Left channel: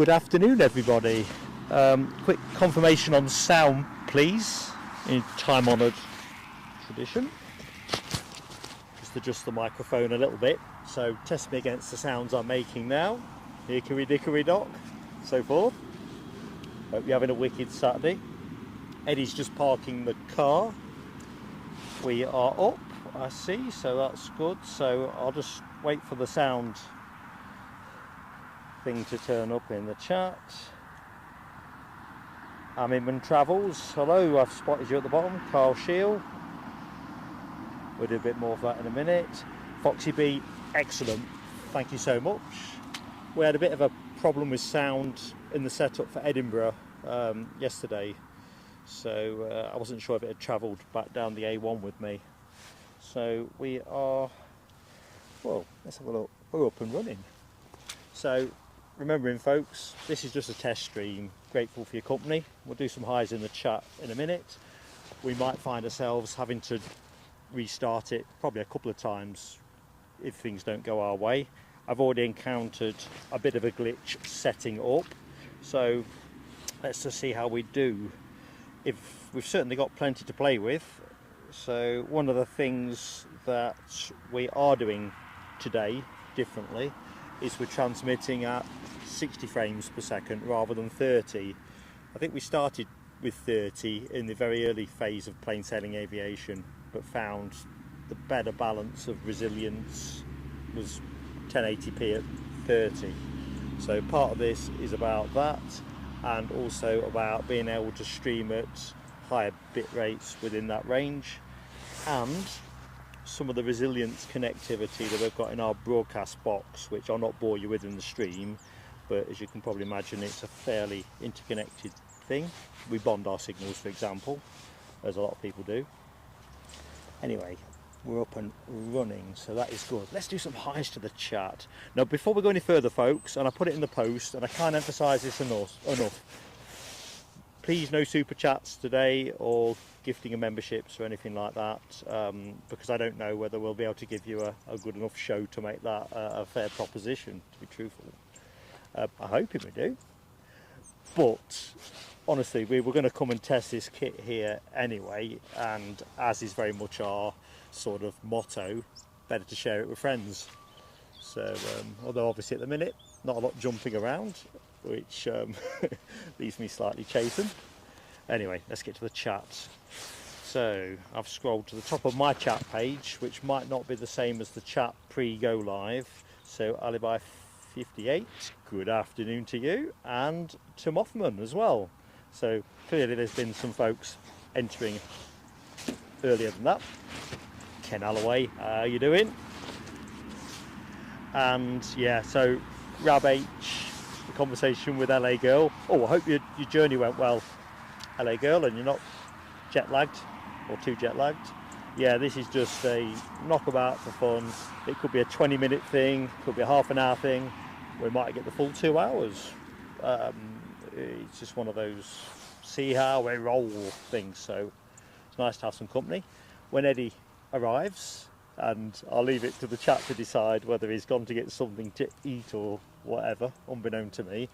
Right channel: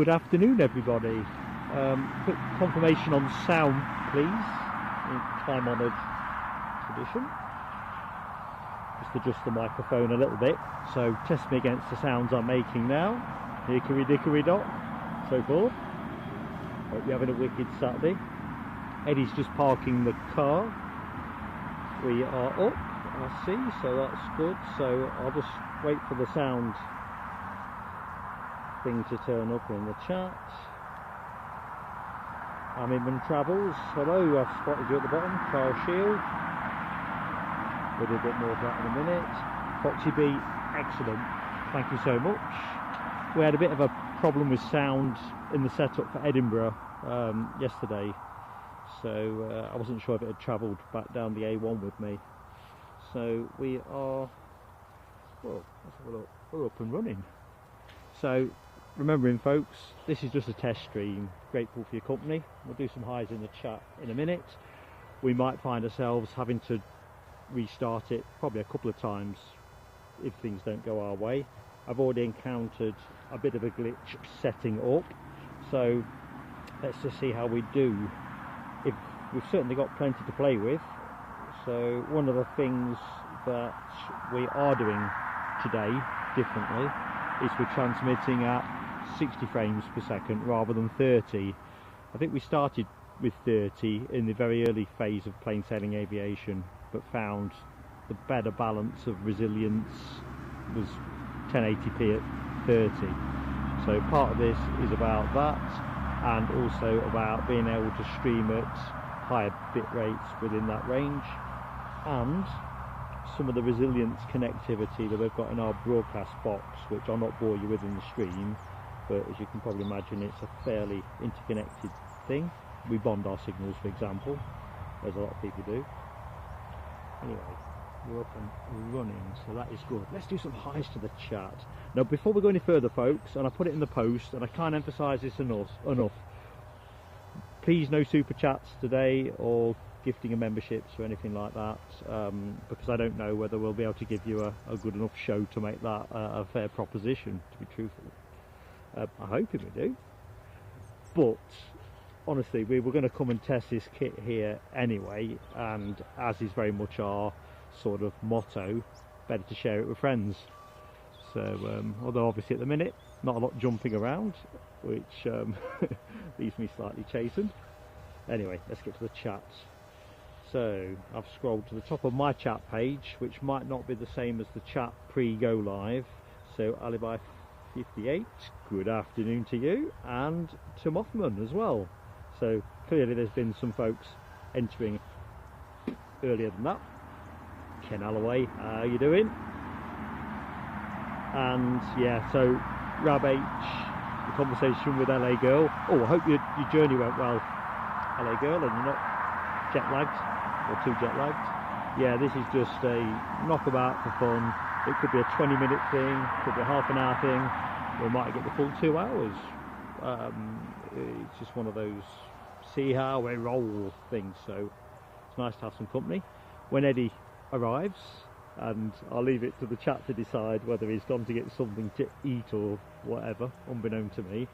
Good afternoon, everybody. Quick confirmation on sound, please, in time-honoured tradition. Just adjust the microphone a little bit, so test me against the sounds I'm making now. Hickory dickory dock, so forth. Hope you're having a wicked Saturday. Eddie's just parking the car. We are up, I see, so that's good. So I'll just wait for the sound thing to turn up in the chat. Amimon Travels, hello, I've spotted you at the bottom. Carl Shield, we'll do a bit more of that in a minute. Foxy B, excellent, thank you so much. We had a bit of a problem with sound in the setup for Edinburgh yesterday, so I wasn't sure if it had travelled back down the A1 with me. So we are, well, let's have a look, we're up and running. So remembering, folks, this is just a test stream. Grateful for your company. We'll do some highs in the chat in a minute. We might find ourselves having to restart it probably a couple of times if things don't go our way. I've already encountered a bit of a glitch setting up, so let's just see how we do. We've certainly got plenty to play with. So one of the things that we are doing today differently is we're transmitting at 60 frames per second rather than 30. I think we started with 30 in the very early phase of plain sailing aviation, but found the better balance of resilience was 1080p at 30. So part of this is about that, and also about being able to stream at higher bit rates within that range, and some of the resilience connectivity that we've got in our broadcast box, which I'll not bore you with in the stream, but as you can probably imagine, it's a fairly interconnected thing. We bond our signals, for example, as a lot of people do. Anyway, we're up and running, so that is good. Let's do some highs to the chat. Now, before we go any further, folks, and I put it in the post, and I can't emphasise this enough, please no super chats today or gifting of memberships or anything like that, because I don't know whether we'll be able to give you a good enough show to make that a fair proposition, to be truthful. I hope we do, but honestly, we were going to come and test this kit here anyway, and as is very much our sort of motto, better to share it with friends. So although obviously at the minute not a lot jumping around, which leaves me slightly chastened. Anyway, let's get to the chat. So I've scrolled to the top of my chat page, which might not be the same as the chat pre-go live. So Alibi 58, good afternoon to you, and to Mothman as well. So clearly there's been some folks entering earlier than that. Ken Alloway, how are you doing? And yeah, so Rab H, the conversation with LA Girl. Oh, I hope your journey went well, LA Girl, and you're not jet lagged or too jet lagged. Yeah, this is just a knockabout for fun. It could be a 20-minute thing, could be a half an hour thing. We might get the full 2 hours. It's just one of those see how we roll things. So it's nice to have some company. When Eddie arrives, and I'll leave it to the chat to decide whether he's gone to get something to eat or whatever, unbeknown to me.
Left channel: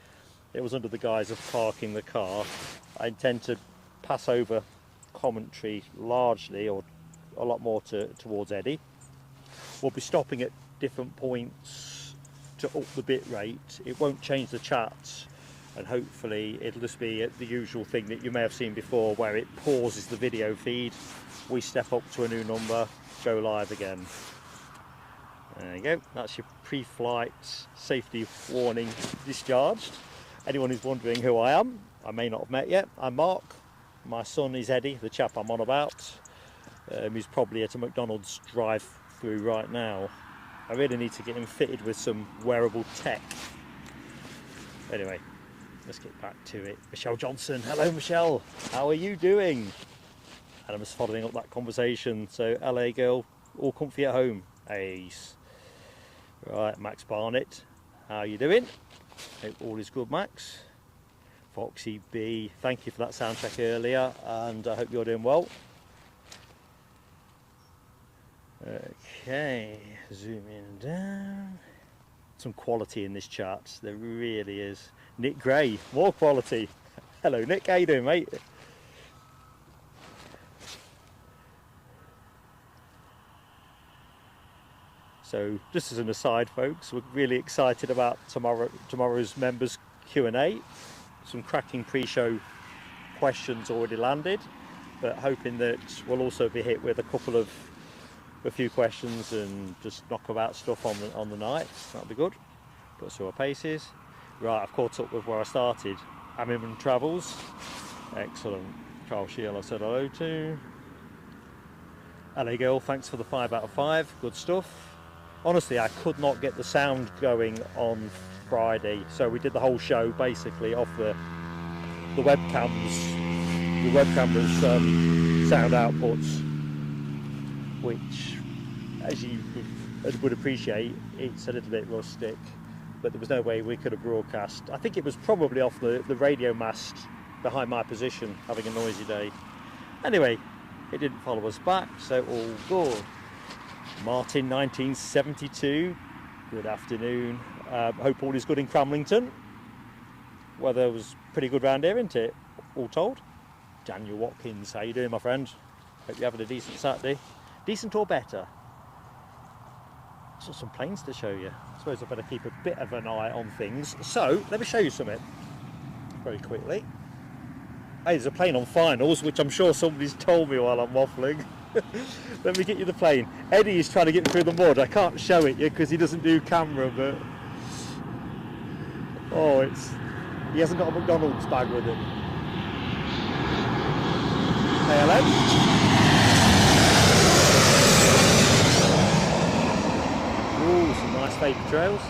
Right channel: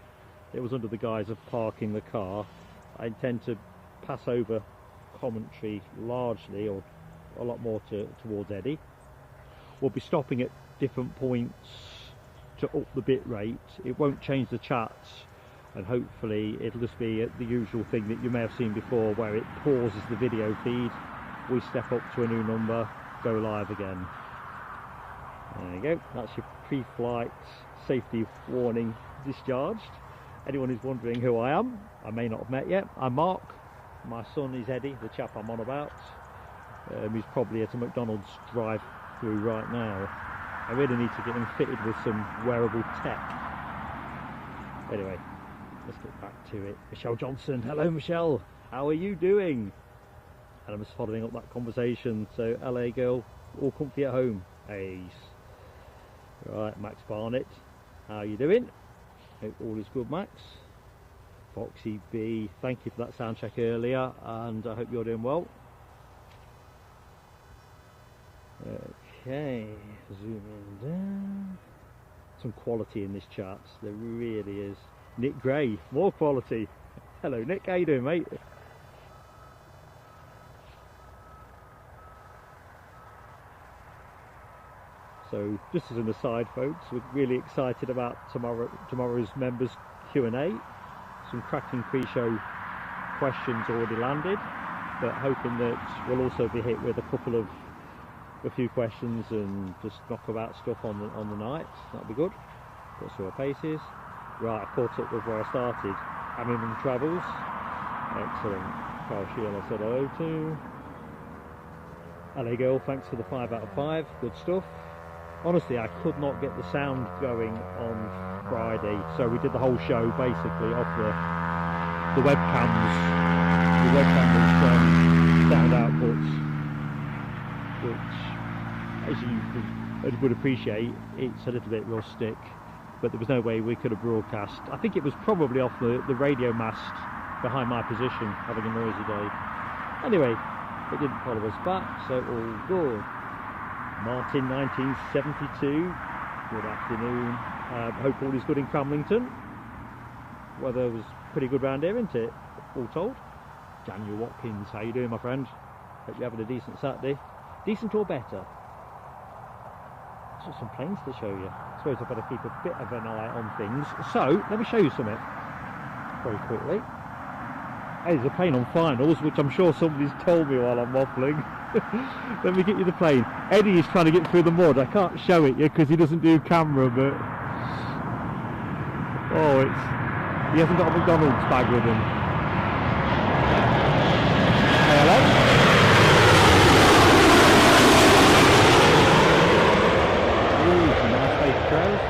It was under the guise of parking the car. I intend to pass over commentary largely, or a lot more towards Eddie. We'll be stopping at different points to up the bit rate. It won't change the chat, and hopefully it'll just be the usual thing that you may have seen before, where it pauses the video feed, we step up to a new number, go live again. There you go, that's your pre-flight safety warning discharged. Anyone who's wondering who I am, I may not have met yet, I'm Mark. My son is Eddie, the chap I'm on about, who's probably at a McDonald's drive-through right now. I really need to get him fitted with some wearable tech. Anyway, let's get back to it. Michelle Johnson, hello Michelle, how are you doing? And I'm just following up that conversation. So LA Girl, all comfy at home. Ace. Right, Max Barnett, how are you doing? Hope all is good, Max. Foxy B, thank you for that sound check earlier, and I hope you're doing well. Okay, zoom in down. Some quality in this chat, there really is. Nick Gray, more quality. Hello Nick, how you doing mate? So just as an aside folks, we're really excited about tomorrow's members Q&A. Some cracking pre-show questions already landed, but hoping that we'll also be hit with a few questions and just knock about stuff on the night. That'll be good. Got some paces. Right, I've caught up with where I started. Hamilton Travels. Excellent. Carl Shield I said hello to. Hello girl, thanks for the 5 out of 5. Good stuff. Honestly, I could not get the sound going on Friday, so we did the whole show basically off the webcams. The webcam was sound outputs, which, as you would appreciate, it's a little bit rustic. But there was no way we could have broadcast. I think it was probably off the radio mast behind my position, having a noisy day. Anyway, it didn't follow us back, so all good. Martin 1972, good afternoon. Hope all is good in Cramlington. Weather was pretty good round here, isn't it? All told. Daniel Watkins, how you doing my friend? Hope you're having a decent Saturday. Decent or better? I've got some planes to show you. I suppose I better keep a bit of an eye on things. So, let me show you something very quickly. Hey, there's a plane on finals, which I'm sure somebody's told me while I'm waffling. Let me get you the plane. Eddie is trying to get through the mud. I can't show it you because he doesn't do camera, but he hasn't got a McDonald's bag with him. Hello. Ooh, some nice fake trails.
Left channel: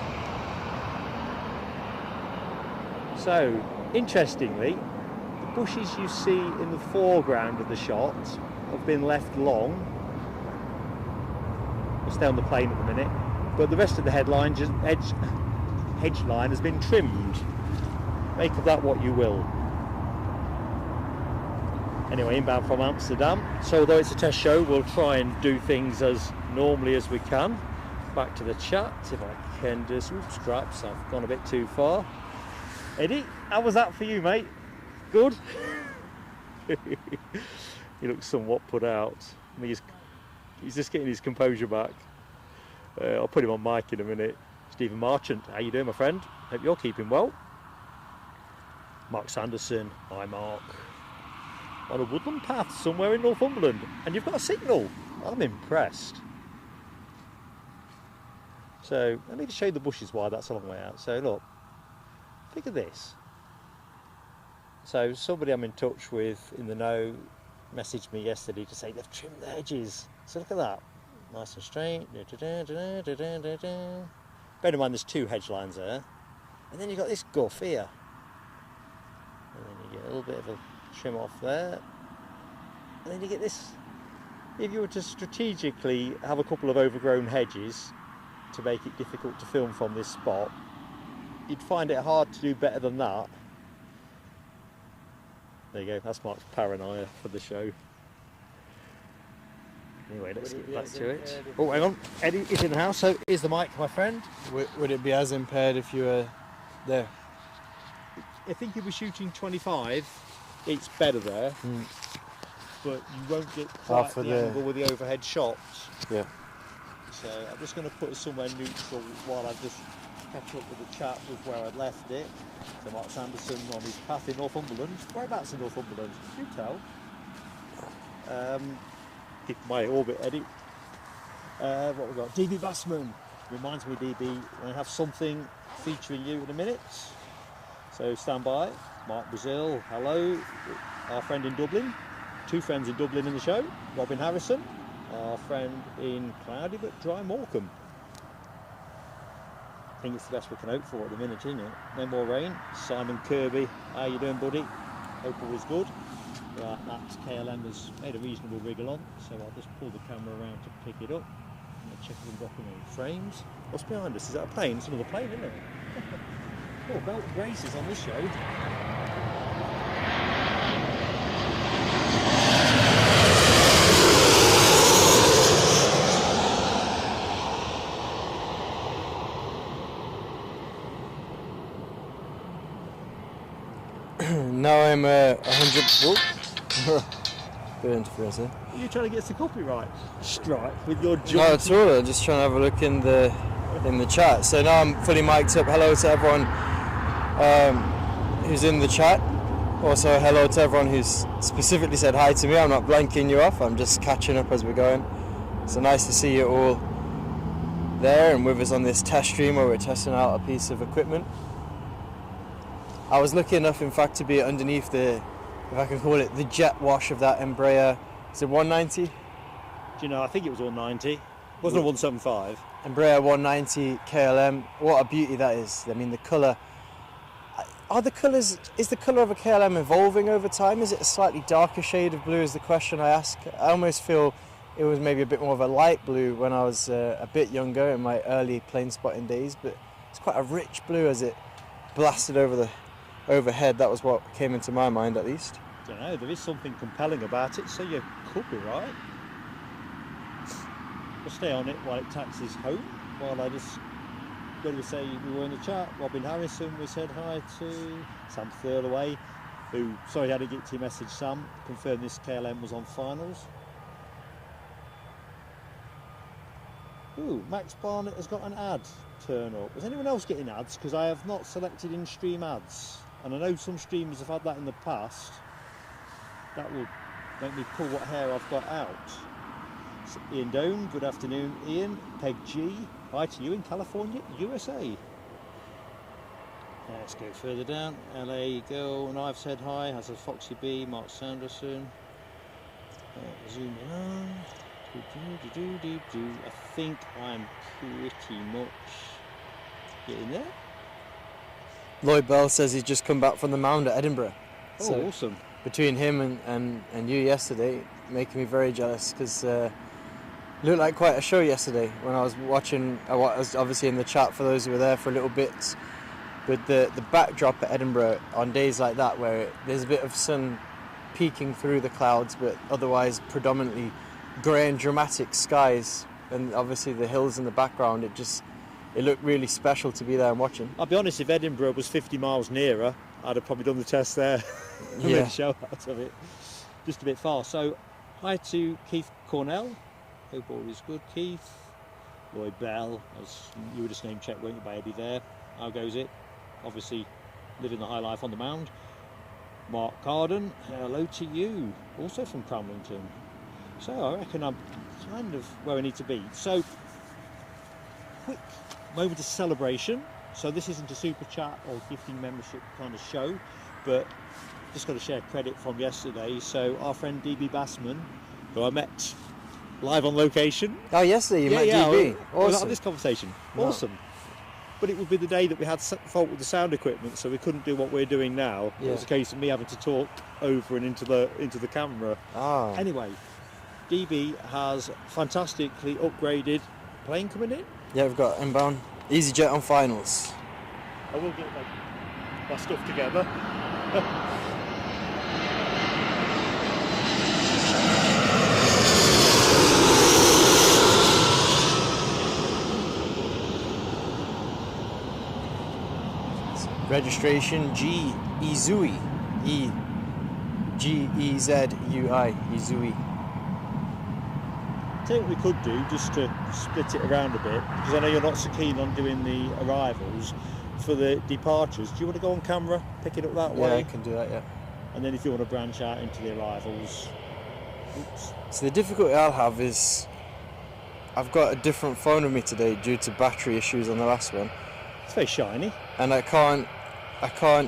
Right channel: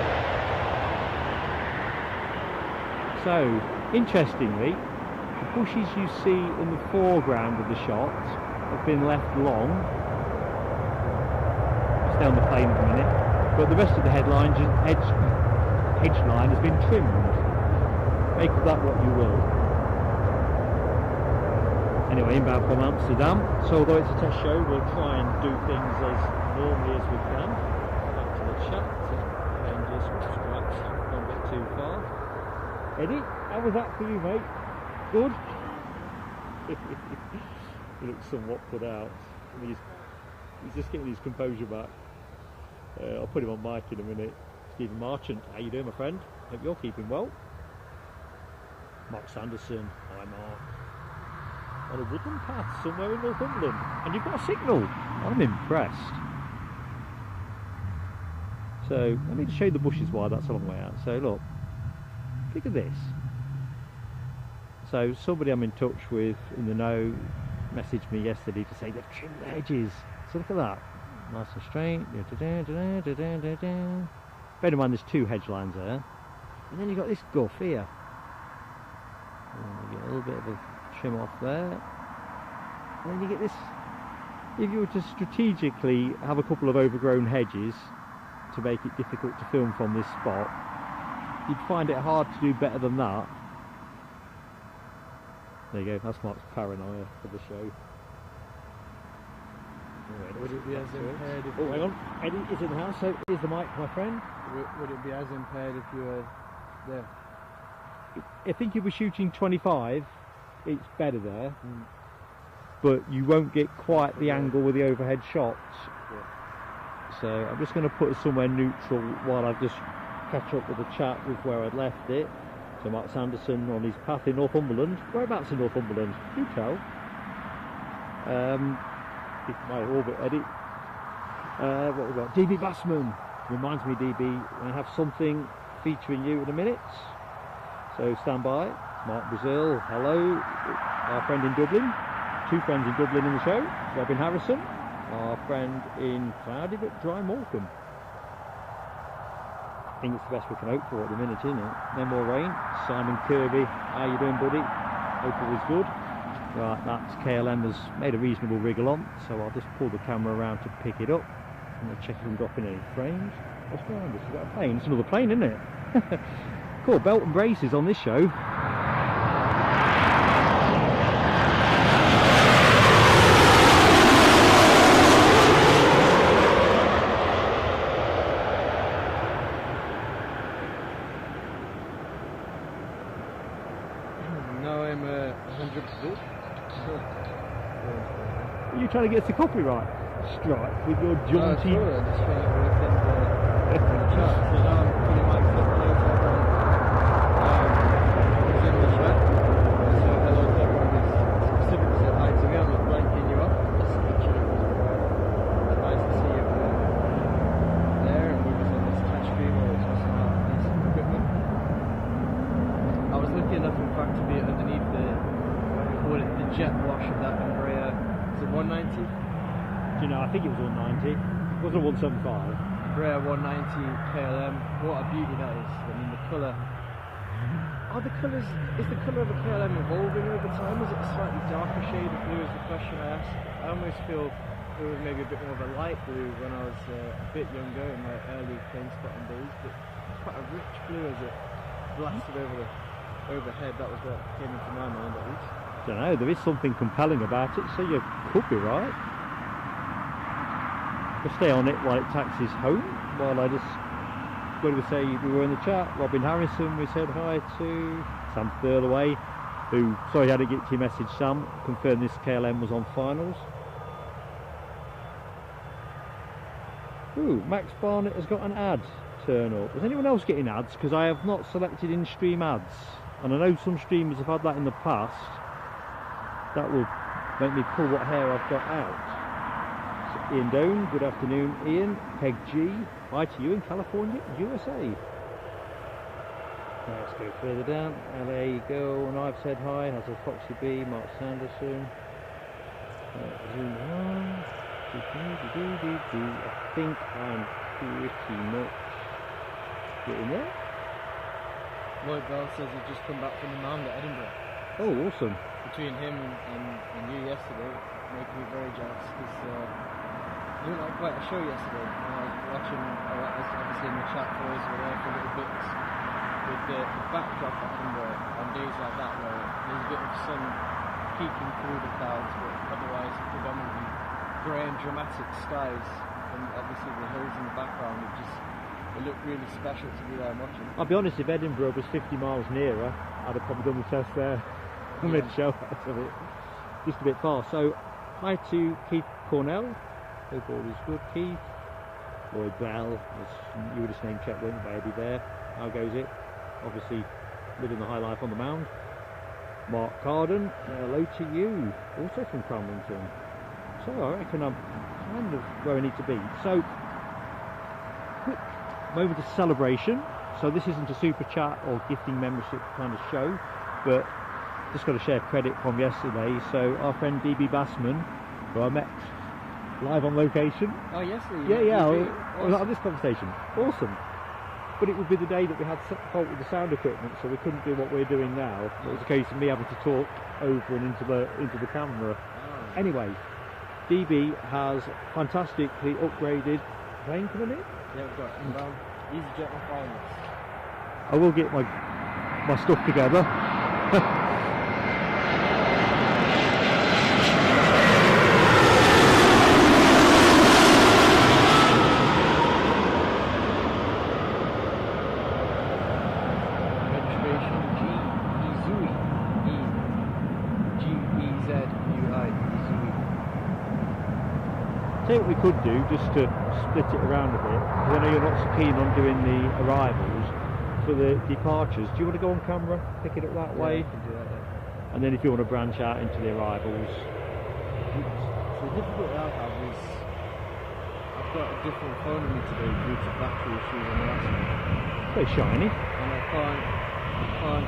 So, interestingly, the bushes you see in the foreground of the shot have been left long. I'll stay on the plane in a minute, but the rest of the hedge line has been trimmed. Make of that what you will. Anyway, inbound from Amsterdam. So although it's a test show, we'll try and do things as normally as we can. Back to the chat. Ken just straps. I've gone a bit too far. Eddie, how was that for you, mate? Good. He looks somewhat put out. I mean, he's just getting his composure back. I'll put him on mic in a minute. Stephen Marchant, how you doing, my friend? Hope you're keeping well. Mark Sanderson, hi Mark. On a woodland path somewhere in Northumberland, and you've got a signal. I'm impressed. So let me show you the bushes why that's a long way out. So look, look at this. So somebody I'm in touch with in the know messaged me yesterday to say they've trimmed the hedges. So look at that, nice and straight. Bear in mind there's 2 hedge lines there, and then you've got this guff here. And you get a little bit of a trim off there, and then you get this. If you were to strategically have a couple of overgrown hedges to make it difficult to film from this spot, you'd find it hard to do better than that. There you go, that's Mark's paranoia for the show. Anyway, let's get back to it. Oh, wait on, Eddie is in the house, so here's the mic, my friend. Would it be as impaired if you were there? I think if we're shooting 25, it's better there, but you won't get quite the angle with the overhead shots. Yeah. So I'm just going to put it somewhere neutral while I just catch up with the chat with where I'd left it. So Mark Sanderson on his path in Northumberland. Whereabouts in Northumberland? Do tell. It's my orbit, Eddie. What we got? DB Bassman. Reminds me, DB, I have something featuring you in a minute. So stand by. Mark Brazil, hello. Our friend in Dublin. 2 friends in Dublin in the show. Robin Harrison. Our friend in cloudy but dry Morecambe. I think it's the best we can hope for at the minute, isn't it? No more rain. Simon Kirby, how you doing, buddy? Hope all is good. Right, that KLM has made a reasonable wriggle on, so I'll just pull the camera around to pick it up. I'm going to check if we've got any frames. What's behind us? Is that a plane? It's another plane, isn't it? Cool, belt and braces on this show. Now I'm 100. Whoop. Good interference there. Are you trying to get us the copyright strike with your jaunty? No, it's all right. Just trying to have a look in the chat. So now I'm fully mic'd up. Hello to everyone who's in the chat. Also, hello to everyone who's specifically said hi to me. I'm not blanking you off. I'm just catching up as we're going. So nice to see you all there and with us on this test stream where we're testing out a piece of equipment. I was lucky enough, in fact, to be underneath the, if I can call it, the jet wash of that Embraer. Is it 190? Do you know, I think it was 190. Wasn't it 175? Embraer 190 KLM. What a beauty that is. I mean, the colour. Are the colours, is the colour of a KLM evolving over time? Is it a slightly darker shade of blue is the question I ask. I almost feel it was maybe a bit more of a light blue when I was a bit younger in my early plane spotting days, but it's quite a rich blue as it blasted over the overhead. That was what came into my mind at least. I don't know, there is something compelling about it, so you could be right. We'll stay on it while it taxis home, while I just, where do we say we were in the chat? Robin Harrison, we said hi to Sam Thurlaway, who, sorry I didn't get to your message Sam, confirmed this KLM was on finals. Ooh, Max Barnett has got an ad turn up. Was anyone else getting ads? Because I have not selected in-stream ads. And I know some streamers have had that in the past. That will make me pull what hair I've got out. So Ian Doan, good afternoon Ian. Peg G, hi to you in California, USA. Let's go further down. LA Girl, and I've said hi. Has a Foxy B, Mark Sanderson. Zoom on. I think I'm pretty much getting there. Lloyd Bell says he's just come back from the mound at Edinburgh. Oh, so awesome. Between him and you yesterday, making me very jealous because it looked like quite a show yesterday when I was watching. I was obviously in the chat for those who were there for a little bit. With the backdrop at Edinburgh on days like that where there's a bit of sun peeking through the clouds, but otherwise predominantly grey and dramatic skies, and obviously the hills in the background, it looked really special to be there and watching. I'll be honest, if Edinburgh was 50 miles nearer, I'd have probably done the test there. Yeah. Show out of it. Just a bit far. So hi to Keith Cornell. Hope all is good, Keith. Lloyd Bell, as you were just name check, weren't you, baby, there. How goes it? Obviously living the high life on the mound. Mark Carden, hello to you, also from Cramlington. So I reckon I'm kind of where I need to be. So, quick moment of celebration. So this isn't a super chat or gifting membership kind of show, but just got to share credit from yesterday. So our friend DB Bassman, who I met live on location. Oh, yesterday you met DB. We had this conversation. Awesome. But it would be the day that we had fault with the sound equipment, so we couldn't do what we're doing now. Yeah. It was a case of me having to talk over and into the camera. Ah. Anyway, DB has fantastically upgraded plane coming in. Yeah, we've got inbound EasyJet on finals. I will get my stuff together. Registration G Izui, E G E Z U I Izui. Tell you what we could do, just to split it around a bit, because I know you're not so keen on doing the arrivals. For the departures, do you want to go on camera, pick it up that way? Yeah, I can do that, yeah. And then if you want to branch out into the arrivals. So the difficulty I'll have is I've got a different phone with me today due to battery issues on the last one. It's very shiny. And I can't,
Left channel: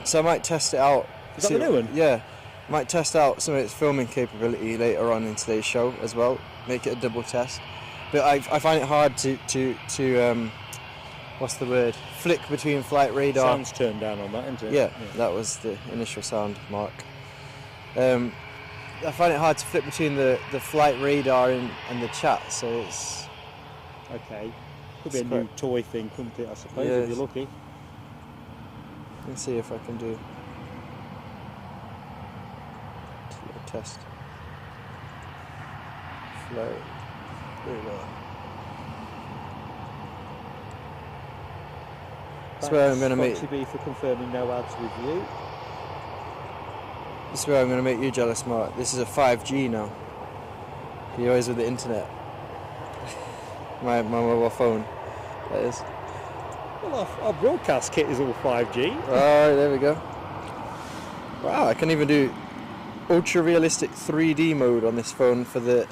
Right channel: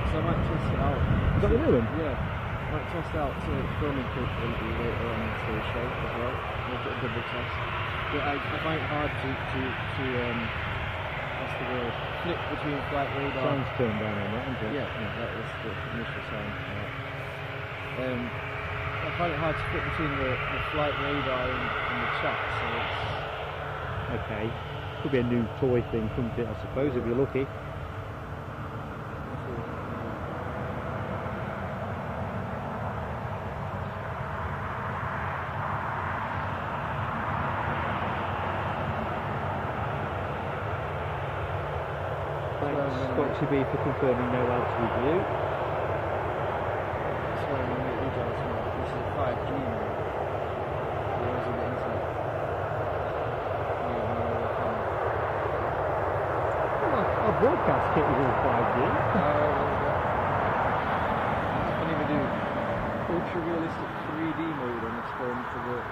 so I might test it out. Is that what you're doing? Yeah, I might test out some of its filming capability later on in today's show as well, make it a double test. But I find it hard to what's the word? Flick between flight radar. Sound's turned down on that, isn't it? Yeah, that was the initial sound mark. I find it hard to flip between the flight radar and the chat, so it's... Okay. Could be a new toy thing, couldn't it, I suppose, if you're lucky. Let's see if I can do test. Flow. That's where I'm going to make... for confirming no ads with you. I swear I'm going to make you jealous, Mark. This is a 5G now. You're always with the internet. My mobile phone. That is. Our broadcast kit is all 5G. Alright, there we go. Wow, I can even do ultra realistic 3D mode on this phone for the.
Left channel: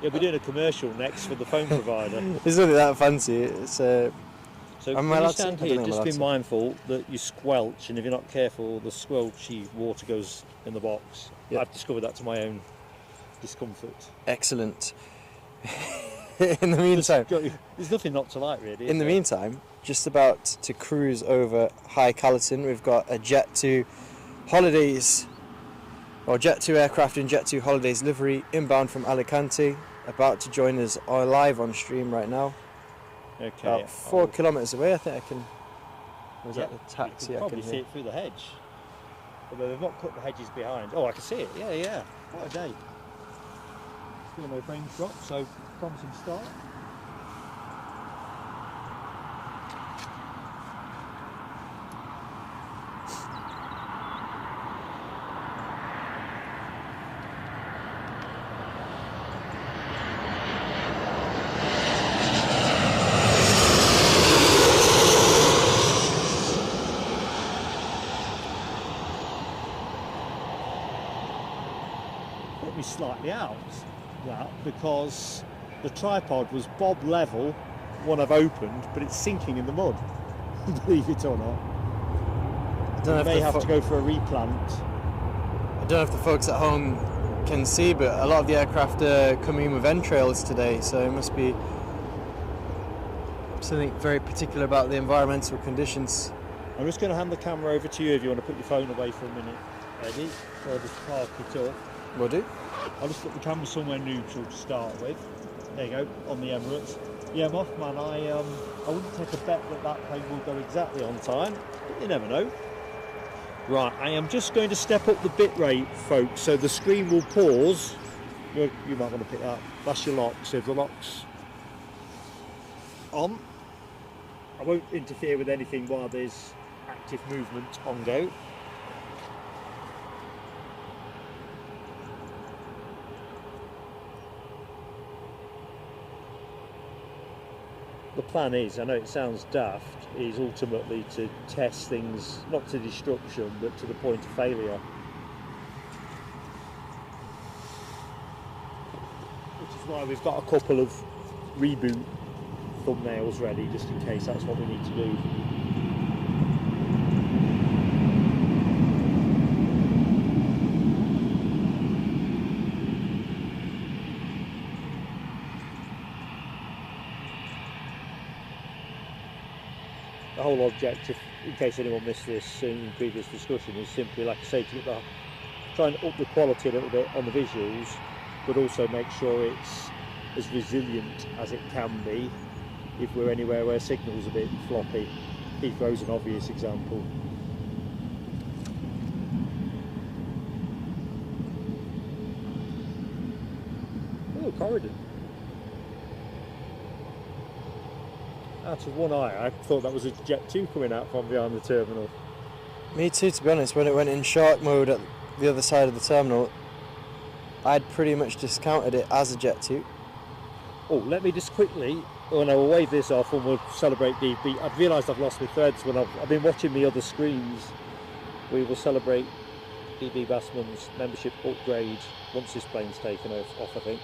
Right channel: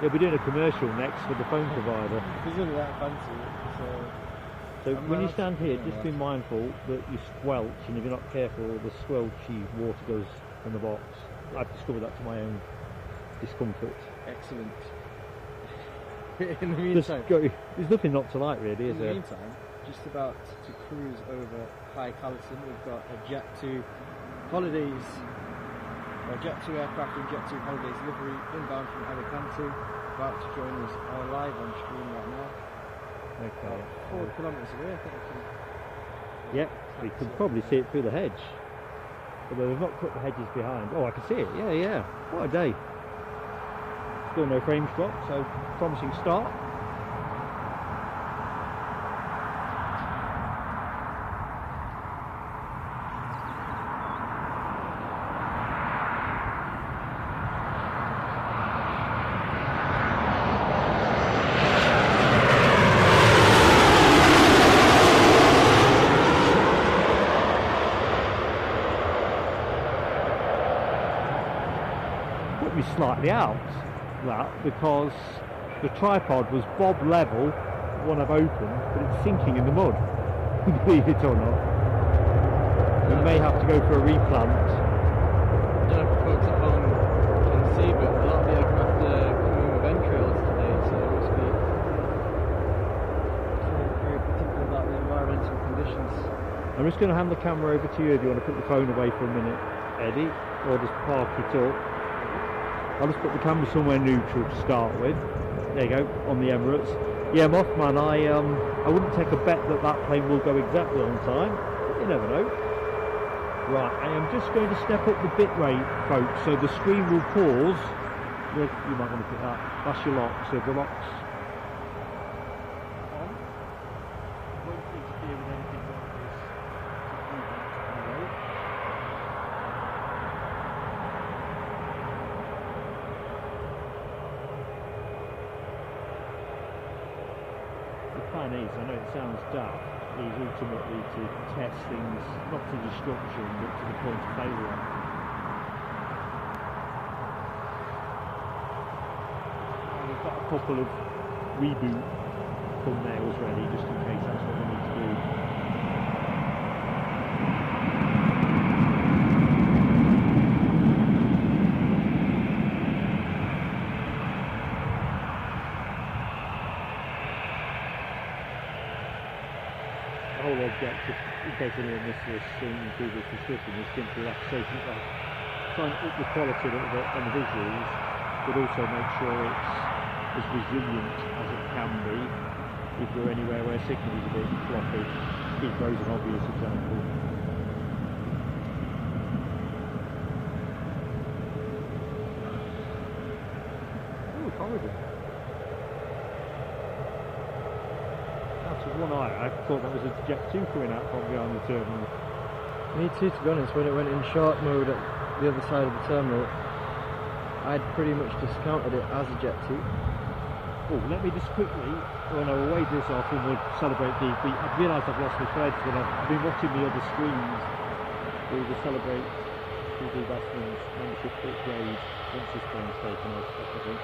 We'll be doing a commercial next for the phone provider. It's not that fancy. It's So I'm when you allowed stand to- I here, don't know just be allowed to. mindful that you squelch, and if you're not careful, the squelchy water goes in the box. Yeah. I've discovered that to my own discomfort. excellent. In the meantime, There's nothing not to like, really. in the meantime, just about to cruise over High Callerton. We've got a Jet2 Holidays, or Jet2 aircraft in Jet2 Holidays livery, inbound from Alicante, about to join us live on stream right now. Okay. About 4 kilometres away, I think I can. Was Yeah, that the you taxi can up probably in see there? it through the hedge. But they've not cut the hedges behind. Oh, I can see it. Yeah, yeah. What a day. Still no frame drop, so promising start. Put me slightly out that because the tripod was bob level when I've opened, but it's sinking in the mud. Believe it or not. I don't I know may if have the to go for a replant. I don't know if the folks at home can see, but a lot of the aircraft are coming with entrails today, so it must be something very particular about the environmental conditions. I'm just going to hand the camera over to you if you want to put your phone away for a minute, Eddie, or just park it up. Will do. I'll just put the camera somewhere neutral to start with. There you go, on the Emirates. Yeah, Mothman, I wouldn't take a bet that that plane will go exactly on time. You never know. Right, I am just going to step up the bit rate, folks, so the screen will pause. You might want to pick that. That's your lock, so if the lock's on, I won't interfere with anything while there's active movement on go. The plan is, I know it sounds daft, is ultimately to test things not to destruction but to the point of failure. Which is why we've got a couple of reboot thumbnails ready just in case that's what we need to do. The whole objective, in case anyone missed this in previous discussion, is simply, like I say, to try and up the quality a little bit on the visuals, but also make sure it's as resilient as it can be if we're anywhere where signal is a bit floppy. Heathrow's an obvious example. Oh, corridor. Out of one eye, I thought that was a Jet2 coming out from behind the terminal. Me too, to be honest. When it went in shark mode at the other side of the terminal, I'd pretty much discounted it as a Jet2. Oh, let me just quickly, oh no, we'll wave this off and we'll celebrate the beat. I've realised I've lost my threads when I've been watching the other screens. We will celebrate DB Bassman's membership upgrade once this plane's taken off, I think.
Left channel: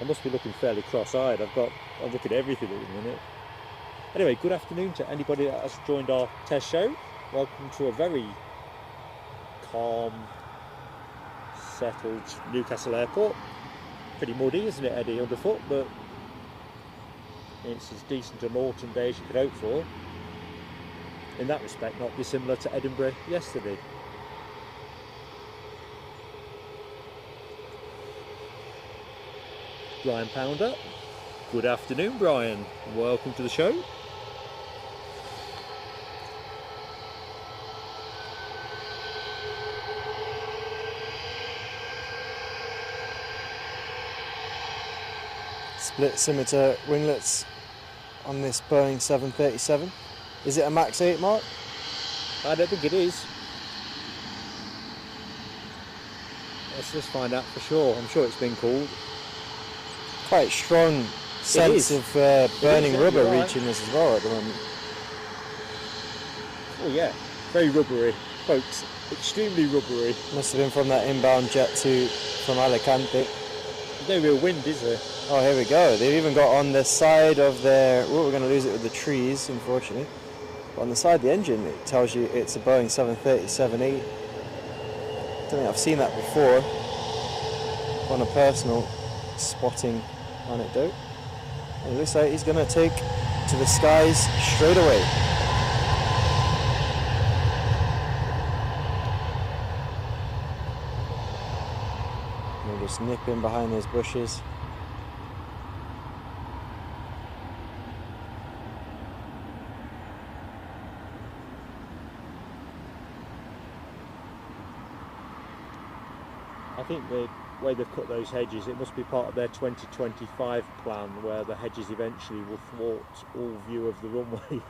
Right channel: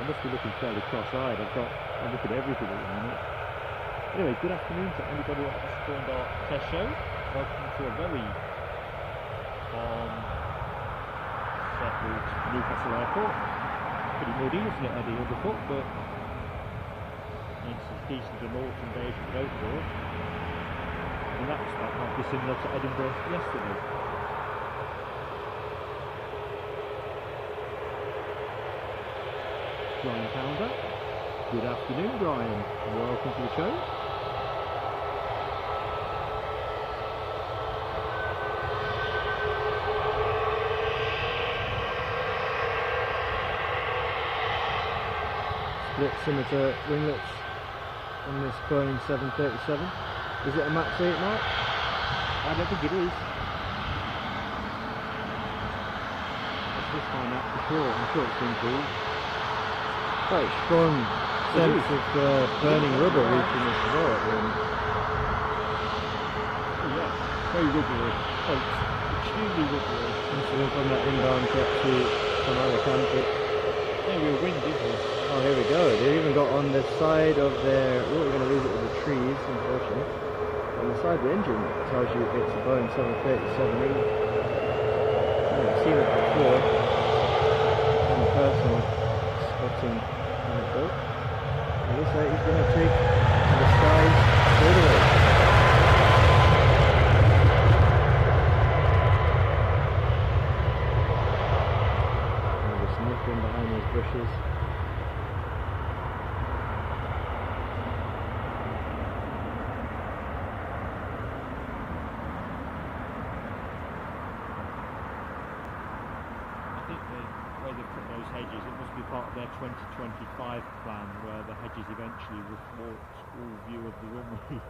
I must be looking fairly cross-eyed. I'm looking at everything at the minute. Anyway, good afternoon to anybody that has joined our test show. Welcome to a very calm, settled Newcastle Airport. Pretty muddy, isn't it, Eddie, underfoot? But it's as decent an autumn day as you could hope for. In that respect, might be similar to Edinburgh yesterday. Brian Pounder. Good afternoon, Brian, and welcome to the show. Split scimitar winglets on this Boeing 737. Is it a Max 8, Mark? I don't think it is. Let's find out for sure. I'm sure it's been cooled. Quite strong sense of burning rubber reaching this as well at the moment. Oh yeah, very rubbery. Quite extremely rubbery. Must have been from that inbound jet from Alicante. No real wind, is there? Oh, here we go. They've even got on the side of their... Oh, we're going to lose it with the trees, unfortunately. But on the side of the engine, it tells you it's a Boeing 737-8. I've seen that before on a personal spotting anecdote. And he's going to take to the skies straight away. We're just nipping behind those bushes. I think the way they've cut those hedges, it must be part of their 2025 plan, where the hedges eventually will thwart all view of the runway.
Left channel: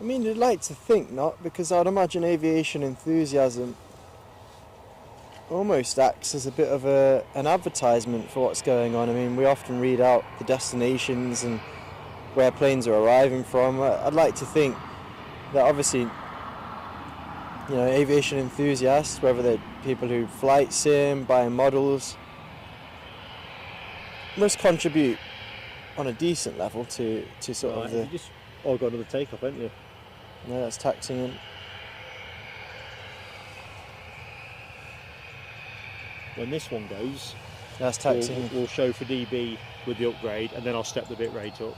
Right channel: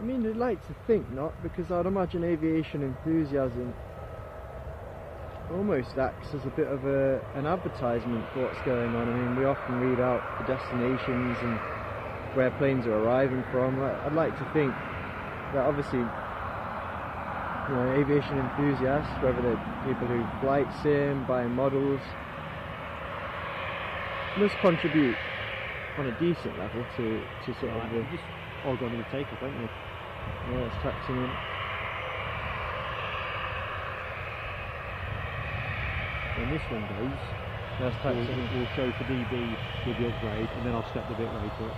I mean, I'd like to think not, because I'd imagine aviation enthusiasm almost acts as a bit of an advertisement for what's going on. I mean, we often read out the destinations and where planes are arriving from. I'd like to think that obviously, you know, aviation enthusiasts, whether they're people who flight sim, buy models, must contribute on a decent level to sort of the... You just all gone to the takeoff, haven't you? Yeah, that's taxing in. When this one goes, That's taxing. we'll show for DB with the upgrade, and then I'll step the bit rate up.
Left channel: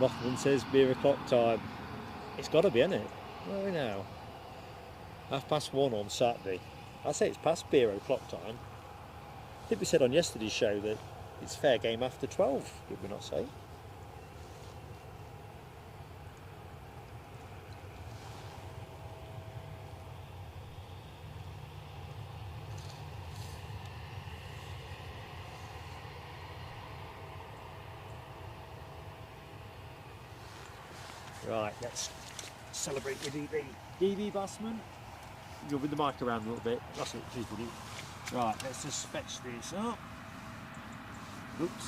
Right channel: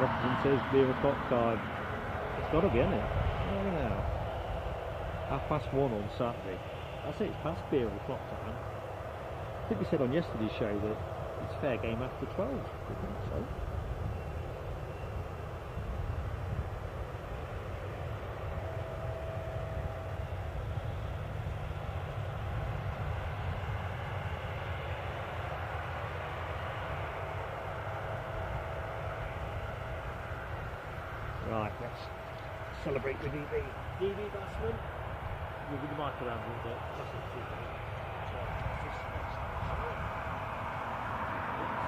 Rothman says beer o'clock time. It's got to be, isn't it? What are we now? 1:30 on Saturday. I'd say it's past beer o'clock time. I think we said on yesterday's show that it's fair game after 12, did we not say? Right, let's celebrate with DB. DB Bassman, moving the mic around a little bit. That's what it is, buddy. Right, let's just fetch this up. Oops,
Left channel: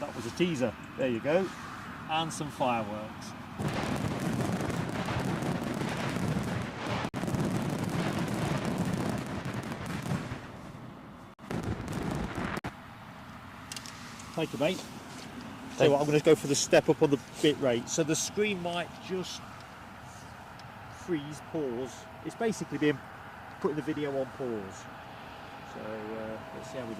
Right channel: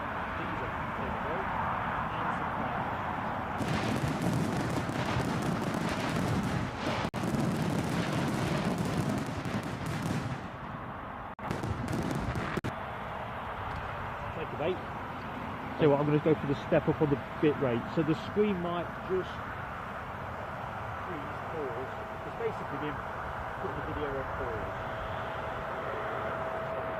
that was a teaser. There you go. And some fireworks. Thank you, mate. So I'm going to go for the step up on the bit rate. So the screen might just freeze, pause. It's basically being putting the video on pause. So let's see how we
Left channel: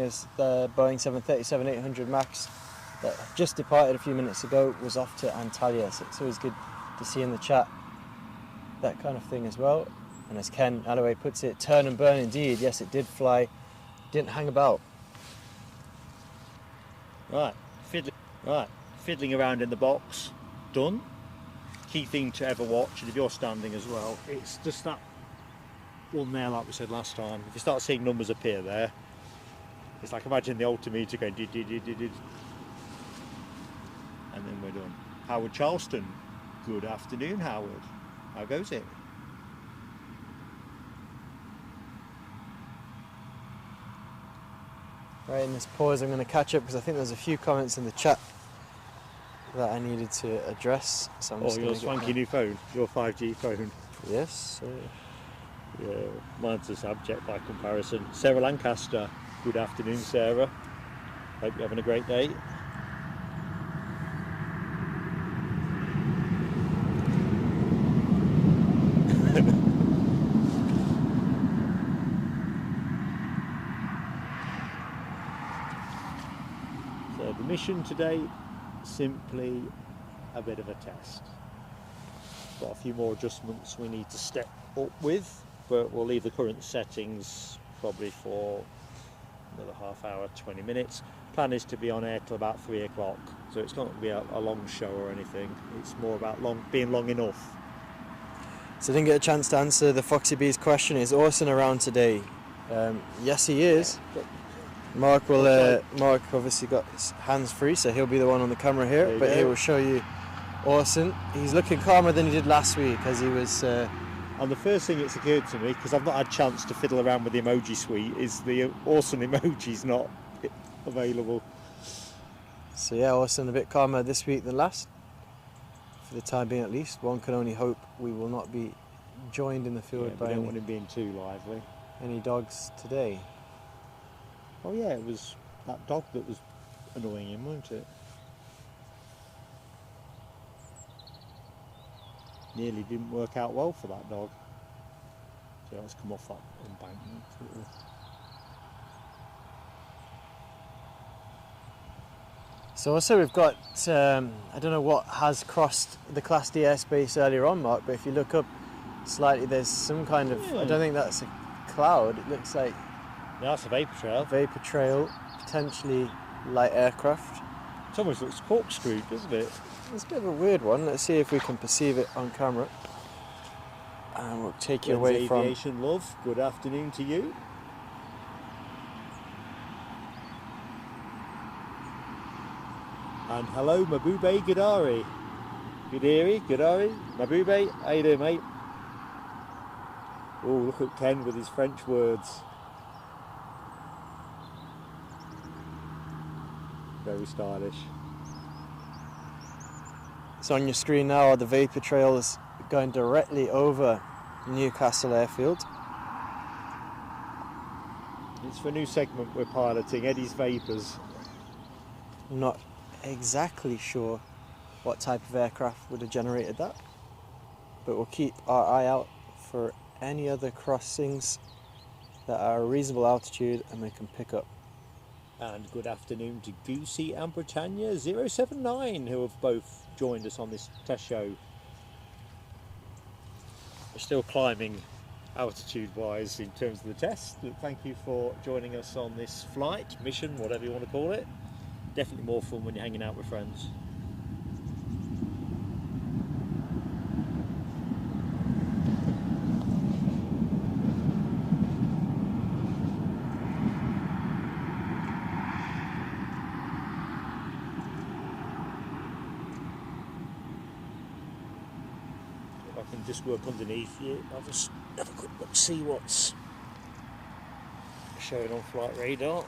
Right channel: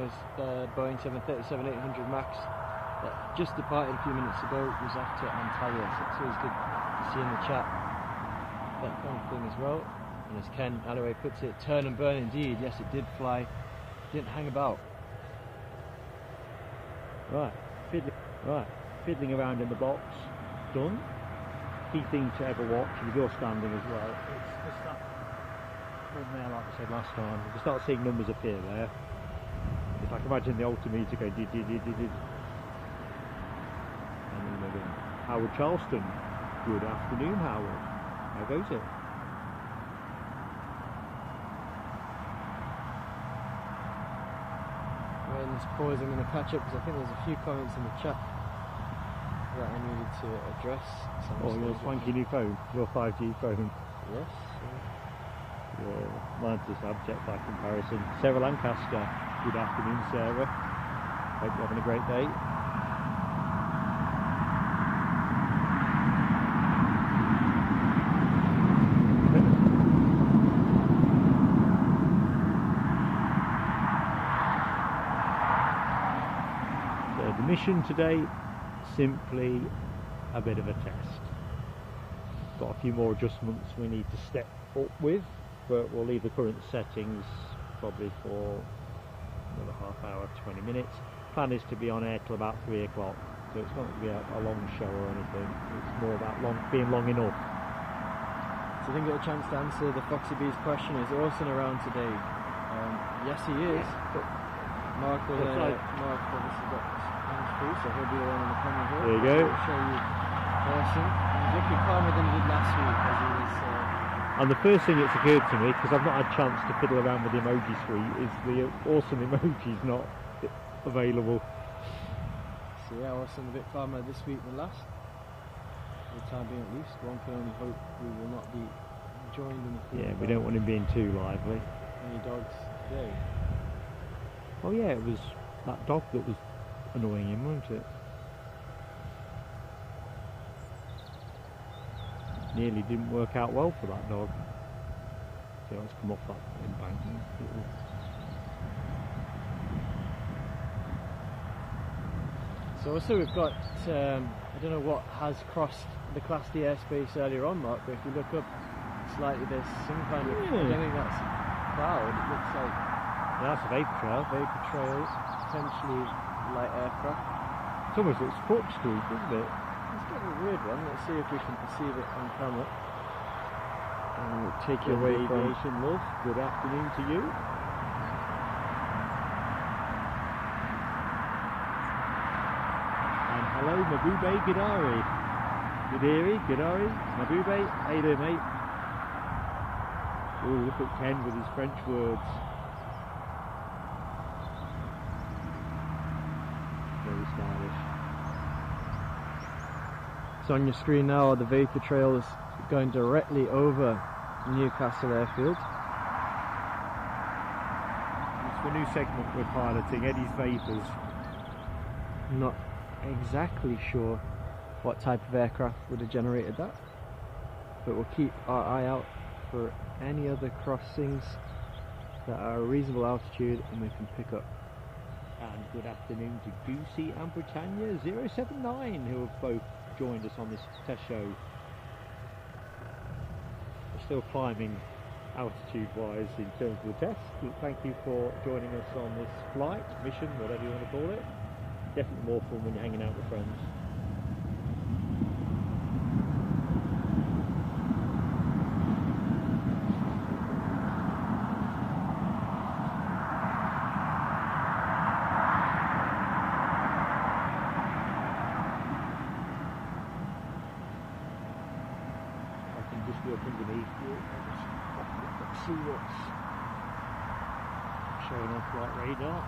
do. Is the Boeing 737-800 MAX that just departed a few minutes ago was off to Antalya, so it's always good to see in the chat that kind of thing as well. And as Ken Alloway puts it, turn and burn indeed. Yes, it did fly, didn't hang about. Right, fiddling around in the box, done. Key thing to ever watch, and if you're standing as well, it's just that one there, like we said last time. If you start seeing numbers appear there, it's like imagine the altimeter going did, and then we're done. Howard Charleston, good afternoon, Howard. How goes it? Right, in this pause I'm going to catch up because I think there's a few comments in the chat that I needed to address. So I'm just your gonna swanky new phone, your 5G phone. Yes. Yeah, mine's a subject by comparison. Sarah Lancaster, good afternoon, Sarah. Hope you're having a great day. So the mission today, simply a bit of a test. Got a few more adjustments we need to step up with, but we'll leave the current settings probably for another half hour, 20 minutes. plan is to be on air till about 3 o'clock, so it's not going to be a long show or anything. It's more about being long enough. So I didn't get a chance to answer the Foxy Bee's question. Is Orson around today? Yes, he is. But Mark obviously got his hands free, so he'll be the one on the camera here. But he will show you Orson. He's looking calmer than he did last week, as he was. And the first thing that's occurred to me, because I've not had a chance to fiddle around with the emoji suite, is the Orson emoji's not available. So yeah, Orson a bit calmer this week than last. For the time being, at least. One can only hope we will not be joined in the field by we don't want him being too lively. Any dogs today. Oh yeah, it was that dog that was annoying him, wasn't it? Nearly didn't work out well for that dog. So let's come off that embankment. So also we've got, I don't know what has crossed the Class D airspace earlier on, Mark, but if you look up slightly, there's some kind of, I don't think that's a cloud, it looks like... Yeah, that's a vapor trail. Vapor trail, potentially light aircraft. It almost looks corkscrewed, doesn't it? It's a bit of a weird one. Let's see if we can perceive it on camera. And we'll take you away from... Aviation love, good afternoon to you. And hello, Mabube Gadari. Gadiri, Gadari, Mabube, how you doing, mate? Oh, look at Ken with his French words. Very stylish. So on your screen now, the vapor trail is going directly over Newcastle Airfield. It's for a new segment we're piloting, Eddie's Vapours. I'm not exactly sure what type of aircraft would have generated that, but we'll keep our eye out for any other crossings that are a reasonable altitude and we can pick up. And good afternoon to Goosey and Britannia 079, who have both joined us on this test show. We're still climbing altitude wise in terms of the test, but thank you for joining us on this flight, mission, whatever you want to call it. Definitely more fun when you're hanging out with friends. Just work underneath you. I'll just have a quick look, see what's showing on flight radar.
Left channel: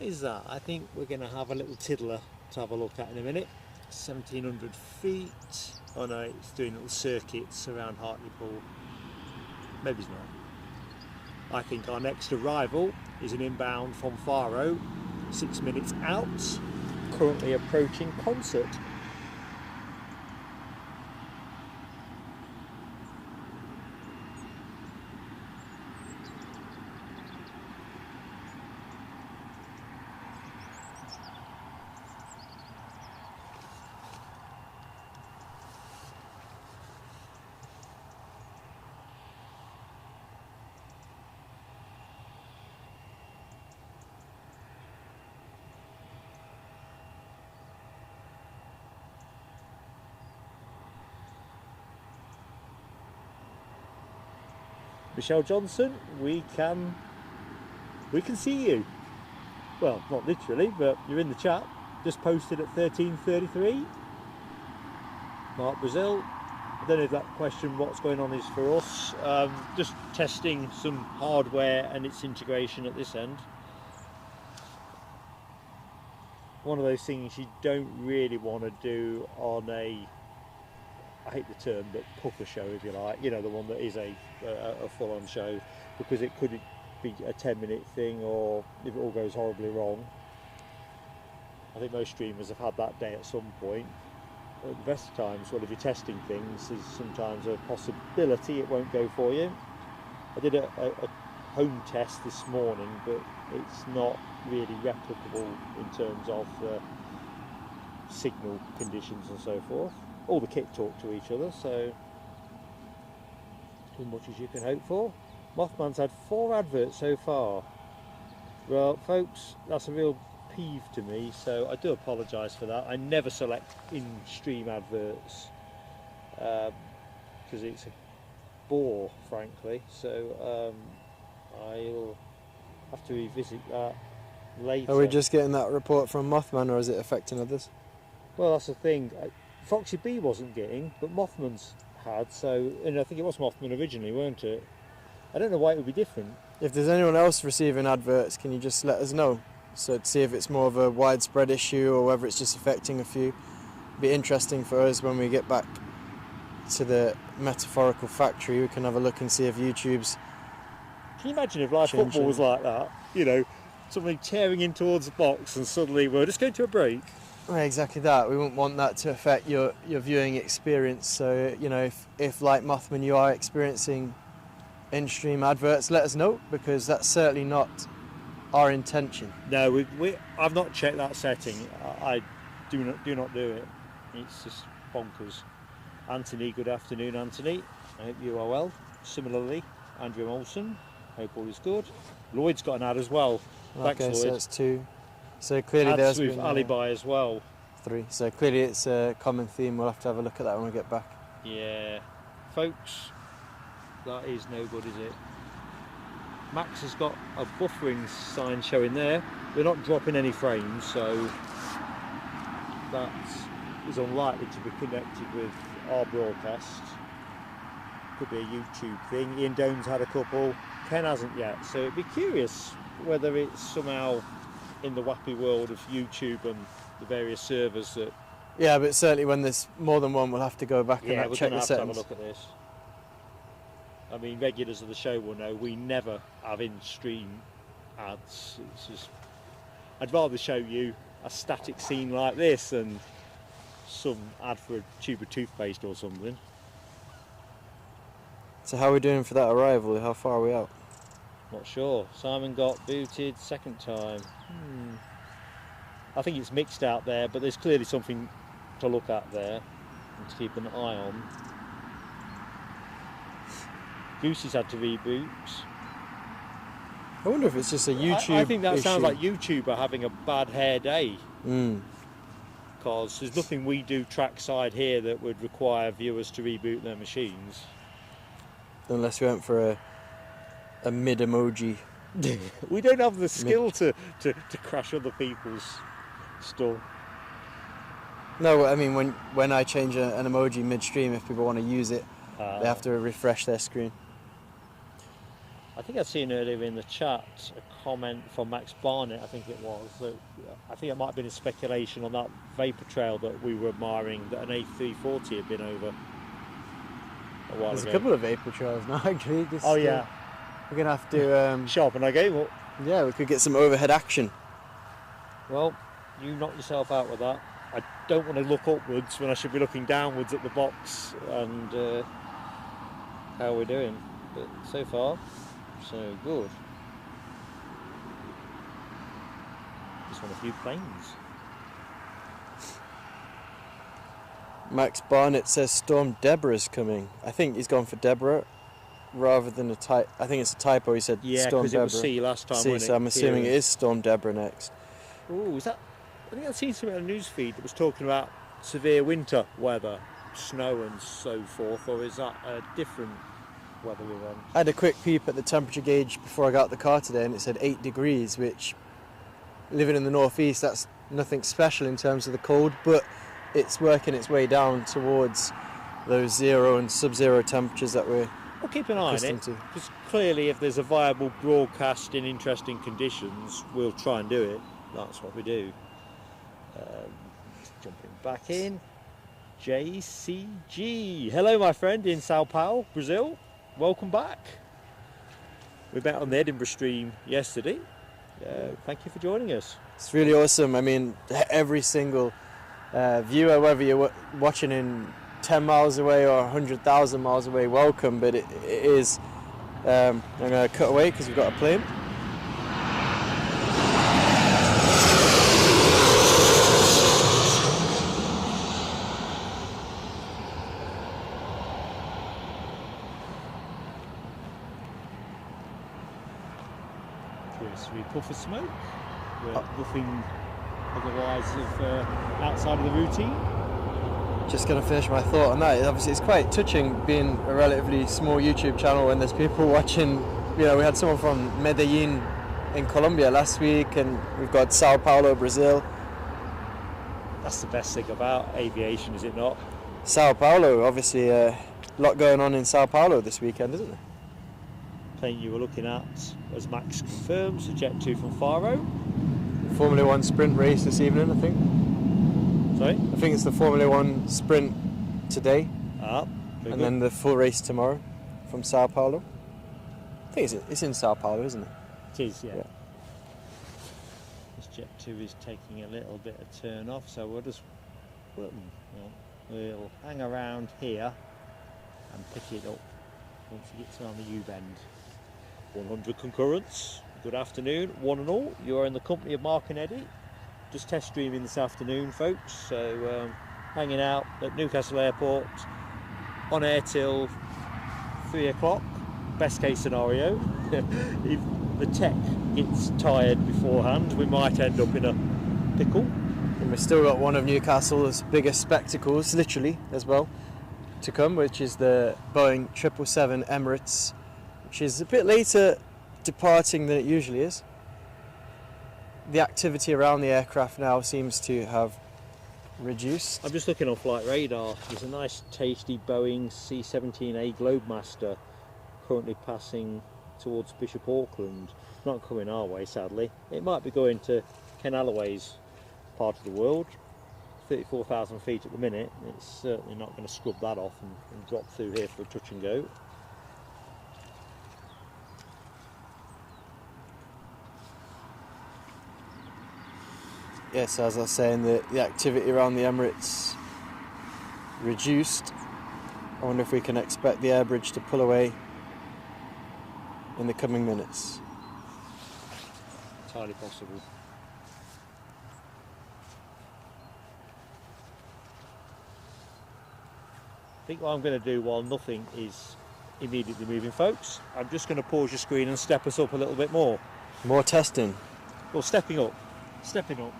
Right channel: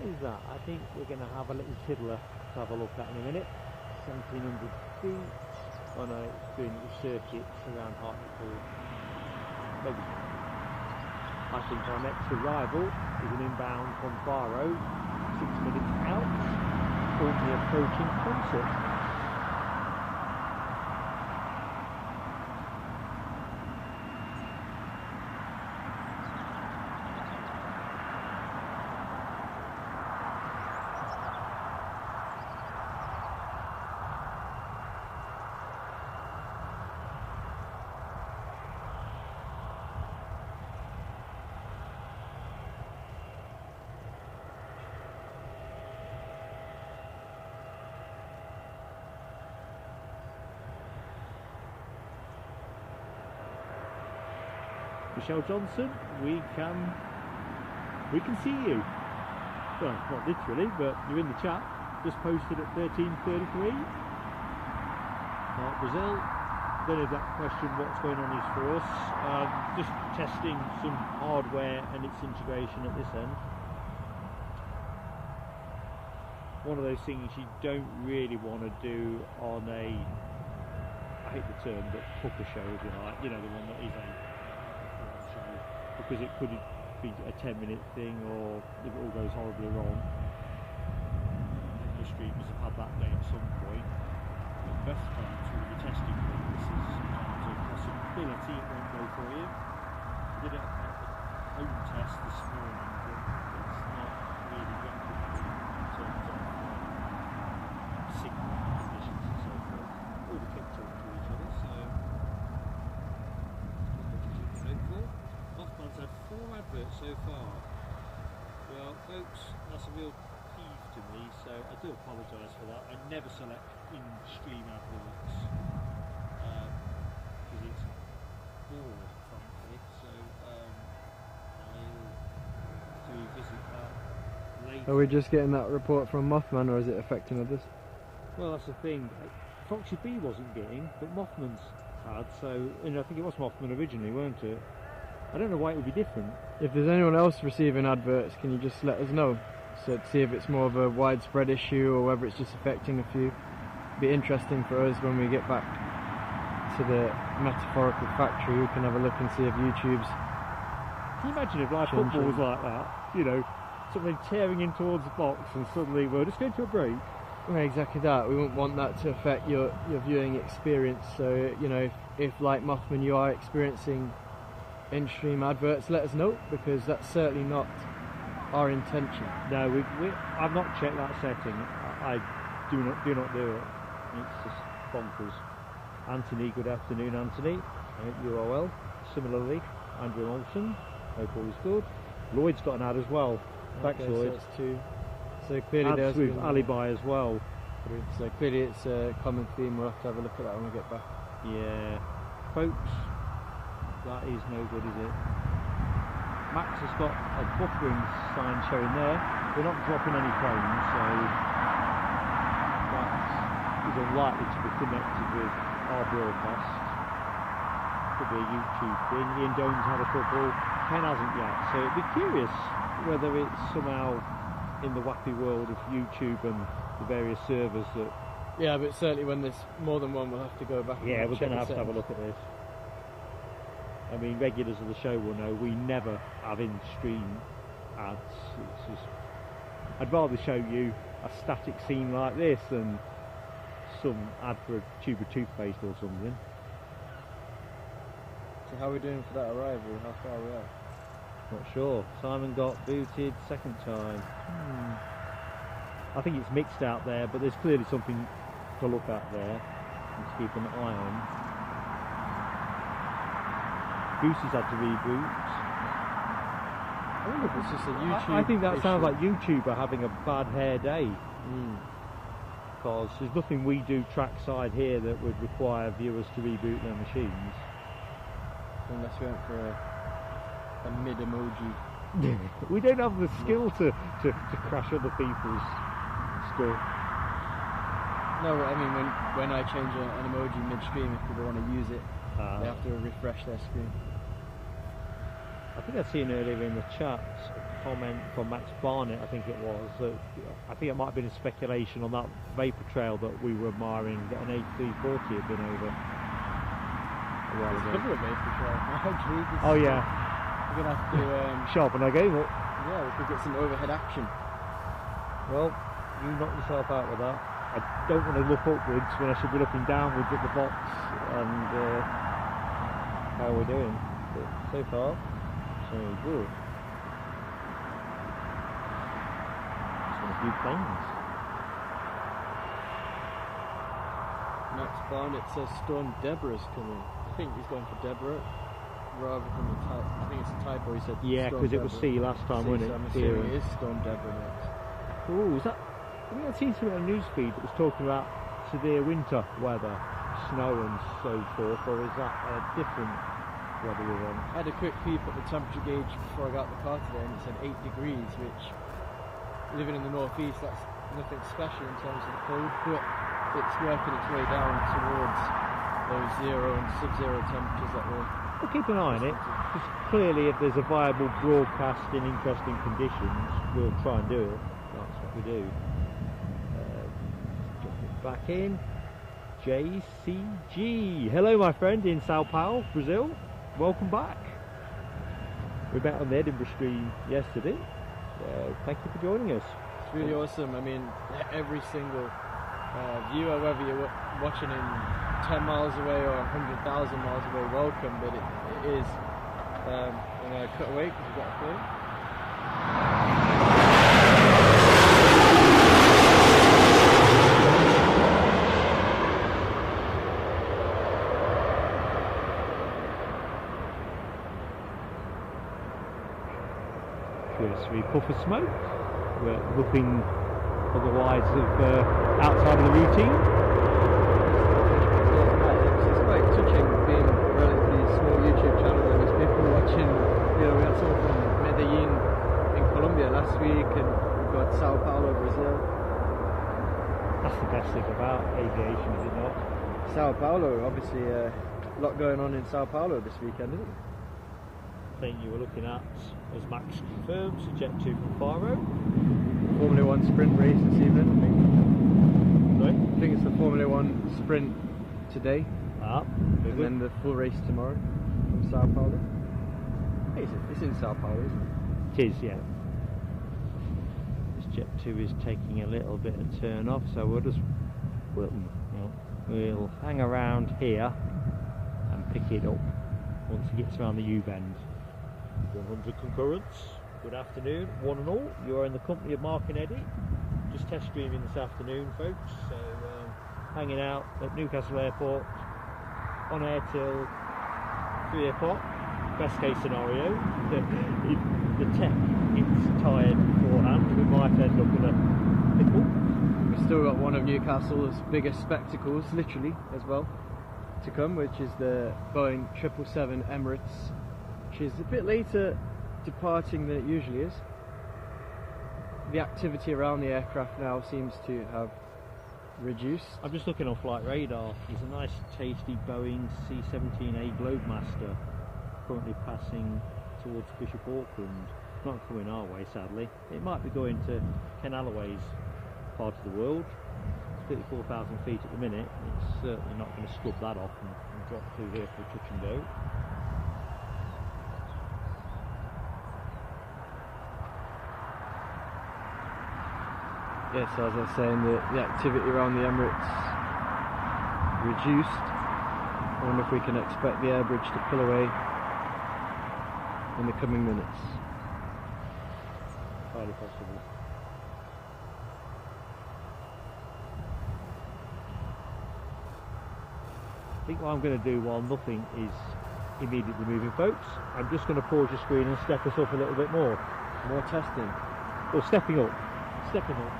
Is that? I think we're going to have a little tiddler to have a look at in a minute. 1700 feet. Oh no, it's doing little circuits around Hartlepool. Maybe it's not. I think our next arrival is an inbound from Faro, 6 minutes out, currently approaching Concert. Michelle Johnson, we can see you. Well, not literally, but you're in the chat. Just posted at 13:33. Mark Brazil. I don't know if that question, what's going on, is for us. Just testing some hardware and its integration at this end. One of those things you don't really want to do on a, I hate the term, but hooker show, if you like, you know, the one that is a full-on show, because it could be a 10-minute thing, or if it all goes horribly wrong. I think most streamers have had that day at some point. But the best times, when if you're testing things, is sometimes a possibility it won't go for you. I did a home test this morning, but it's not really replicable in terms of signal conditions and so forth. All the kit talk to each other, so as much as you can hope for. Mothman's had 4 adverts so far. Well, folks, that's a real peeve to me, so I do apologise for that. I never select in-stream adverts because it's a bore, frankly, so I'll have to revisit that later. Are we just getting that report from Mothman, or is it affecting others? Well, that's the thing. Foxy B wasn't getting, but Mothman's had, so, and I think it was Mothman originally, weren't it? I don't know why it would be different. If there's anyone else receiving adverts, can you just let us know? So to see if it's more of a widespread issue or whether it's just affecting a few. It'd be interesting for us when we get back to the metaphorical factory. We can have a look and see if YouTube's... Can you imagine if live changing. football was like that? You know, somebody tearing in towards the box and suddenly we're just going to a break. Well, exactly that. We wouldn't want that to affect your viewing experience. So, you know, if like Mothman you are experiencing in-stream adverts, let us know, because that's certainly not our intention. No, I've not checked that setting. I do not do it. It's just bonkers. Anthony, good afternoon, Anthony. I hope you are well. Similarly, Andrew Olsen, hope all is good. Lloyd's got an ad as well. Thanks, Okay, Lloyd. so that's 2. So clearly Ads there's with been Alibi as well. 3. So clearly it's a common theme. We'll have to have a look at that when we get back. Yeah, folks, that is no good, is it? Max has got a buffering sign showing there. We're not dropping any frames, so that is unlikely to be connected with our broadcast. Could be a YouTube thing. Ian Jones had a couple, Ken hasn't yet, so it'd be curious whether it's somehow in the wacky world of YouTube and the various servers that... Yeah, but certainly when there's more than one, we'll have to go back and we're check going the to have settings. to have a look at this. I mean, regulars of the show will know we never have in-stream ads. It's just, I'd rather show you a static scene like this than some ad for a tube of toothpaste or something. So how are we doing for that arrival? How far are we out? Not sure. Simon got booted second time. I think it's mixed out there, but there's clearly something to look at there and to keep an eye on. Goosey's had to reboot. I wonder if it's just a YouTube I think that issue. sounds like YouTube are having a bad hair day. Mm. Because there's nothing we do trackside here that would require viewers to reboot their machines. Unless we went for a mid-emoji. We don't have the skill to crash other people's stuff. No, I mean when I change an emoji midstream, if people want to use it, they have to refresh their screen. I think I've seen earlier in the chat a comment from Max Barnett, I think it was. So I think it might have been a speculation on that vapor trail that we were admiring that an A340 had been over. There's a couple of vapor trails now, actually. Oh yeah. We're going to have to... Sharpen our game up. Yeah, we could get some overhead action. Well, you knock yourself out with that. I don't want to look upwards when I should be looking downwards at the box and how we're doing. But so far, so good. Just want a few planes. Max Barnett says Storm Deborah's coming. I think he's gone for Deborah rather than a type. I think it's a typo. He said Storm because it Deborah. was C last time. C, so I'm assuming it is Storm Deborah next. Ooh, is that? I think I'd seen something on the news feed that was talking about severe winter weather, snow and so forth, or is that a different weather we want? I had a quick peep at the temperature gauge before I got out the car today, and it said 8 degrees, which, living in the northeast, that's nothing special in terms of the cold, but it's working its way down towards those 0 and sub-zero temperatures that we're We'll keep an eye on it, because clearly if there's a viable broadcast in interesting conditions, we'll try and do it. That's what we do. Drop it back in. JCG. Hello, my friend in Sao Paulo, Brazil. Welcome back. We met on the Edinburgh stream yesterday. Thank you for joining us. It's really awesome. I mean, every single viewer, whether you're watching in 10 miles away or 100,000 miles away, welcome. But it is I'm going to cut away because we've got a plane. Cursory puff of smoke, but nothing otherwise of outside of the routine. Just going to finish my thought on that. Obviously, it's quite touching being a relatively small YouTube channel and there's people watching. You know, we had someone from Medellin in Colombia last week, and we've got Sao Paulo, Brazil. That's the best thing about aviation, is it not? Sao Paulo, obviously, a lot going on in Sao Paulo this weekend, isn't there? Plane you were looking at, as Max confirms, the Jet 2 from Faro. Formula 1 sprint race this evening, I think. Sorry? I think it's the Formula 1 sprint today, and then the full race tomorrow from Sao Paulo. I think it's in Sao Paulo, isn't it? It is, yeah. This Jet 2 is taking a little bit of turn off, so we'll just we'll hang around here and pick it up once it gets around the U-bend. 100 concurrents. Good afternoon, one and all. You are in the company of Mark and Eddie. Just test streaming this afternoon, folks. So hanging out at Newcastle Airport, on air till 3 o'clock. Best case scenario. If the tech gets tired beforehand, we might end up in a pickle. We've still got one of Newcastle's biggest spectacles, literally, as well, to come, which is the Boeing 777 Emirates, which is a bit later departing than it usually is. The activity around the aircraft now seems to have reduced. I'm just looking on flight radar. There's a nice tasty Boeing C-17A Globemaster currently passing towards Bishop Auckland. Not coming our way, sadly. It might be going to Ken Alloway's part of the world. 34,000 feet at the minute. It's certainly not going to scrub that off and drop through here for a touch and go. Yes, as I was saying, the activity around the Emirates reduced. I wonder if we can expect the air bridge to pull away in the coming minutes. Entirely possible. I think what I'm going to do while nothing is immediately moving, folks, I'm just going to pause your screen and step us up a little bit more. More testing. Well, stepping up.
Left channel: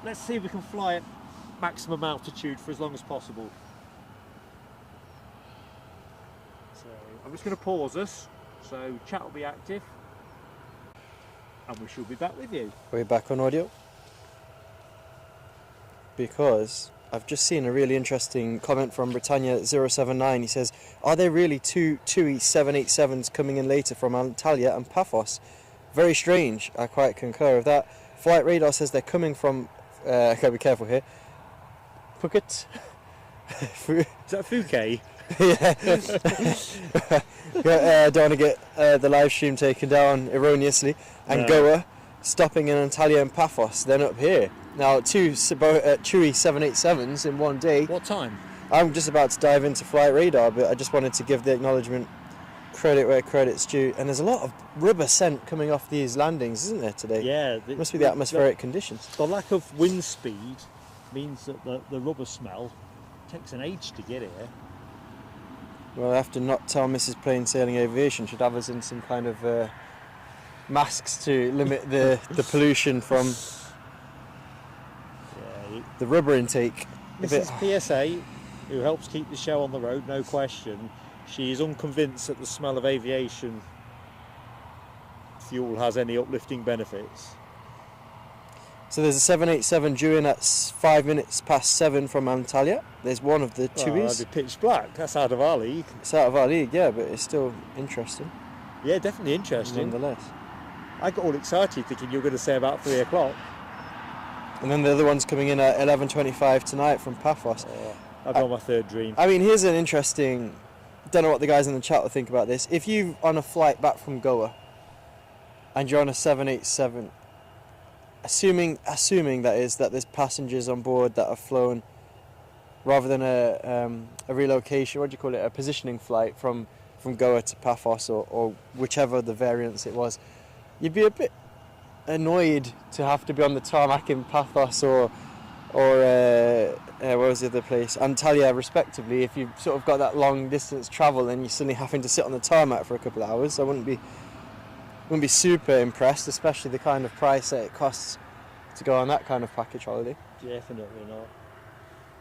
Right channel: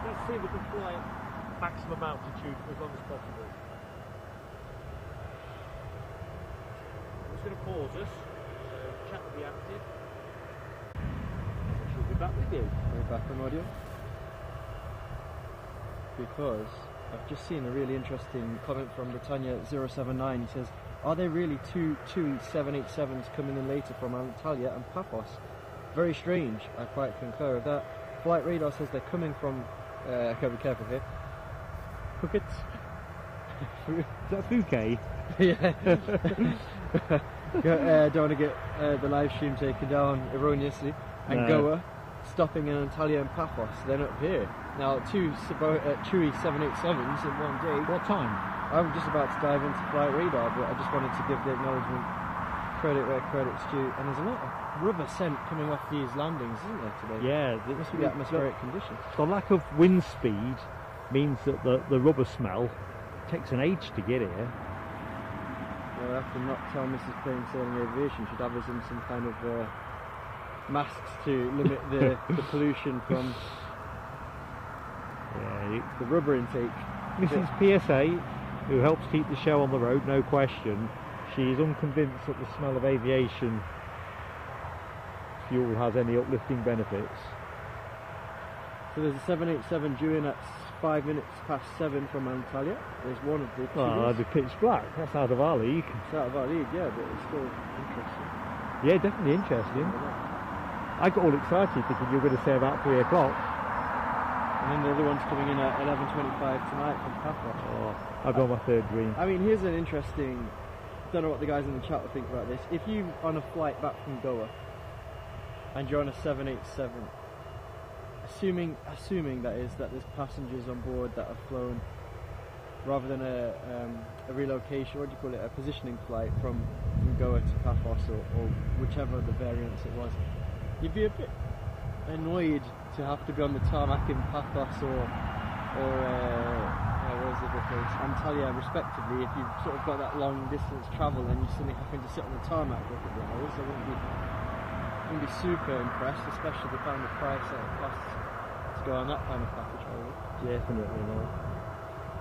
Let's see if we can fly at maximum altitude for as long as possible. So I'm just going to pause us, so chat will be active, and we should be back with you. We're back on audio. Because I've just seen a really interesting comment from Britannia079. He says, are there really two TUI 787s coming in later from Antalya and Paphos? Very strange. I quite concur with that. Flight radar says they're coming from, I gotta be careful here, Phuket. Is that Phuket? Yeah. Don't want to get the live stream taken down erroneously. And Goa, stopping in Antalya and Paphos, then up here. Now, two TUI 787s in one day. What time? I'm just about to dive into flight radar, but I just wanted to give the acknowledgement, credit where credit's due. And there's a lot of rubber scent coming off these landings, isn't there, today? Yeah. It must be the atmospheric conditions. The lack of wind speed means that the rubber smell takes an age to get here. Well, I have to not tell Mrs. Plain Sailing Aviation should have us in some kind of masks to limit the pollution from the rubber intake. Mrs. PSA, who helps keep the show on the road, no question, she is unconvinced that the smell of aviation fuel has any uplifting benefits. So there's a 787 due in at 5 minutes past 7 from Antalya. There's one of the TUIs. Well, that'd be pitch black. That's out of our league. It's out of our league, yeah, but it's still interesting. Yeah, definitely interesting. Nonetheless. I got all excited thinking you were going to say about 3 o'clock. And then the other one's coming in at 11:25 tonight from Paphos. Oh, I've got my third dream. I mean, here's an interesting... I don't know what the guys in the chat will think about this. If you're on a flight back from Goa and you're on a 787, assuming that is that there's passengers on board that have flown rather than a relocation, what do you call it, a positioning flight from from Goa to Paphos or whichever the variants it was, you'd be a bit annoyed to have to be on the tarmac in Paphos or where was the other place, Antalya respectively. If you've sort of got that long distance travel and you're suddenly having to sit on the tarmac for a couple of hours, I wouldn't be super impressed, especially the kind of price that it costs to go on that kind of package holiday. Definitely not.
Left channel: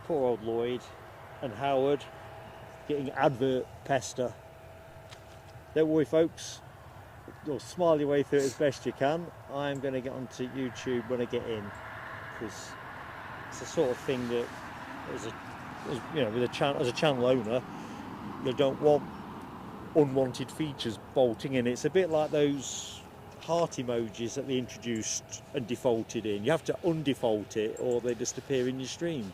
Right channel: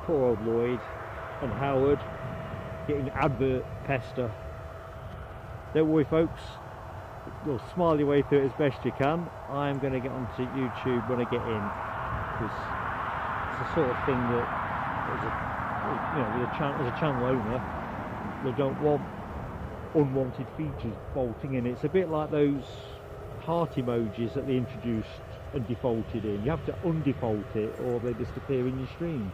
Poor old Lloyd and Howard getting advert pester. Don't worry folks, you'll smile your way through it as best you can. I'm going to get onto YouTube when I get in, because it's the sort of thing that as a channel owner, you don't want unwanted features bolting in. It's a bit like those heart emojis that they introduced and defaulted in. You have to undefault it or they just appear in your stream.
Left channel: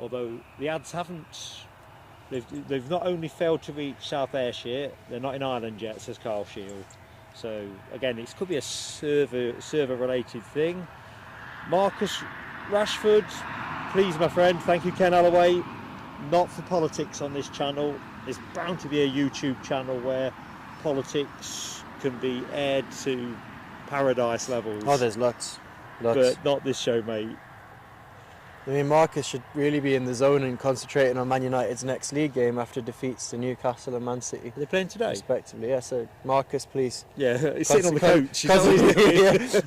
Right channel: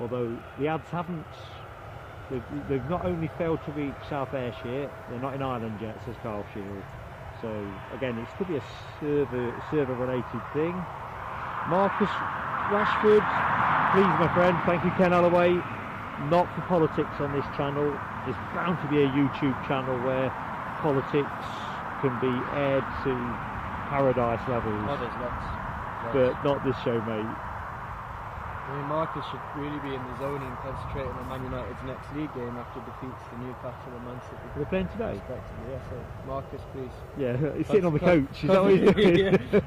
Although the ads haven't, they've not only failed to reach South Ayrshire, they're not in Ireland yet, says Carl Shield. So again, it could be a server related thing. Marcus Rashford, please my friend, thank you Ken Alloway. Not for politics on this channel. There's bound to be a YouTube channel where politics can be aired to paradise levels. Oh, there's lots. But not this show, mate. I mean, Marcus should really be in the zone and concentrating on Man United's next league game after defeats to Newcastle and Man City. They're playing today? Respectively, yeah. So, Marcus, please. Yeah, he's sitting on the coach.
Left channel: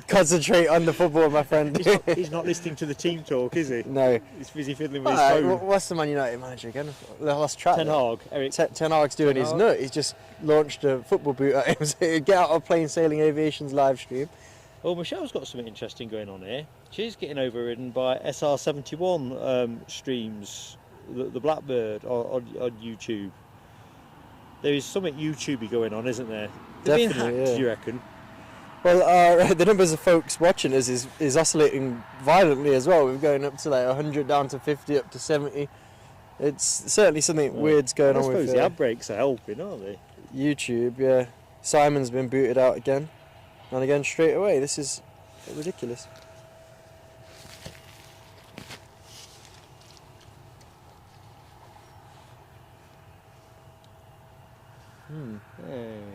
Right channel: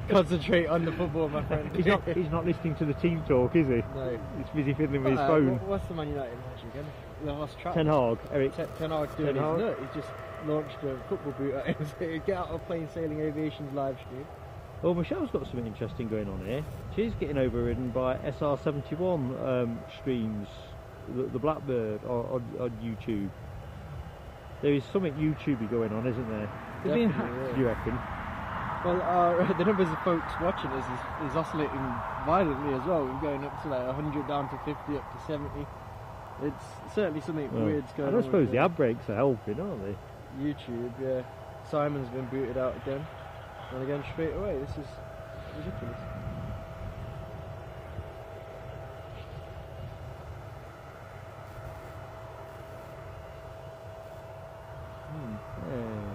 Concentrate on the football, my friend. He's not listening to the team talk, is he? No. He's busy fiddling with his phone. What's the Man United manager again? I lost track. Ten Hag. Ten Hag's doing his nut. He's just launched a football boot at him. So get out of Plain Sailing Aviation's live stream. Well, Michelle's got something interesting going on here. She's getting overridden by SR71 streams, the Blackbird on YouTube. There is something YouTubey going on, isn't there? They're being hacked, do you reckon? Well, the numbers of folks watching us is oscillating violently as well. We're going up to like 100, down to 50, up to 70. It's certainly something weird's going on. I suppose the ad breaks are helping, aren't they? YouTube, yeah. Simon's been booted out again. And again straight away. This is ridiculous.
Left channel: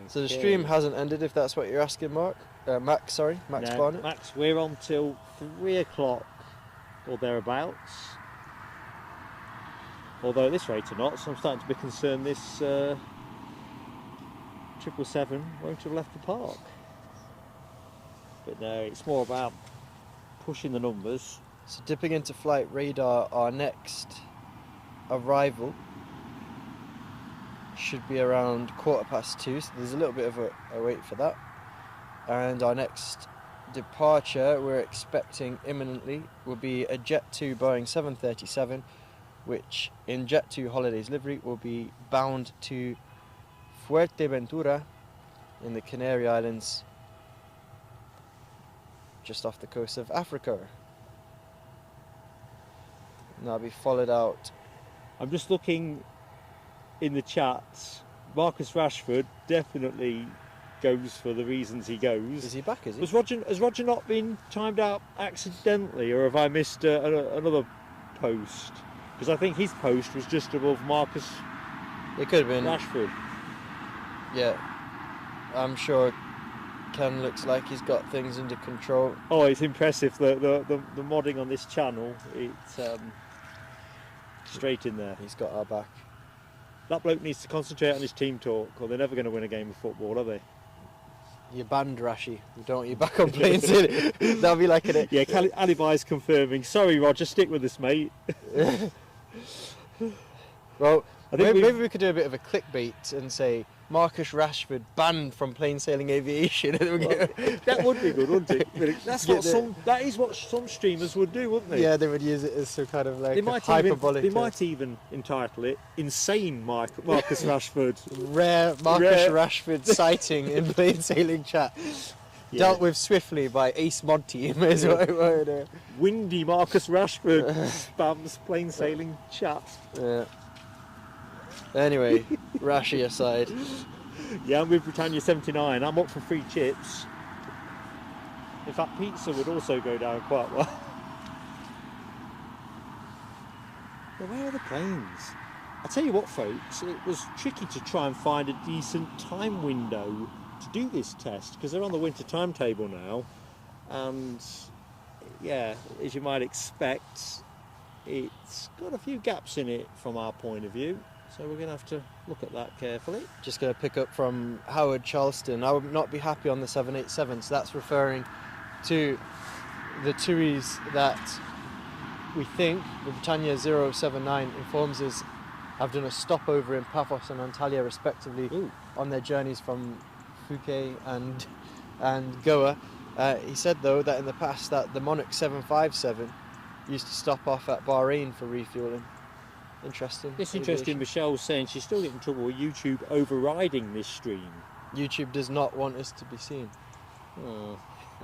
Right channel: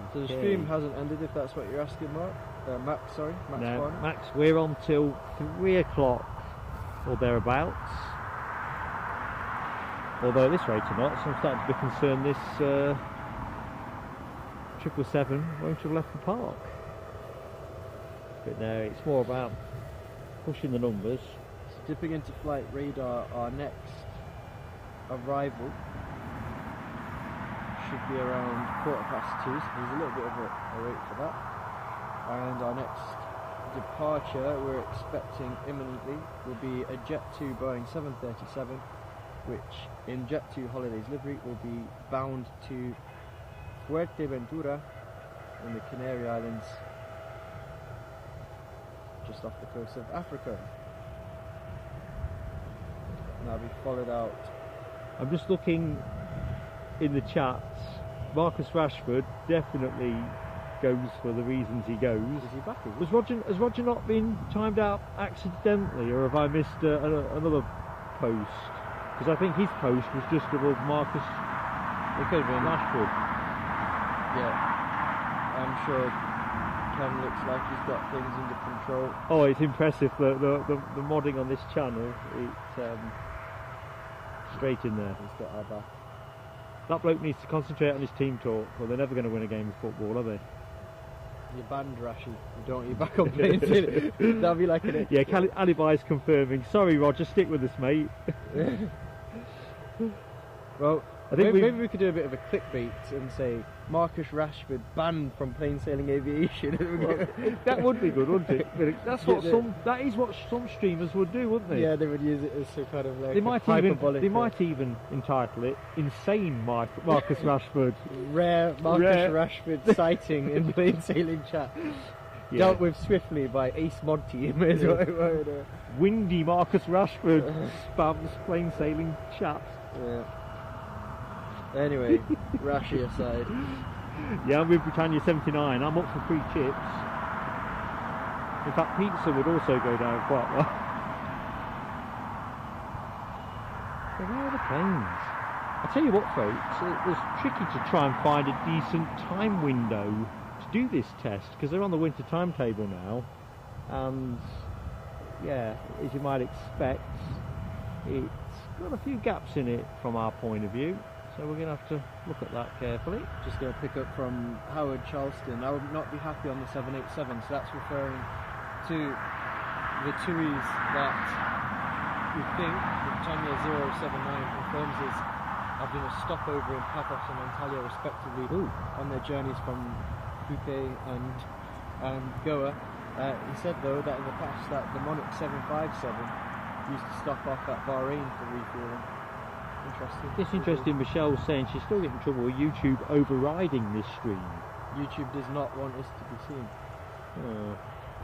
So the stream hasn't ended, if that's what you're asking, Mark. Max, sorry. Max Barnett. Max, we're on till 3 o'clock or thereabouts. Although at this rate or not, so I'm starting to be concerned this 777 won't have left the park. But no, it's more about pushing the numbers. So dipping into flight radar, our next arrival should be around 2:15, so there's a little bit of a wait for that. And our next departure we're expecting imminently will be a Jet 2 Boeing 737, which in Jet 2 Holidays livery will be bound to Fuerteventura in the Canary Islands, just off the coast of Africa. And I'll be followed out. I'm just looking in the chat. Marcus Rashford definitely goes for the reasons he goes. Is he back, is he? Has Roger not been timed out accidentally, or have I missed another post? Because I think his post was just above Marcus. It could have been Rashford. Yeah, I'm sure Ken looks like he's got things under control. Oh, it's impressive. The modding on this channel, it's straight in there. He's got our back. That bloke needs to concentrate on his team talk, or they're never going to win a game of football, are they? You're banned, Rashi. You don't want you back on playing today. That'll be like an... Yeah, Alibi's confirming. Sorry, Roger, stick with us, mate. Well, I think maybe we could do a bit of a clickbait and say Marcus Rashford banned from Plain Sailing Aviation. That would be good, wouldn't it? That is what some streamers would do, wouldn't they? Yeah, they would use it as some kind of like they might even entitle it "Insane Marcus Rashford." Rare Marcus Rashford sighting in Plain Sailing chat. Yeah. Dealt with swiftly by Ace Mod Team. Windy Marcus Rashford spams Plain Sailing chat. Yeah. Anyway, Rashi aside. Yeah, I'm with Britannia 79. I'm up for free chips. In fact, pizza would also go down quite well. But where are the planes? I tell you what, folks, it was tricky to try and find a decent time window to do this test because they're on the winter timetable now, and yeah, as you might expect, it's got a few gaps in it from our point of view, so we're going to have to look at that carefully. Just going to pick up from Howard Charleston. I would not be happy on the 787, so that's referring to the TUIs that we think Britannia 079 informs us have done a stopover in Paphos and Antalya respectively. Ooh. On their journeys from Phuket and Goa. He said though that in the past that the Monarch 757 used to stop off at Bahrain for refueling. Interesting. It's interesting. Michelle was saying she's still getting in trouble with YouTube overriding this stream. YouTube does not want us to be seen. Oh.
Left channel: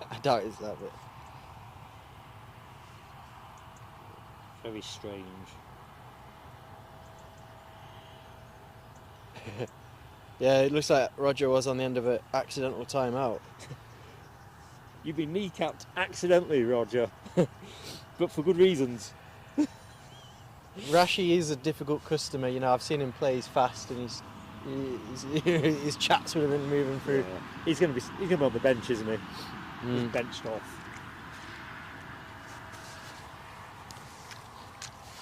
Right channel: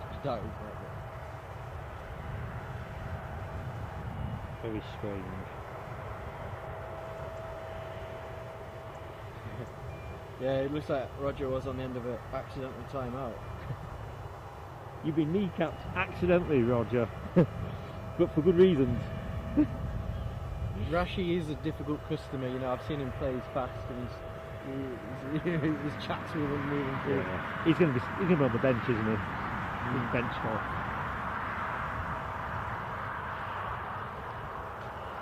I doubt it's that bit. Very strange. Yeah, it looks like Roger was on the end of an accidental timeout. You've been kneecapped accidentally, Roger, but for good reasons. Rashi is a difficult customer, you know. I've seen him play fast, and his chat's moving through. Yeah. He's gonna be on the bench, isn't he? He's benched off.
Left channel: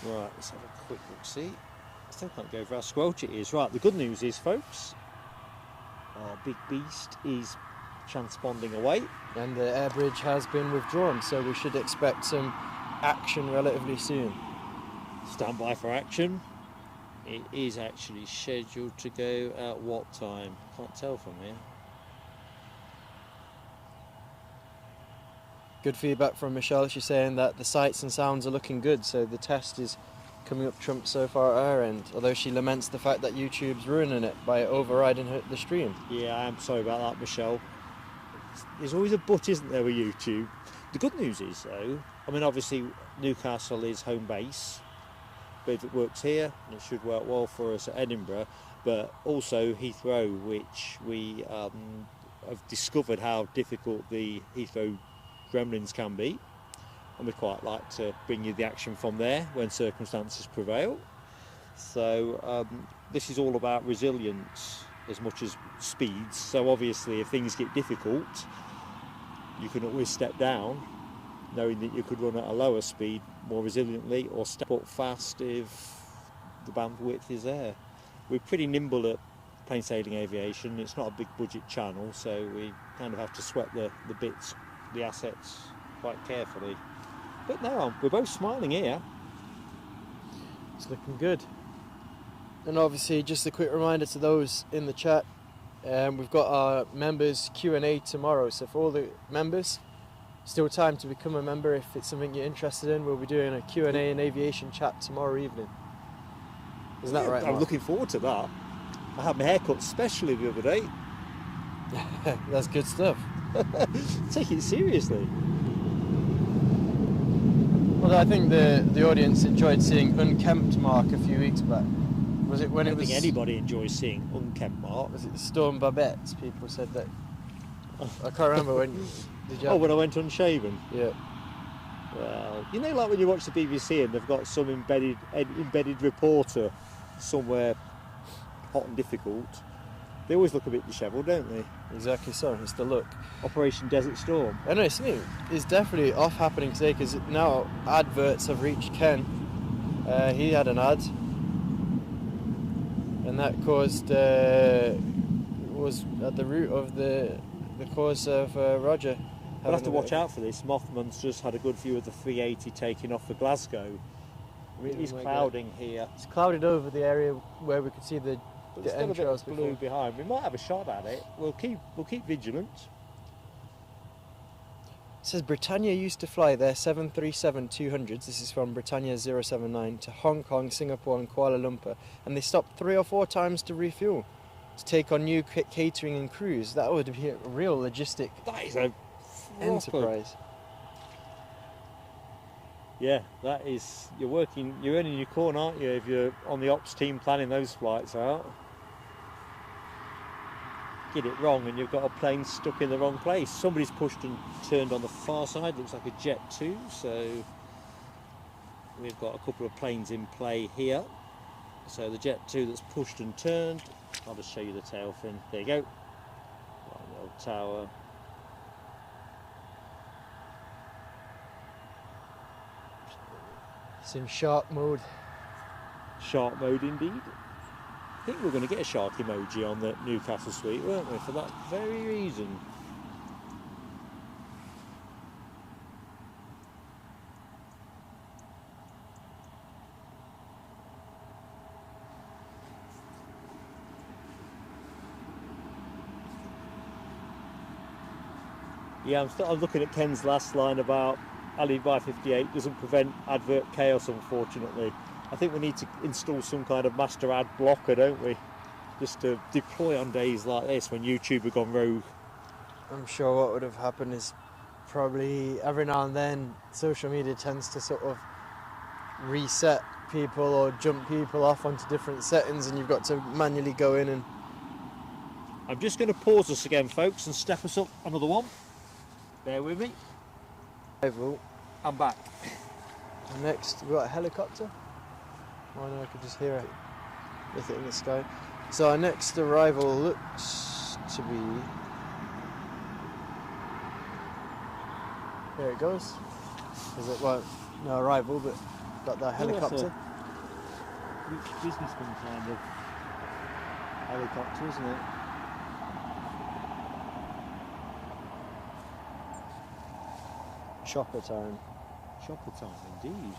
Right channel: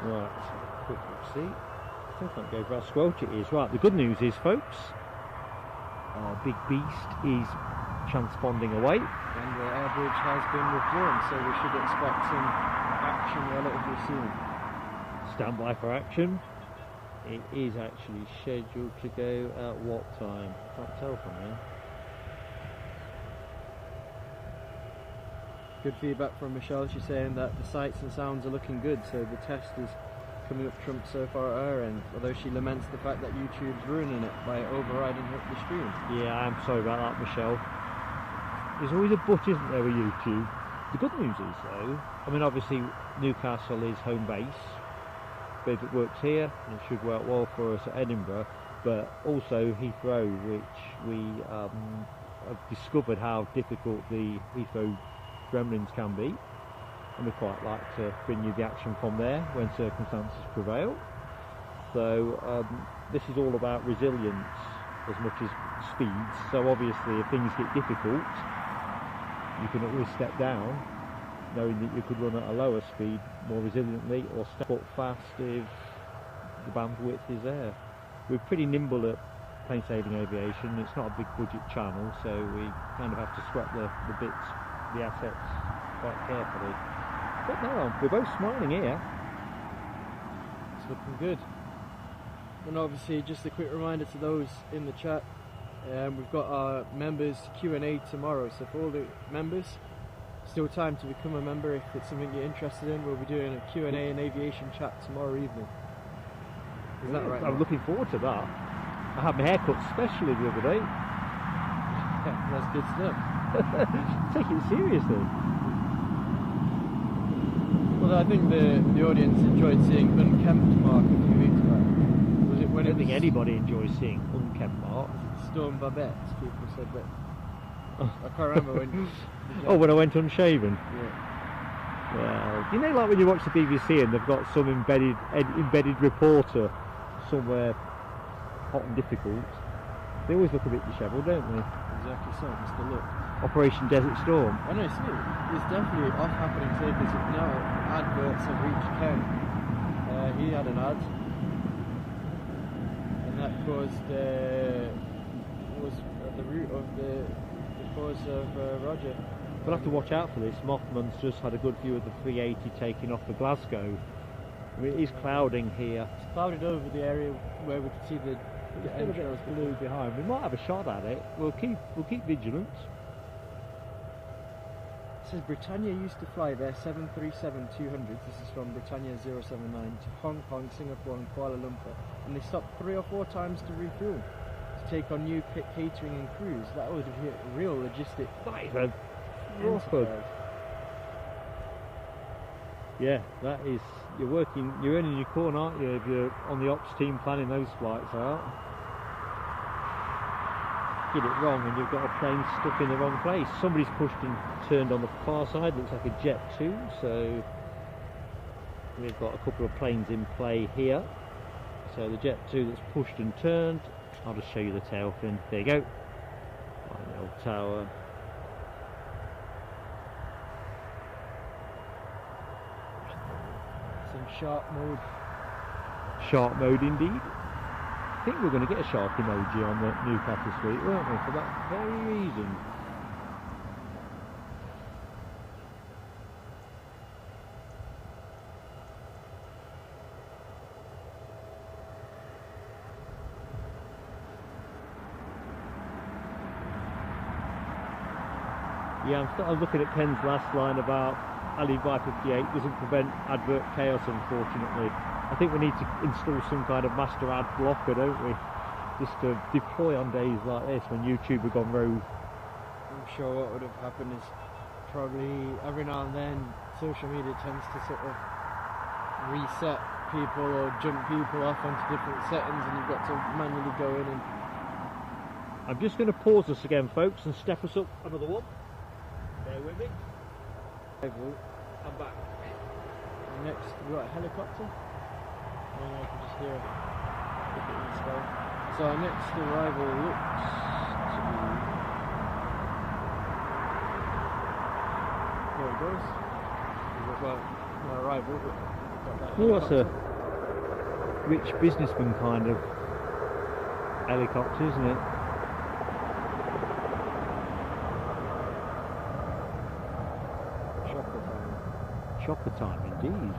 Right, let's have a quick look. See, I still can't go for how squelch it is. Right, the good news is, folks, our big beast is transponding away, and the air bridge has been withdrawn, so we should expect some action relatively soon. Stand by for action. It is actually scheduled to go at what time? I can't tell from here. Good feedback from Michelle. She's saying that the sights and sounds are looking good, so the test is coming up trump so far at her end, although she laments the fact that YouTube's ruining it by overriding the stream. Yeah, I'm sorry about that, Michelle. There's always a but, isn't there, with YouTube? The good news is, though, I mean, obviously Newcastle is home base, but if it works here, it should work well for us at Edinburgh, but also Heathrow, which we have discovered how difficult the Heathrow gremlins can be, and we quite like to bring you the action from there when circumstances prevail. So this is all about resilience as much as speeds, so obviously if things get difficult you can always step down knowing that you could run at a lower speed more resiliently, or step up fast if the bandwidth is there. We're pretty nimble at plain sailing aviation. It's not a big budget channel, so we kind of have to sweat the bits, the assets quite carefully. But no, we're both smiling here. It's looking good. And obviously, just a quick reminder to those in the chat, we've got our members Q&A tomorrow, so for all the members, still time to become a member if it's something you're interested in. We'll be doing a Q&A and aviation chat tomorrow evening. Isn't that right? I'm looking forward to that. I had my hair cut specially the other day. That's good stuff. Take it seriously. Well, I think the audience enjoyed seeing Unkempt Mark a few weeks back. Was it when I don't think anybody enjoys seeing unkempt Mark. Was it Storm Babette? People said that. I can't remember when. Did you? Oh, when I went unshaven? Yeah. Well, you know, like when you watch the BBC and they've got some embedded reporter somewhere hot and difficult, they always look a bit dishevelled, don't they? Exactly so, it's the look. Operation Desert Storm. I know, it's new. It's definitely off happening today because now adverts have reached Ken. He had an ad, and that caused was at the root of the cause of Roger. We'll have to watch out for this. Mothman's just had a good view of the 380 taking off for Glasgow. It is clouding here. It's clouded over the area where we can see the entrails behind. We might have a shot at it. We'll keep vigilant. It says Britannia used to fly their 737-200s, this is from Britannia 079, to Hong Kong, Singapore and Kuala Lumpur, and they stopped 3 or 4 times to refuel, to take on new catering and crews. That would be a real logistic That is a enterprise. Yeah, that is, you're earning your corn, aren't you, if you're on the ops team planning those flights out. Get it wrong and you've got a plane stuck in the wrong place. Somebody's pushed and turned on the far side, looks like a Jet 2, so we've got a couple of planes in play here. So the Jet 2 that's pushed and turned, I'll just show you the tail fin. There you go. One little tower. It's in shark mode. Shark mode indeed. I think we're going to get a shark emoji on the Newcastle suite, weren't we, for that very reason. Yeah, I'm started looking at Ken's last line about Ali by 58 doesn't prevent advert chaos, unfortunately. I think we need to install some kind of master ad blocker, don't we? Just to deploy on days like this when YouTube have gone rogue. I'm sure what would have happened is probably every now and then social media tends to sort of reset people or jump people off onto different settings, and you've got to manually go in and... I'm just going to pause this again, folks, and step us up another one. Bear with me. I'm back. And next we've got a helicopter. Oh no, I could just hear it with it in the sky. So our next arrival looks to be... There it goes. Is it like no arrival, but got that helicopter? That's a rich businessman kind of helicopter, isn't it? Chopper time. Chopper time indeed.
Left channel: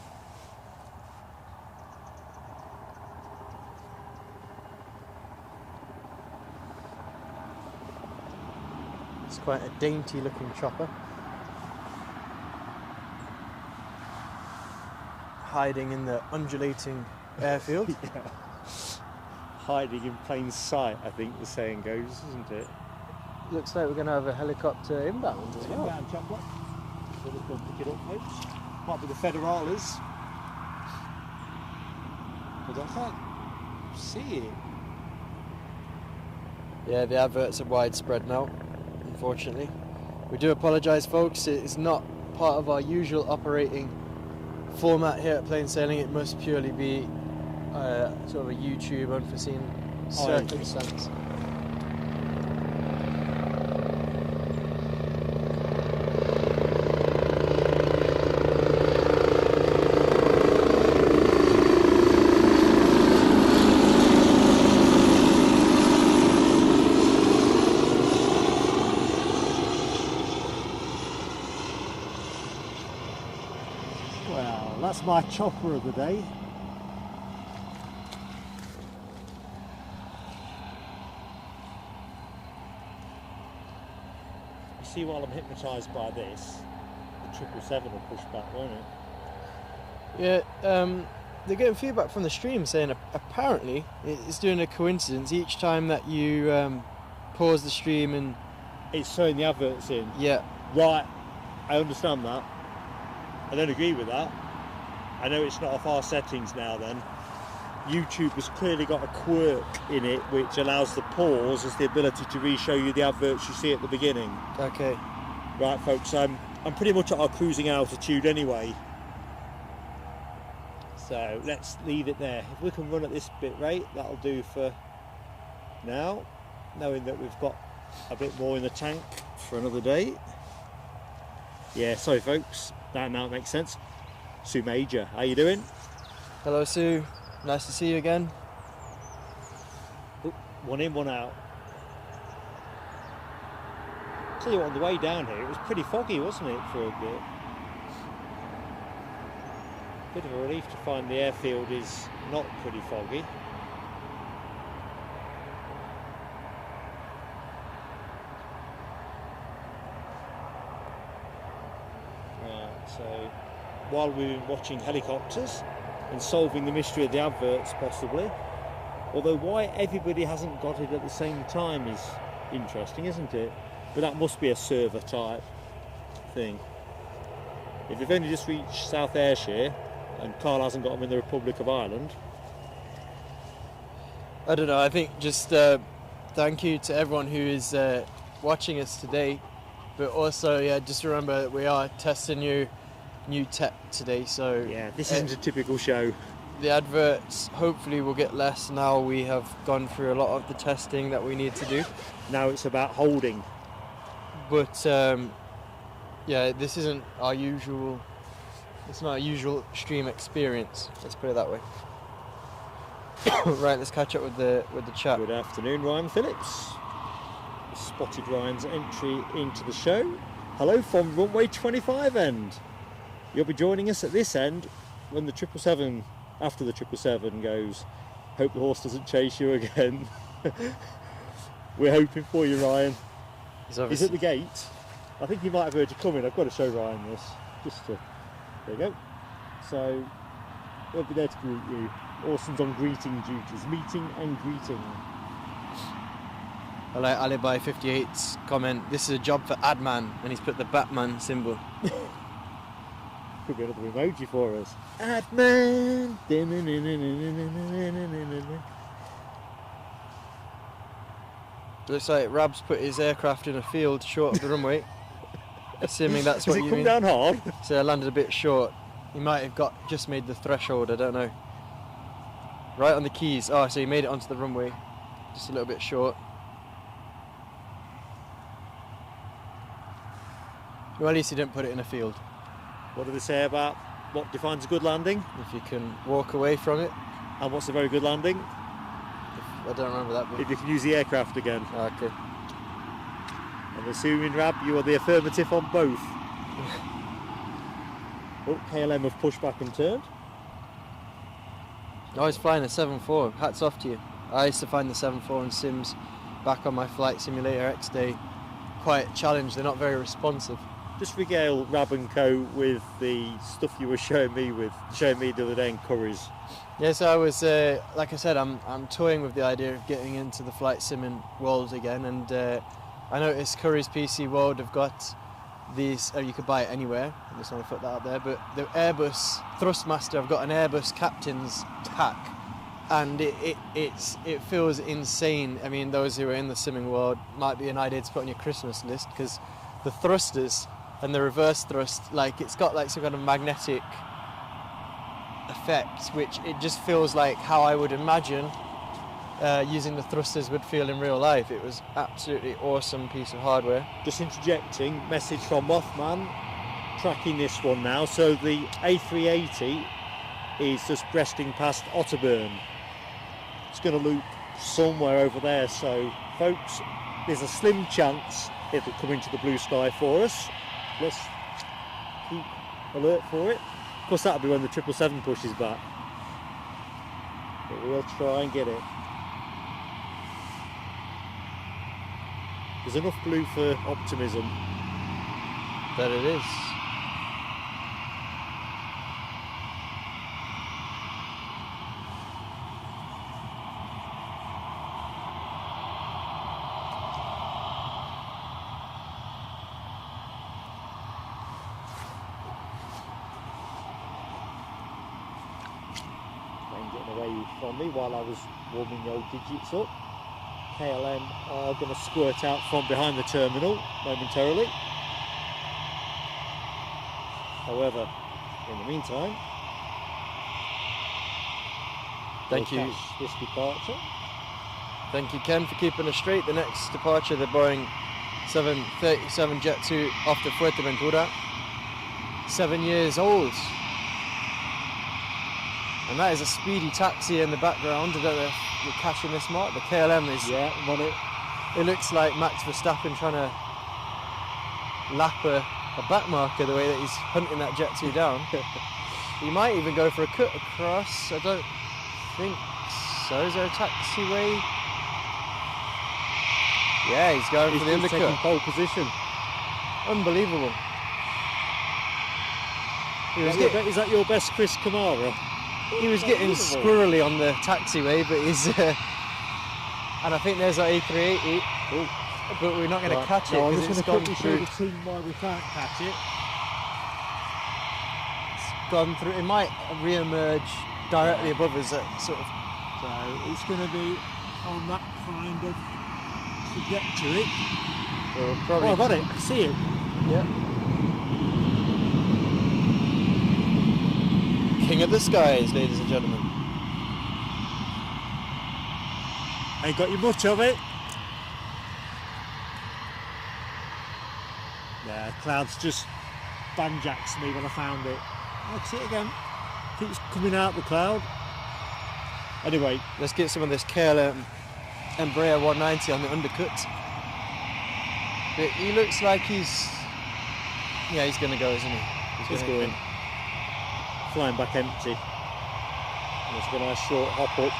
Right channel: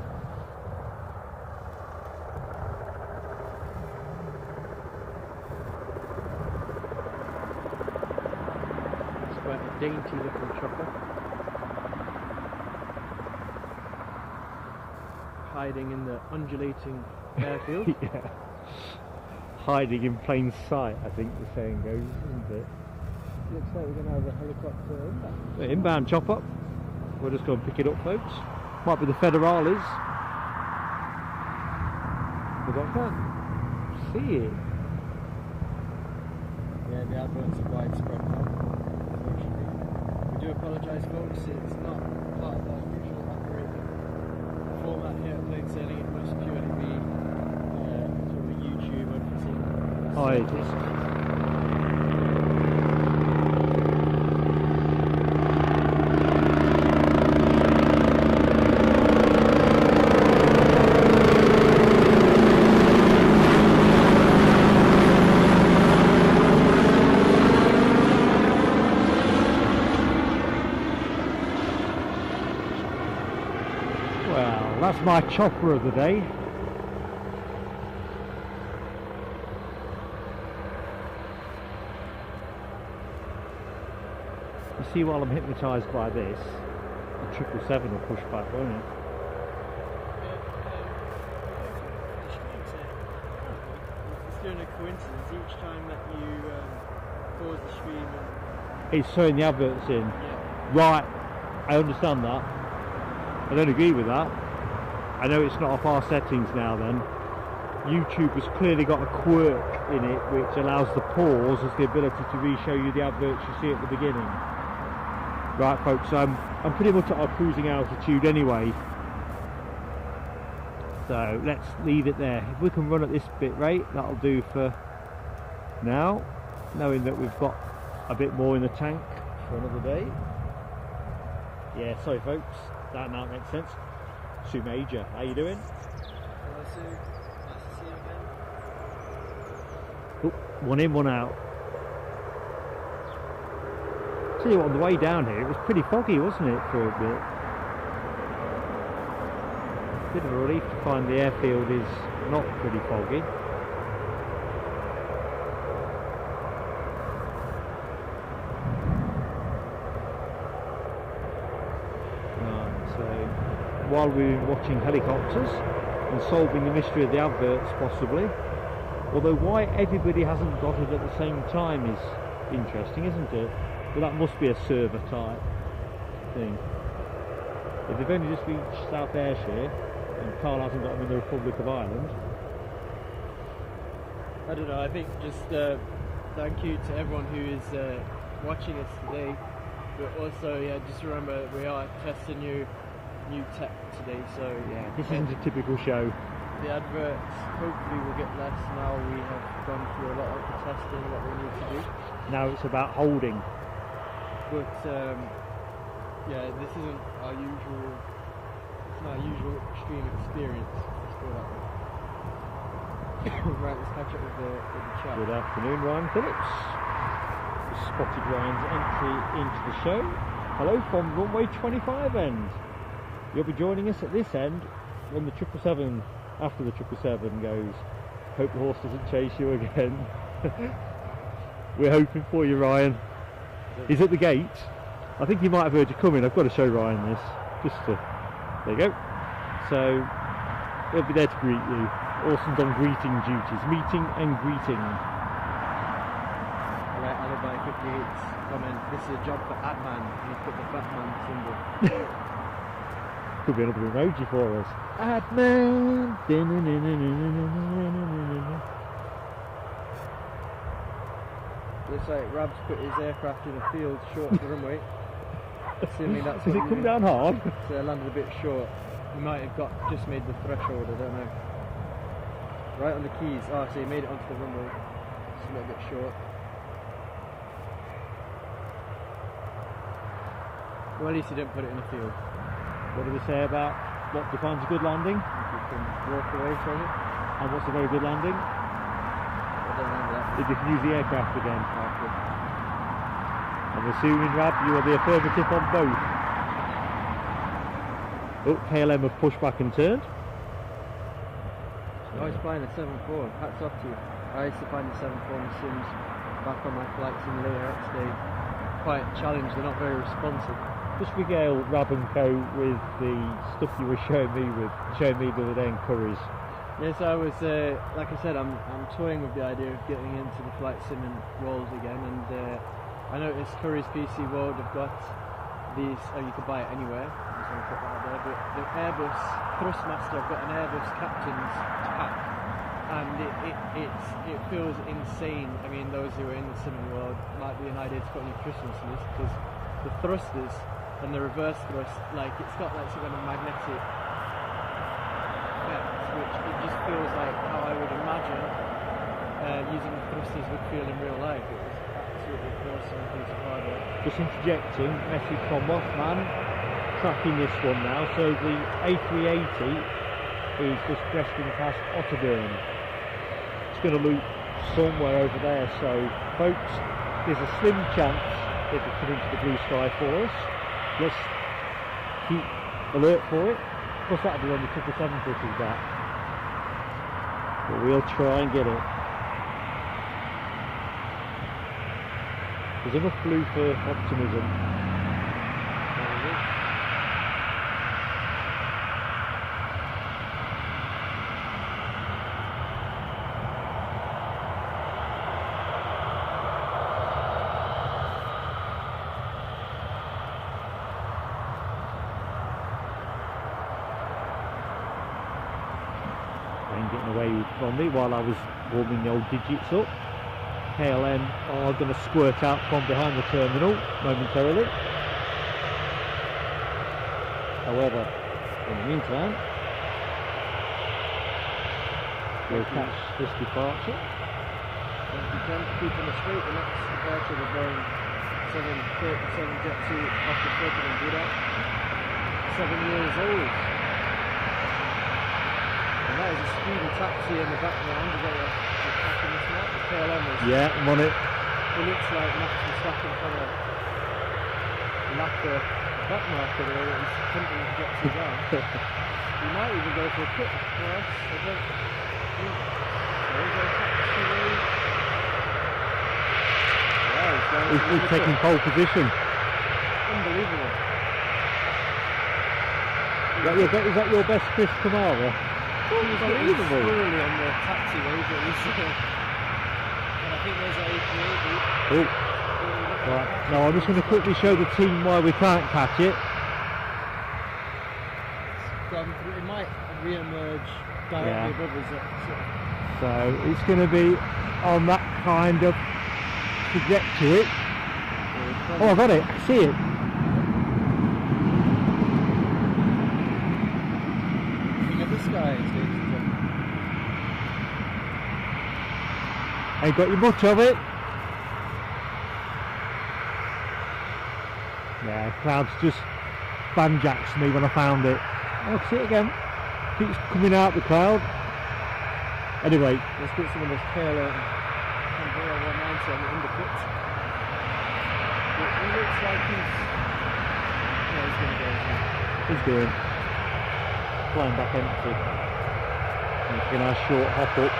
It's quite a dainty looking chopper. Hiding in the undulating airfield. Yeah. Hiding in plain sight, I think the saying goes, isn't it? Looks like we're going to have a helicopter inbound. The inbound chopper. We'll just go and pick it up, folks. Might be the Federales. I can't see it. Yeah, the adverts are widespread now, unfortunately. We do apologise, folks. It's not part of our usual operating format here at Plain Sailing. It must purely be sort of a YouTube unforeseen circumstance. That's my chopper of the day. You see, while I'm hypnotised by this, the 777 will push back, won't it? Yeah, they're getting feedback from the stream saying apparently it's doing a coincidence each time that you pause the stream and... It's throwing the adverts in. Yeah. Right, I understand that. I don't agree with that. I know it's not off our settings now then. YouTube has clearly got a quirk in it which allows the pause as the ability to re-show you the adverts you see at the beginning. Okay. Right folks, I'm pretty much at our cruising altitude anyway. So let's leave it there. If we can run at this bit rate, that'll do for now. Knowing that we've got a bit more in the tank for another day. Yeah, sorry folks, that now makes sense. Sue Major, how you doing? Hello Sue, nice to see you again. Ooh, one in, one out. Tell you what, on the way down here, it was pretty foggy, wasn't it, for a bit? Bit of a relief to find the airfield is not pretty foggy. So while we were watching helicopters and solving the mystery of the adverts possibly, although why everybody hasn't got it at the same time is interesting, isn't it? But that must be a server type thing. If you've only just reached South Ayrshire and Carl hasn't got them in the Republic of Ireland. I don't know, I think just thank you to everyone who is watching us today, but also yeah, just remember that we are testing new tech today, so yeah, this isn't a typical show. the adverts hopefully will get less now we have gone through a lot of the testing that we need to do. Now it's about holding. But yeah, this isn't our usual. It's not a usual stream experience. Let's put it that way. Right, let's catch up with the chat. Good afternoon, Ryan Phillips. We spotted Ryan's entry into the show. Hello from runway 25 end. You'll be joining us at this end when the 777, after the 777 goes. Hope the horse doesn't chase you again. We're hoping for you, Ryan. He's at the gate. I think he might have heard you coming. I've got to show Ryan this. There you go. So he'll be there to greet you. Orson's on greeting duties, meeting and greeting. I like Alibi 58's comment. This is a job for Adman, and he's put the Batman symbol. Could be another emoji for us. Adman. Looks like Rab's put his aircraft in a field short of the runway. Assuming that's what you mean. Does it come down hard? So I landed a bit short. He might have just made the threshold, I don't know. Right on the keys. Oh, so he made it onto the runway. Just a little bit short. Well, at least he didn't put it in a field. What did they say about what defines a good landing? If you can walk away from it. And what's a very good landing? I don't remember that bit. If you can use the aircraft again. Oh, good. I'm assuming, Rab, you are the affirmative on both. Oh, KLM have pushed back and turned. I was flying a 7.4. Hats off to you. I used to find the 7.4 in Sims back on my Flight Simulator X day quite challenged. They're not very responsive. Just regale Rab and Co with the stuff you were showing me the other day in Curry's. Yes, I was, like I said, I'm toying with the idea of getting into the flight simming world again, and I noticed Curry's PC World have got these, you could buy it anywhere, I just want to put that out there, but the Airbus Thrustmaster, I've got an Airbus Captain's tack, and it feels insane. I mean, those who are in the simming world might be an idea to put on your Christmas list, because the thrusters and the reverse thrust, like it's got like some kind of magnetic effect, which it just feels like how I would imagine using the thrusters would feel in real life. It was absolutely awesome piece of hardware. Just interjecting, message from Mothman, tracking this one now. So the A380 is just breasting past Otterburn. It's going to loop somewhere over there. So folks, there's a slim chance it'll come into the blue sky for us. Let's keep alert for it. Of course, that'll be when the 777 pushes back. But we'll try and get it. There's enough blue for optimism. That it is. Getting away from me while I was warming the old digits up. KLM are going to squirt out from behind the terminal momentarily. However, in the meantime, thank you. This departure. Thank you, Ken, for keeping us straight. The next departure, the Boeing 737 Jet 2 off the Fuerteventura. 7 years old. And that is a speedy taxi in the background. I don't know if we're catching this mark. The KLM is. Yeah, I'm on it. It looks like Max Verstappen trying to lap a back marker the way that he's hunting that jet 2 down. He might even go for a cut across. I don't think so. Is there a taxiway? Yeah, he's going He's for the just taking pole position. Unbelievable. Is that your best Chris Kamara? He was getting squirrely on the taxiway, but he's and I think there's that A380. Oh. But we're not going to catch it. No, I'm just going to quickly show the team why we can't catch it. It's gone through. It might re-emerge directly above us at sort of. So it's going to be on that kind of trajectory. Oh, I've got it. I see it. Yeah. King of the skies, ladies and gentlemen. Ain't got you much of it. Yeah, clouds just banjacks me when I found it. Oh, I can see it again. Keeps coming out the cloud. Anyway, let's get some of this KLM Embraer 190 on the undercut. He looks like he's going to go, isn't he? He's going. Flying back empty. He's going to have a short hop up.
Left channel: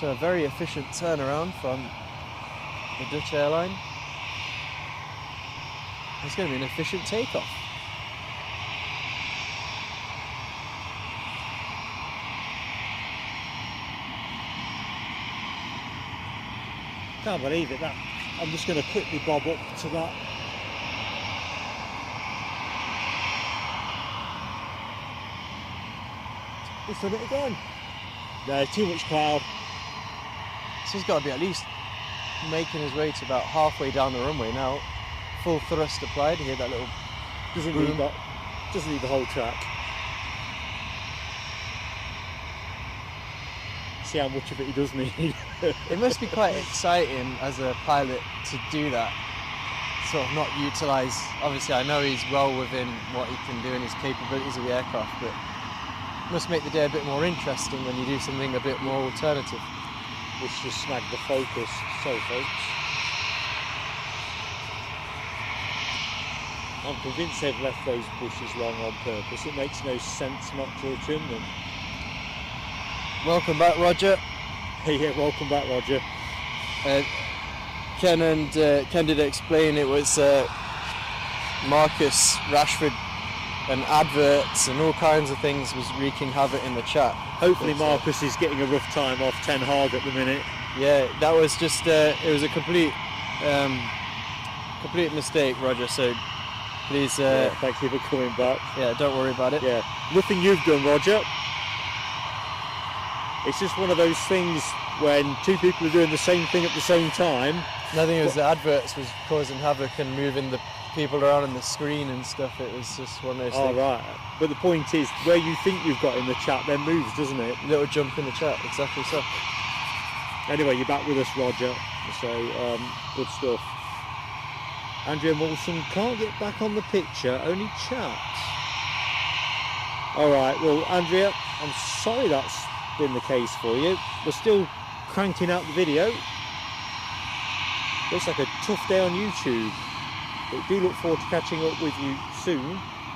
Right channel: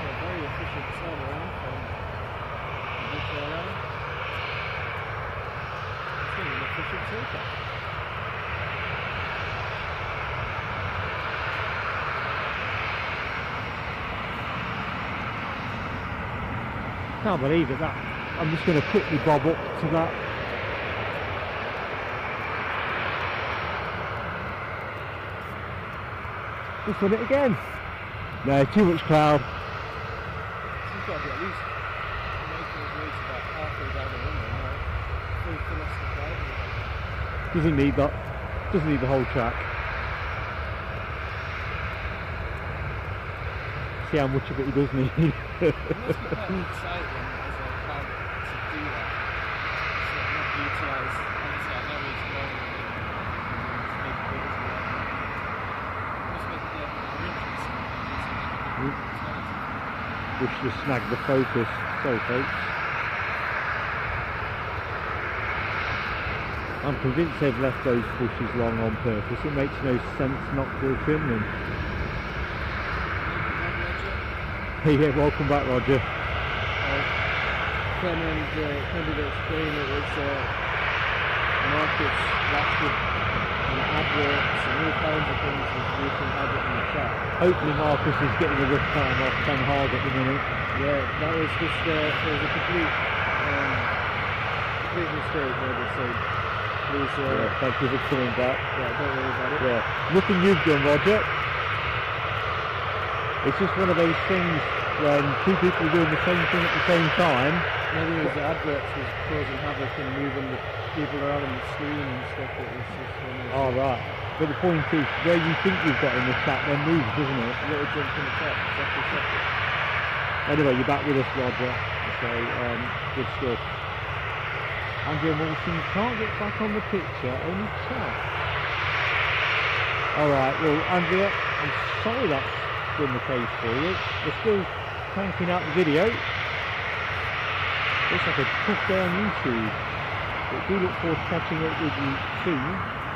So a very efficient turnaround from the Dutch airline. It's going to be an efficient takeoff. Can't believe it. That I'm just going to quickly bob up to that. We've done it again. No, too much cloud. So he's got to be at least making his way to about halfway down the runway now. Full thrust applied. You hear that little. Doesn't need that. Doesn't need the whole track. See how much of it he does need. It must be quite exciting as a pilot to do that. So not utilise. Obviously, I know he's well within what he can do and his capabilities of the aircraft, but it must make the day a bit more interesting when you do something a bit more alternative. Which just snagged the focus. Sorry, folks. I'm convinced they've left those bushes long on purpose. It makes no sense not to trim them. Welcome back, Roger. Yeah, welcome back, Roger. Ken did explain it was Marcus Rashford and adverts and all kinds of things was wreaking havoc in the chat. Hopefully Marcus is getting a lift time off 10 hard at the minute. Yeah, that was just it was a complete mistake, Roger. So please, thank you for coming back. Yeah, don't worry about it. Yeah, nothing you've done, Roger. It's just one of those things when two people are doing the same thing at the same time. I think it was the adverts was causing havoc and moving the people around on the screen and stuff. It was just one of those things. Right. But the point is, where you think you've got in the chat then moves, doesn't it? Little jump in the chat, exactly so. Anyway, you're back with us, Roger. So, good stuff. Andrea Wilson can't get back on the picture, only chat. Alright, well, Andrea, I'm sorry that's been the case for you. We're still cranking out the video. Looks like a tough day on YouTube. But do look forward to catching up with you soon.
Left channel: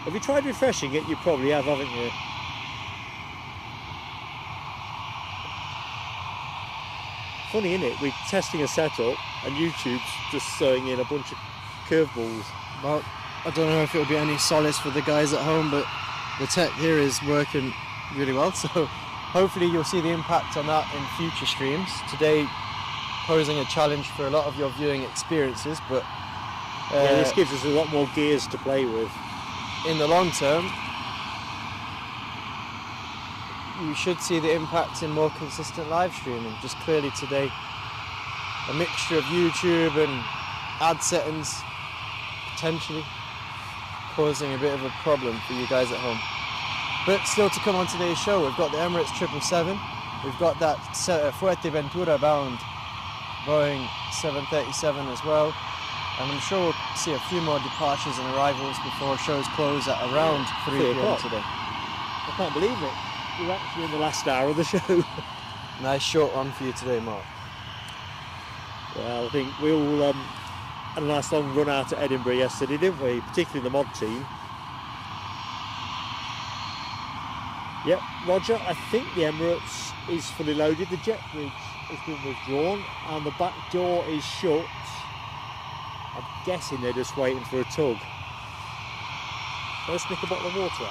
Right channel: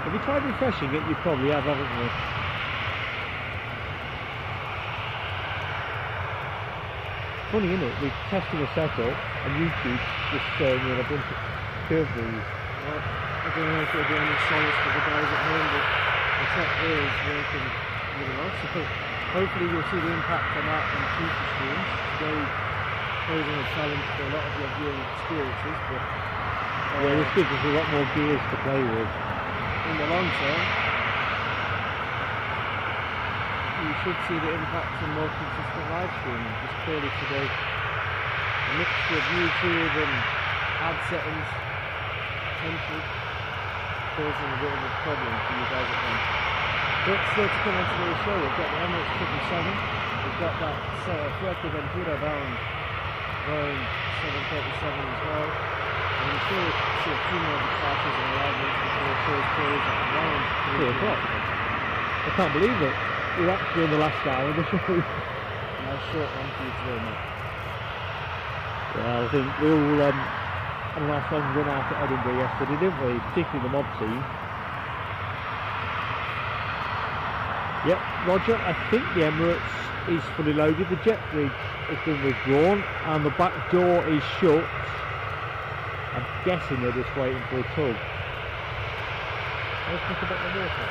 Have you tried refreshing it? You probably have, haven't you? Funny, isn't it? We're testing a setup and YouTube's just throwing in a bunch of curveballs. Well, I don't know if it'll be any solace for the guys at home, but the tech here is working really well. So hopefully you'll see the impact on that in future streams. Today posing a challenge for a lot of your viewing experiences, but this gives us a lot more gears to play with. In the long term, you should see the impact in more consistent live streaming. Just clearly today, a mixture of YouTube and ad settings potentially causing a bit of a problem for you guys at home. But still to come on today's show, we've got the Emirates 777, we've got that Fuerteventura bound Boeing 737 as well. And I'm sure we'll see a few more departures and arrivals before shows close at around 3 p.m. today. I can't believe it. We're actually in the last hour of the show. Nice short run for you today, Mark. Well, I think we all had a nice long run out at Edinburgh yesterday, didn't we? Particularly the mod team. Yep, Roger, I think the Emirates is fully loaded. The jet bridge has been withdrawn and the back door is shut. I'm guessing they're just waiting for a tug. Let's look at the water.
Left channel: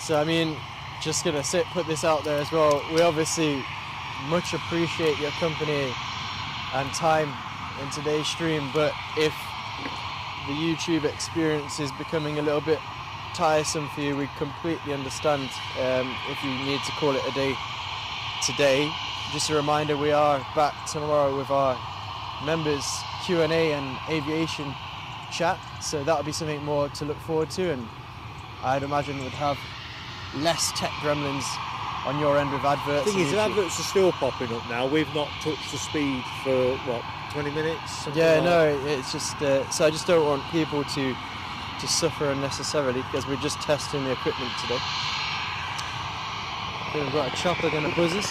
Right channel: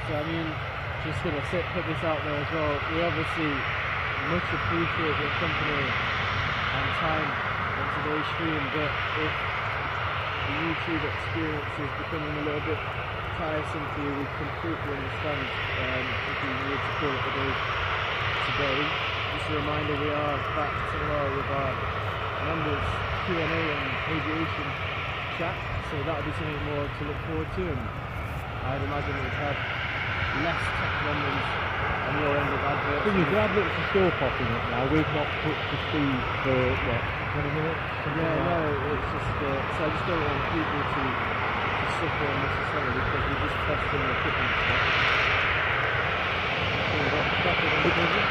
So I mean, just gonna put this out there as well. We obviously much appreciate your company and time in today's stream, but if the YouTube experience is becoming a little bit tiresome for you, we completely understand. If you need to call it a day today, just a reminder, we are back tomorrow with our members Q&A and aviation chat, so that'll be something more to look forward to, and I'd imagine we'd have less tech gremlins on your end of adverts. The adverts are still popping up now. We've not touched the speed for what, 20 minutes? Yeah, no, it's just so I just don't want people to suffer unnecessarily because we're just testing the equipment today. Here we've got a chopper going to quiz us.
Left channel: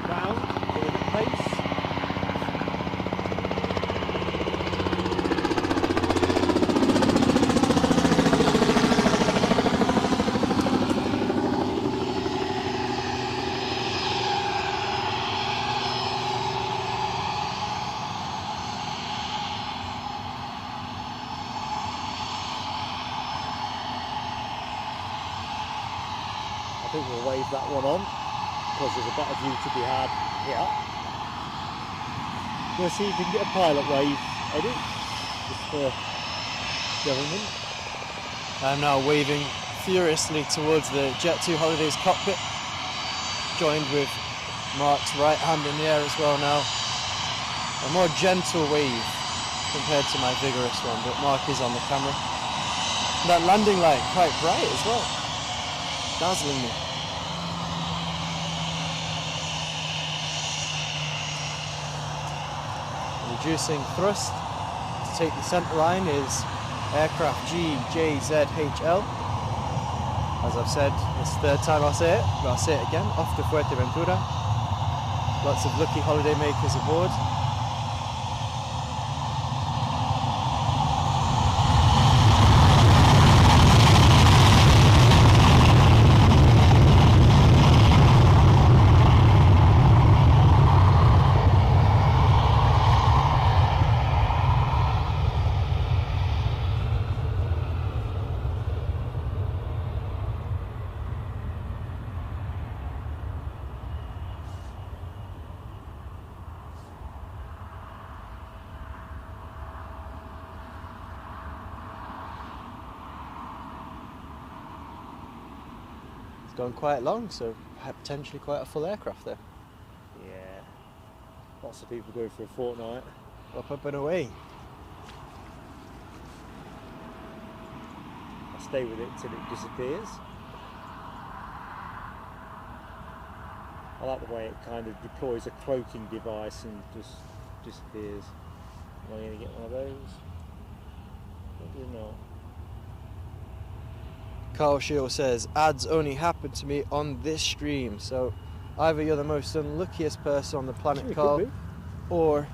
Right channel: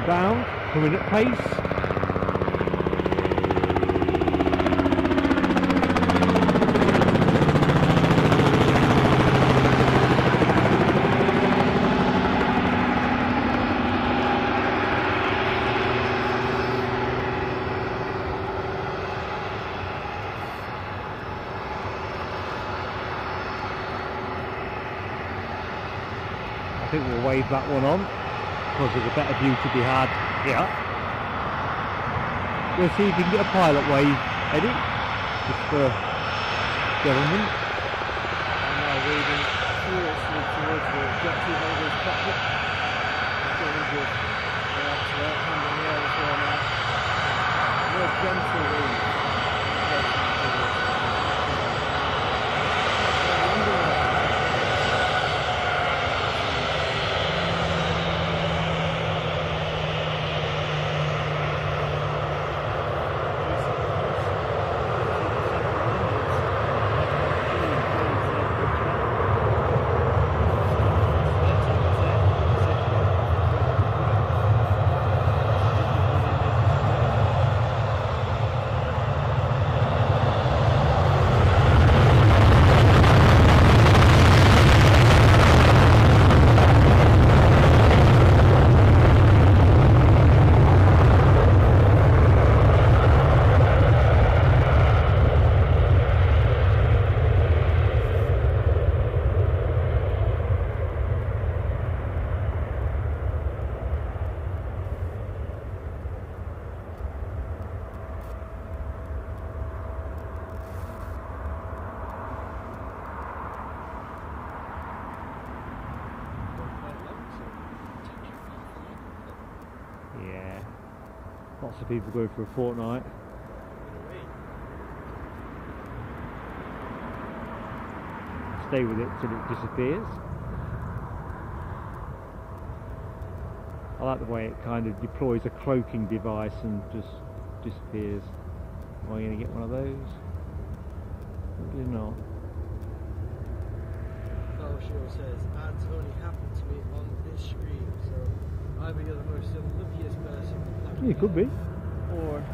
Inbound, coming at pace. I think we'll wave that one on because there's a better view to be had here. Let's see if we can get a pilot wave, Eddie. Just for gentlemen. I'm now waving furiously towards the Jet2 Holidays cockpit, joined with Mark's right hand in the air as well now. A more gentle wave compared to my vigorous one, but Mark is on the camera. And that landing light quite bright as well. Dazzling. Reducing thrust to take the set line is aircraft GJZHL. As I've said, it's the third time I'll say it, but I'll say it again, off to Fuerteventura. Lots of lucky holiday makers aboard. Going quite long, so potentially quite a full aircraft there. Yeah. Lots of people go for a fortnight. Up and away. Stay with it until it disappears. I like the way it kind of deploys a cloaking device and just disappears. Am I going to get one of those? Probably not. Carl Shield says, ads only happen to me on this stream, so either you're the most unluckiest person on the planet, It Carl, could be. or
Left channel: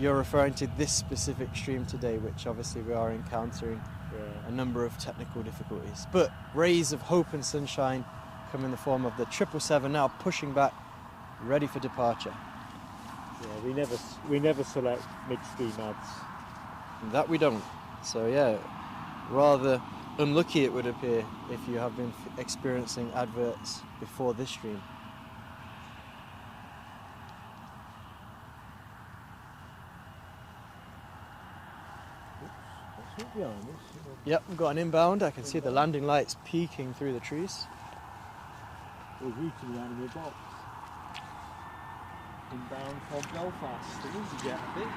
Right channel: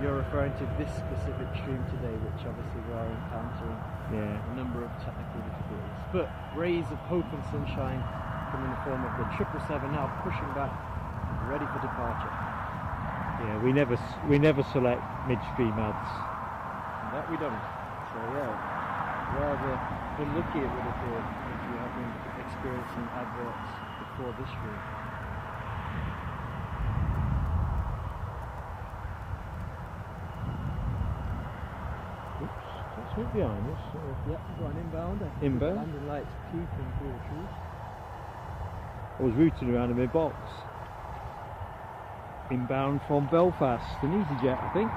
you're referring to this specific stream today, which obviously we are encountering a number of technical difficulties. But rays of hope and sunshine come in the form of the 777 now pushing back, ready for departure. Yeah, we never select midstream ads. That we don't. So yeah, rather unlucky it would appear if you have been experiencing adverts before this stream. Oops, that's behind us. Yep, we've got an inbound. I can see the landing lights peeking through the trees. I was routing around in my box. Inbound from Belfast, an EasyJet, I think.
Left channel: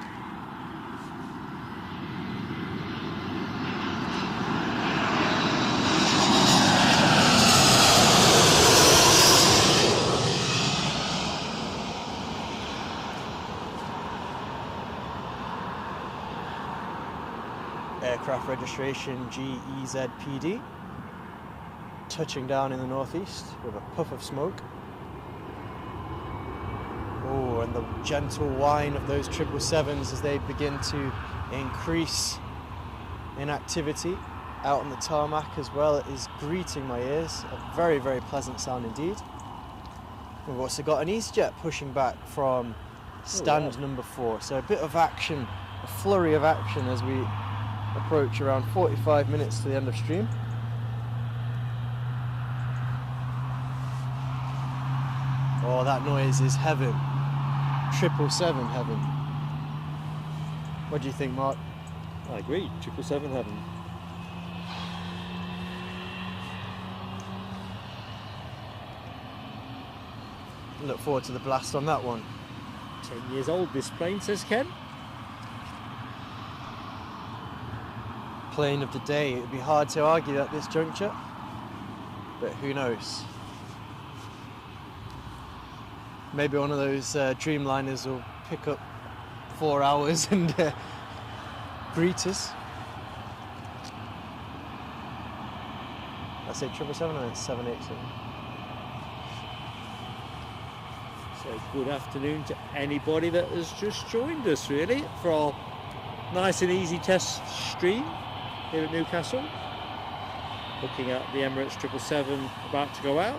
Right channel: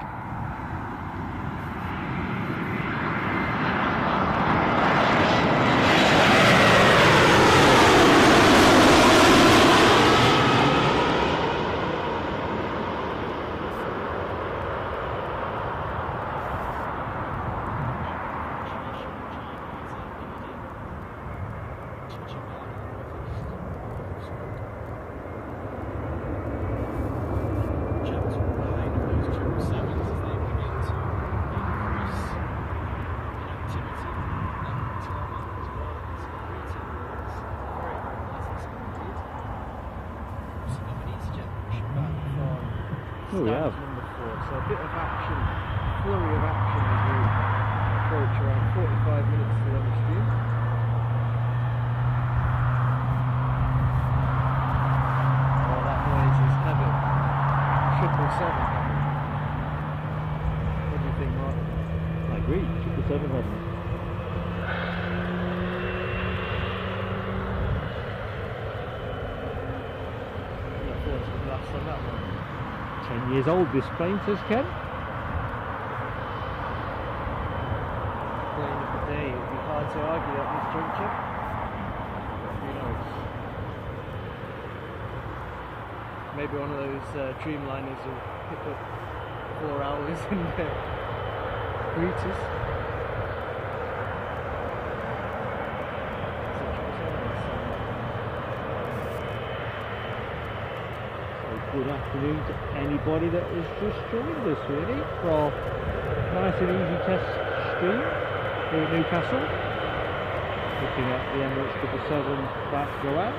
Aircraft registration GEZPD. Touching down in the northeast with a puff of smoke. Oh, and the gentle whine of those 777s as they begin to increase in activity out on the tarmac as well. It is greeting my ears. A very, very pleasant sound indeed. We've also got an EasyJet pushing back from stand number 4. So a bit of action, flurry of action as we approach around 45 minutes to the end of stream. Oh, that noise is heaven. 777 heaven. What do you think, Mark? I agree, 777 heaven. Look forward to the blast on that one. 10 years old this plane, says Ken. Plane of the day. It would be hard to argue at this juncture, but who knows? Maybe one of those Dreamliners will pick up 4 hours and greet us. I said 777 and 787. So good afternoon to anybody that has just joined us, really, for our nice and easy test stream here at Newcastle. Looking at the Emirates 777 about to go out.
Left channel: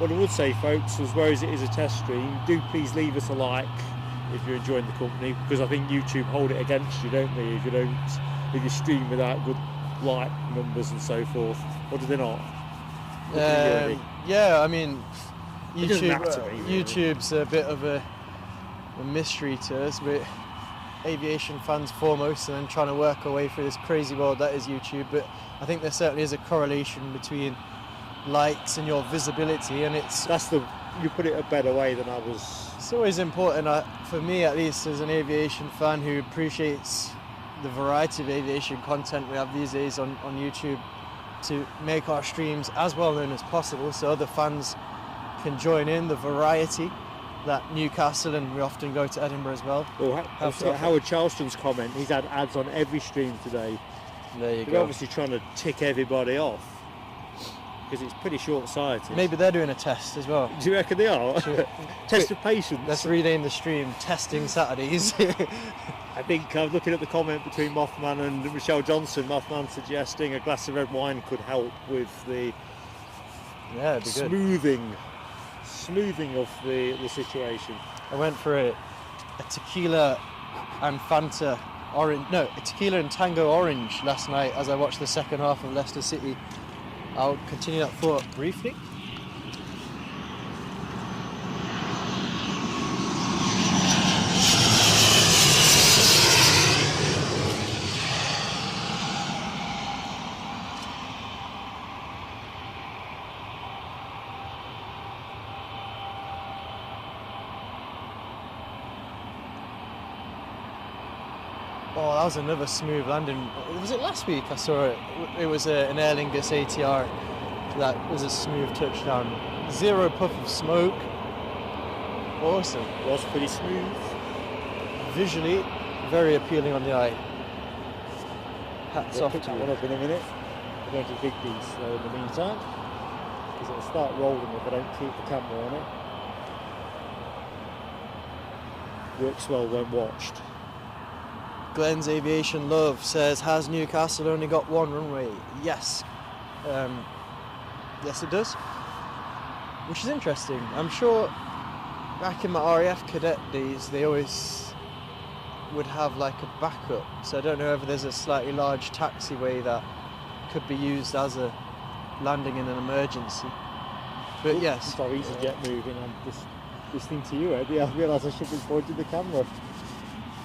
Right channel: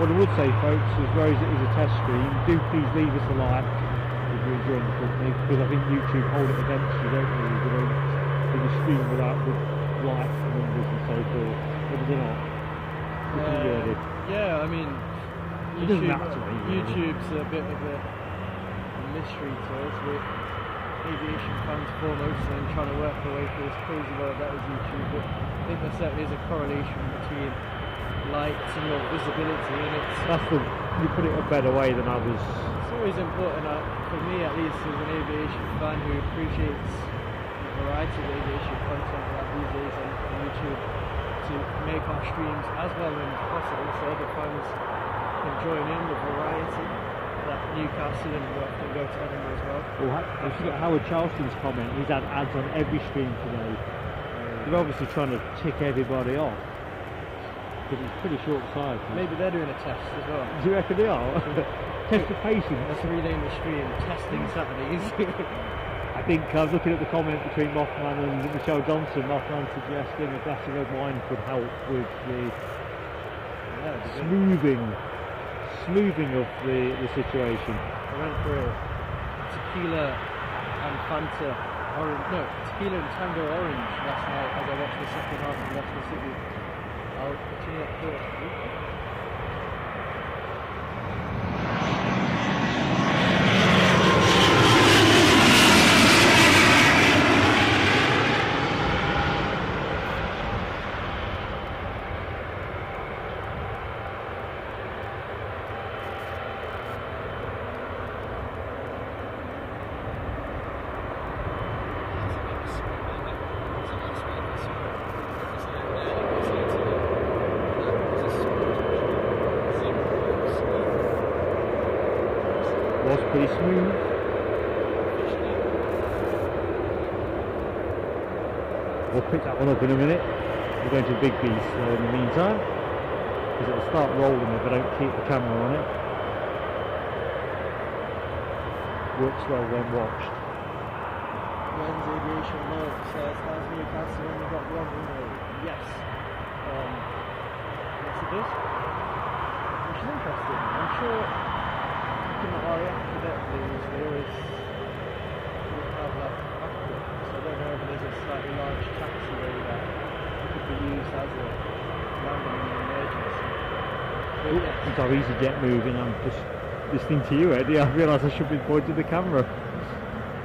What I would say, folks, as well as it is a test stream, do please leave us a like if you're enjoying the company, because I think YouTube hold it against you, don't they, if you don't really stream without good like numbers and so forth. But they're not. Yeah, I mean, It doesn't matter to me, really. YouTube's a bit of a mystery to us. We're aviation fans foremost, and then trying to work our way through this crazy world that is YouTube. But I think there certainly is a correlation between likes and your visibility, and You put it a better way than I was. it's always important, for me at least, as an aviation fan who appreciates the variety of aviation content we have these days on YouTube, to make our streams as well known as possible so other fans can join in the variety that Newcastle, and we often go to Edinburgh as well. I forgot Howard Charleston's comment. He's had ads on every stream today. There you They're go. obviously trying to tick everybody off because it's pretty short-sighted. Maybe they're doing a test as well. Do you reckon they are? Test of patience. Let's rename the stream Testing Saturdays. I think I was looking at the comment between Mothman and Michelle Johnson. Mothman suggesting a glass of red wine could help with the Yeah, it'd be smoothing of the situation. I went for a tequila and Fanta orange, no, a tequila and Tango orange last night as I watched the second half of Leicester City. I'll continue that thought briefly. Was another smooth landing. Was it last week I saw it? It was an Aer Lingus ATR that was a smooth touchdown. 0 puff of smoke. Was pretty smooth. Visually very appealing on the eye. We'll pick that one up in a minute. We're going to Big Beast in the meantime, because it'll start rolling if I don't keep the camera on it. Looks well when watched. Glenn's Aviation Love says, has Newcastle only got one runway? Yes. Yes it does. Which is interesting. I'm sure back in the RAF cadet days they always would have like a backup. So I don't know if there's a slightly large taxiway that could be used as a landing in an emergency. But yes. It's got EasyJet moving. I'm just listening to you, Eddie. I realise I should be pointing the camera.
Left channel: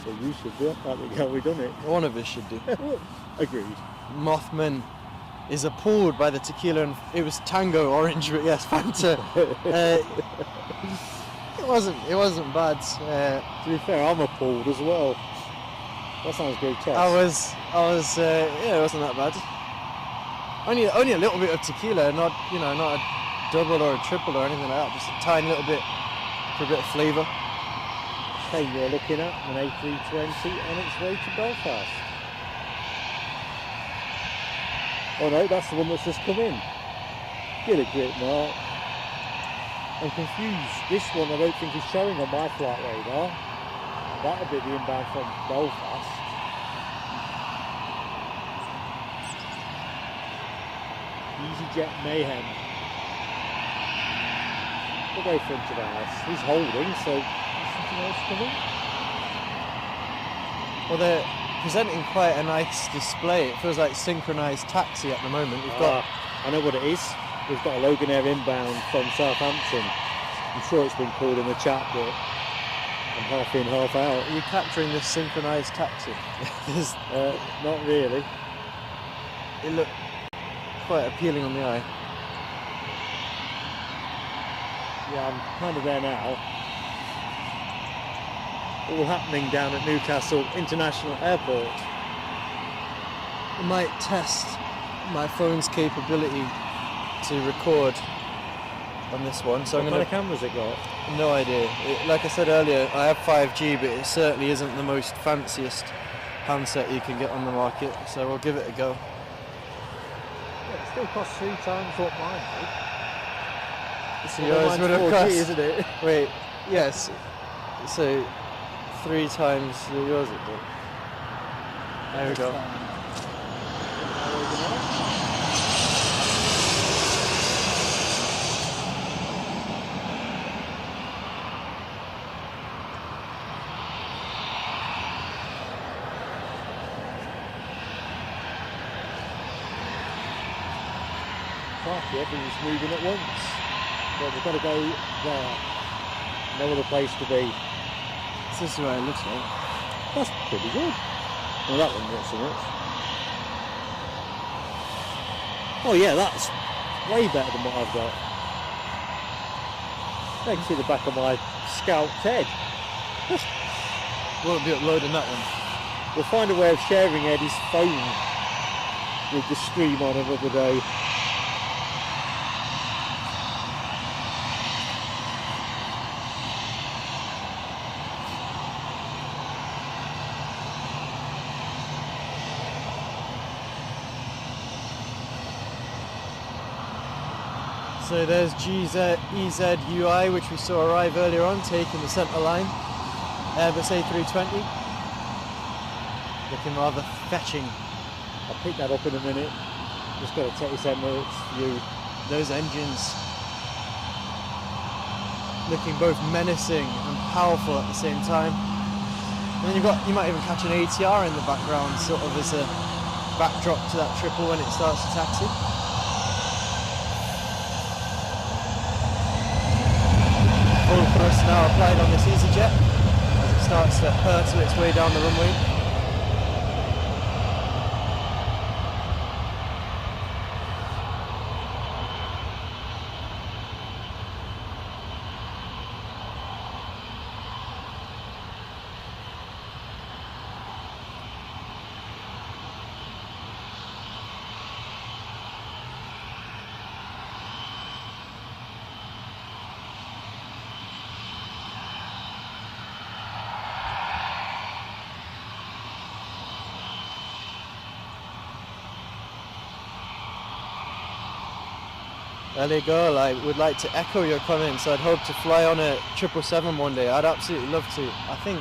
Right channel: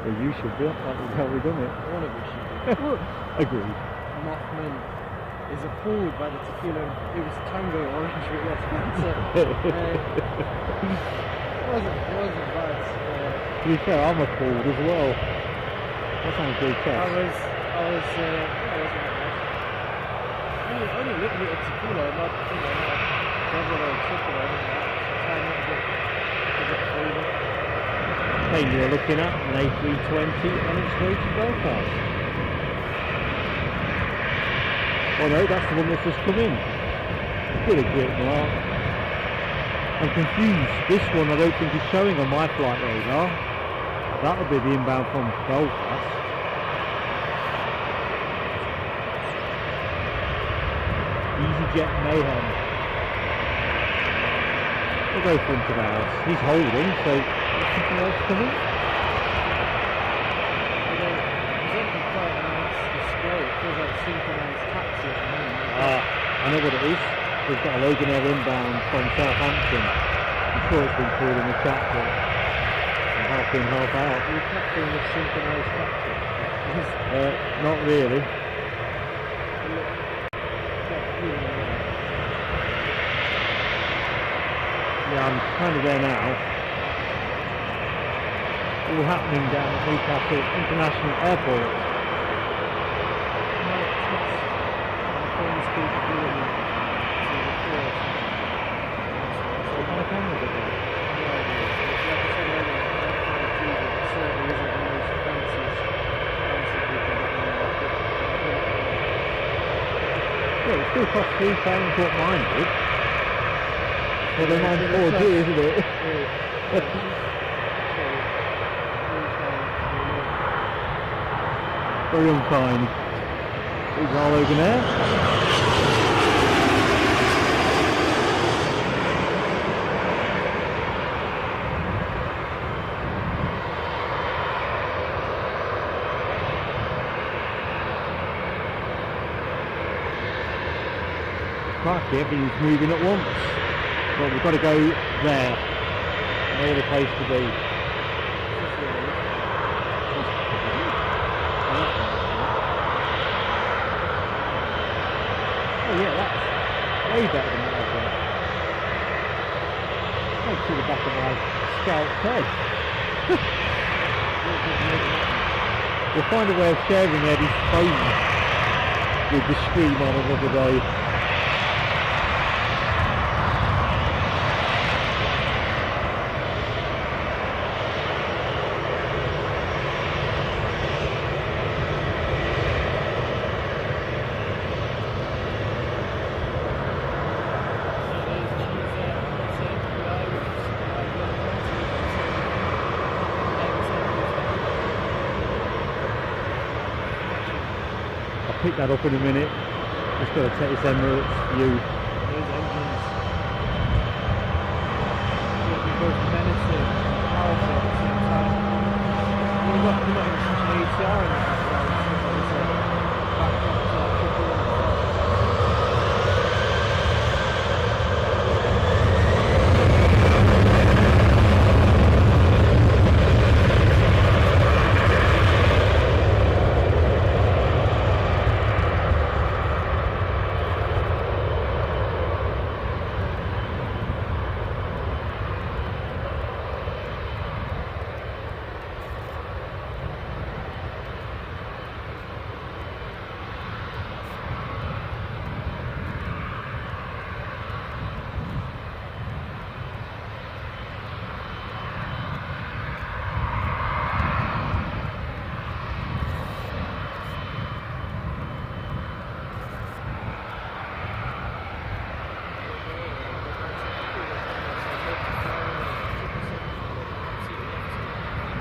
Well, you should do it. That would help me, doesn't it? One of you should do. Agreed. Mothman is appalled by the tequila, and it was Tango orange, but yes, Fanta. It wasn't bad. To be fair, I'm appalled as well. That sounds pretty tough. I was, yeah, it wasn't that bad. Only a little bit of tequila, not a double or triple or anything like that. Just a tiny little bit, for a bit of flavour. Hey, you're looking at an A320 on its way to Belfast. Oh no, that's the one that's just come in. Pretty good, right? I'm confused. This one I don't think is showing on my flight radar. That'll be the inbound from Belfast. EasyJet Mayhem. We'll go for him else. He's holding, so something else coming? Well, they're presenting quite a nice display. It feels like synchronised taxi at the moment. We've got I know what it is. We've got a Logan Air inbound from Southampton. I'm sure it's been called in the chat, but half in, half out. Are you capturing this synchronised taxi? Not really. They look quite appealing in the eye. Yeah, I'm kind of there now. All happening down at Newcastle International Airport. I might test my phone's capability to record on this one. So I'm What going kind of to. cameras are there? No idea. Like I said earlier, I have 5G, but it certainly isn't the most fanciest handset you can get on the market. So we'll give it a go. Yeah, it still costs 3 times what mine did. So Mine's there's an 4G, isn't it? Wait, yes. So 3 times yours. Very unkind. Big roll over there. Crikey, everything's moving at once. But we've got to go there. They're the place to be. This is where it looks like. That's pretty good. Well, that one not so much. Oh yeah, that's way better than what I've got. Makes it the back of my scalped head. Oh, good, load of that one. We'll find a way of sharing Eddie's phone with the stream on another way. So there's EZUI, which we saw arrive earlier on, taking the centre line. Airbus A320. Looking rather fetching. I'll pick that up in a minute. Just got to take this Emirates view. Those engines looking both menacing and powerful at the same time. And you might even catch an ATR in the background, sort of as a backdrop to that triple when it starts to taxi. There you go. I would like to echo your comments. I'd hope to fly on a 777 one day. I'd absolutely love to. I think,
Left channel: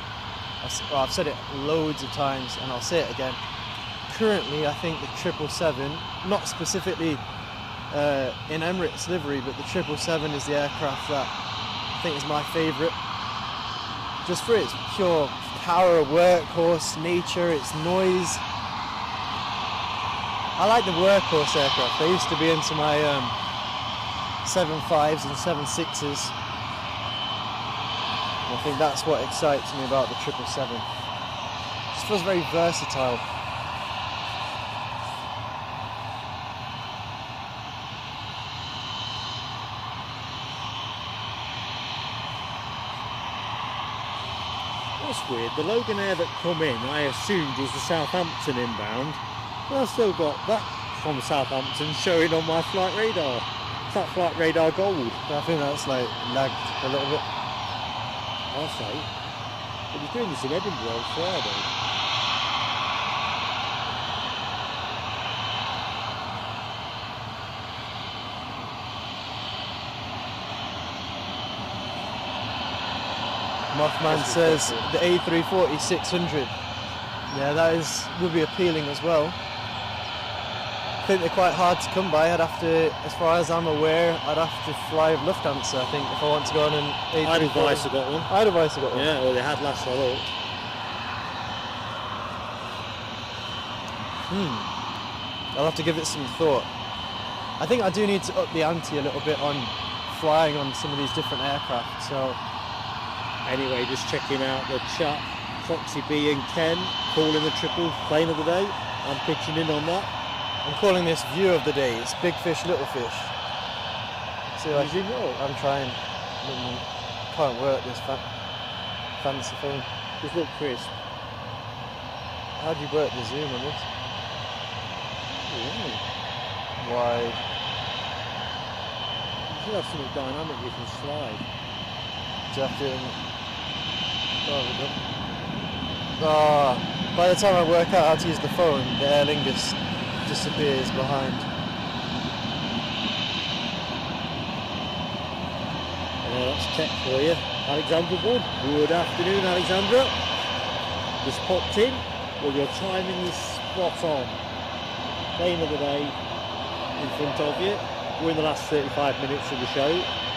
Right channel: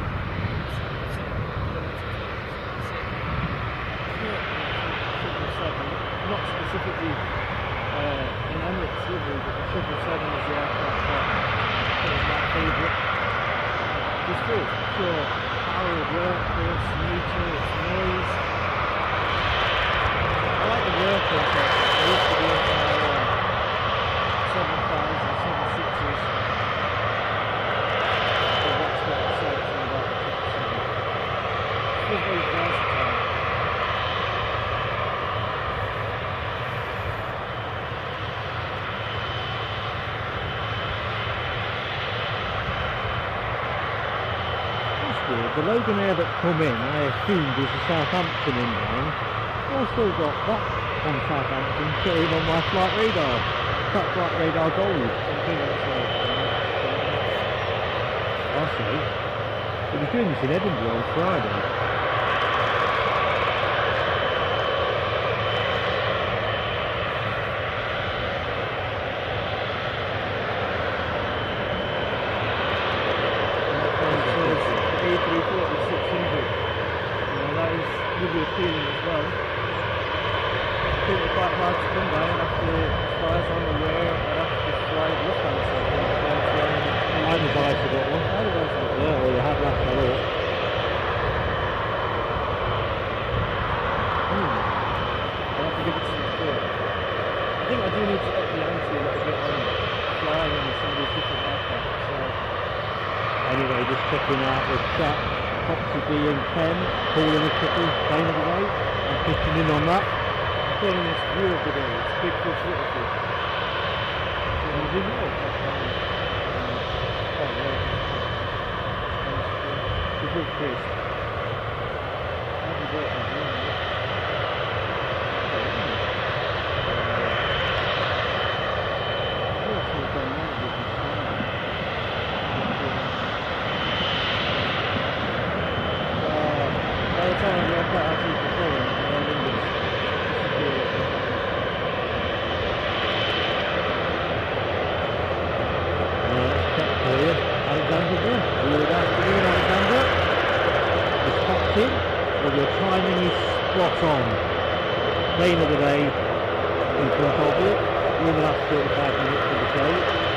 I've said it loads of times and I'll say it again. Currently, I think the 777, not specifically in Emirates livery, but the 777 is the aircraft that I think is my favourite. Just for its pure power, workhorse nature, its noise. I like the workhorse aircraft. I used to be into my 7.5s and 7.6s. I think that's what excites me about the 777. It just feels very versatile. That's weird. The Logan Air that come in, I assumed was the Southampton inbound. I've still got that from Southampton showing on my flight radar. That flight radar gold. I think that's like lagged a little bit. Also, he was doing this in Edinburgh on Friday. Mothman says the A340-600. Yeah, that would be appealing as well. I think they're quite hard to come by. I'd have to, as far as I'm aware, I'd have to fly Lufthansa, I think, if I want to go on any big... I'd advise to get one. I'd advise to get one. Yeah, well, they had last night. I'll have to give it some thought. I think I do need to up the ante a little bit on flying on some of these different aircraft, so Anyway, just checking out the chat. Foxy B and Ken calling the triple plane of the day. Pitching in on that. I'm calling this view of the day. It's big fish, little fish. See how zoom out? I'm trying. Can't work this fancy thing. It's look crisp. How do you work the zoom in it? Wow. You have to be going up with you slide. Do you have to? By the time I work out how to use the phone, the Aer Lingus disappears behind. Let's check here. Alexander good. Good afternoon, Alexander. He's popped in and the timing is spot on. Plane of the day in front of you. We're in the last 35 minutes of the show.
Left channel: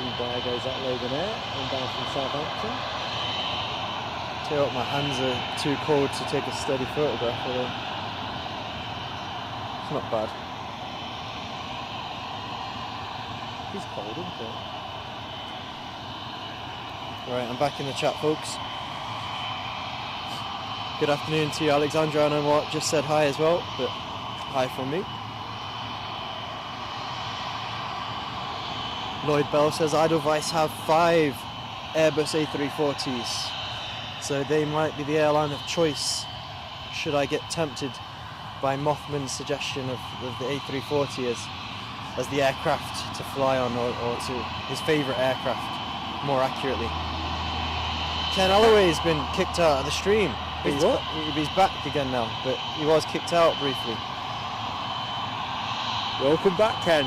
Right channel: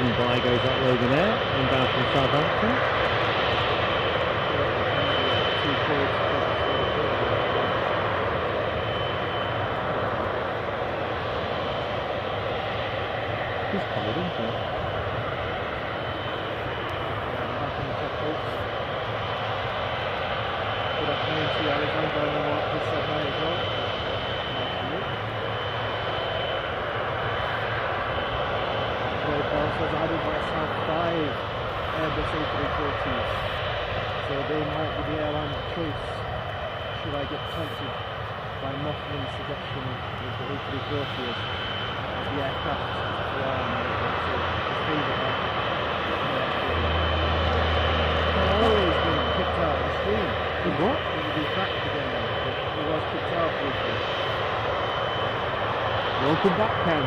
By goes up over there, inbound from Southampton. My hands are too cold to take a steady photograph of them. It's not bad. He's covered, isn't he? Right, I'm back in the chat, folks. Good afternoon to you, Alexandra. I know what just said hi as well, but hi from you. Lloyd Bell says Edelweiss have 5 Airbus A340s, so they might be the airline of choice should I get tempted by Mothman's suggestion of the A340 as the aircraft to fly on, or to his favourite aircraft, more accurately. Ken Holloway has been kicked out of the stream. He's back again now, but he was kicked out briefly. Welcome back, Ken.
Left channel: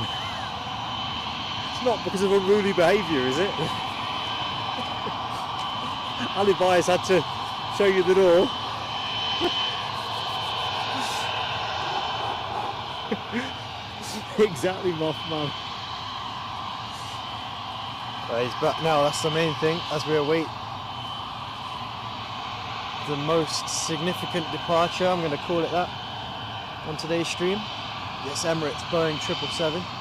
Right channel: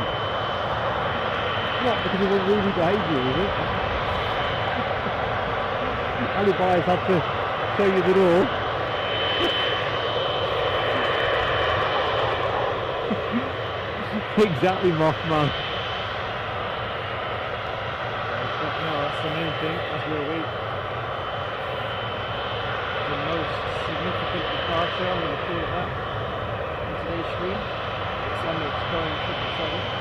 Not because of unruly behaviour, is it? Alibis had to show you the door. Exactly, Mothman. He's back now, that's the main thing, as we await the most significant departure, I'm going to call it that, in today's stream. This Emirates Boeing 777.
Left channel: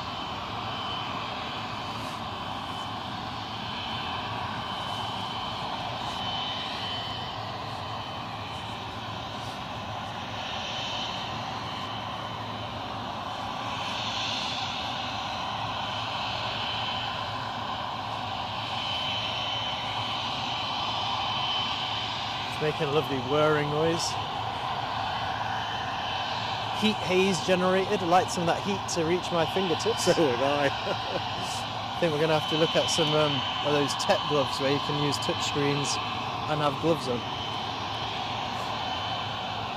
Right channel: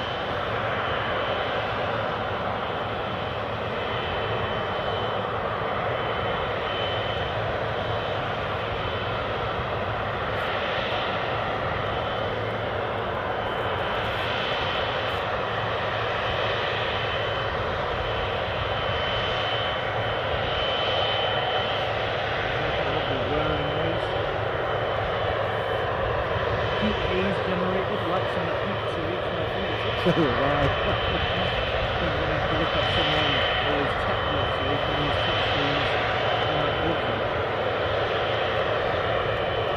Heat haze generated, like some of that heat to reach my fingertips. I think we're going to have to look at some of those tech gloves where you can use touch screens and have gloves on.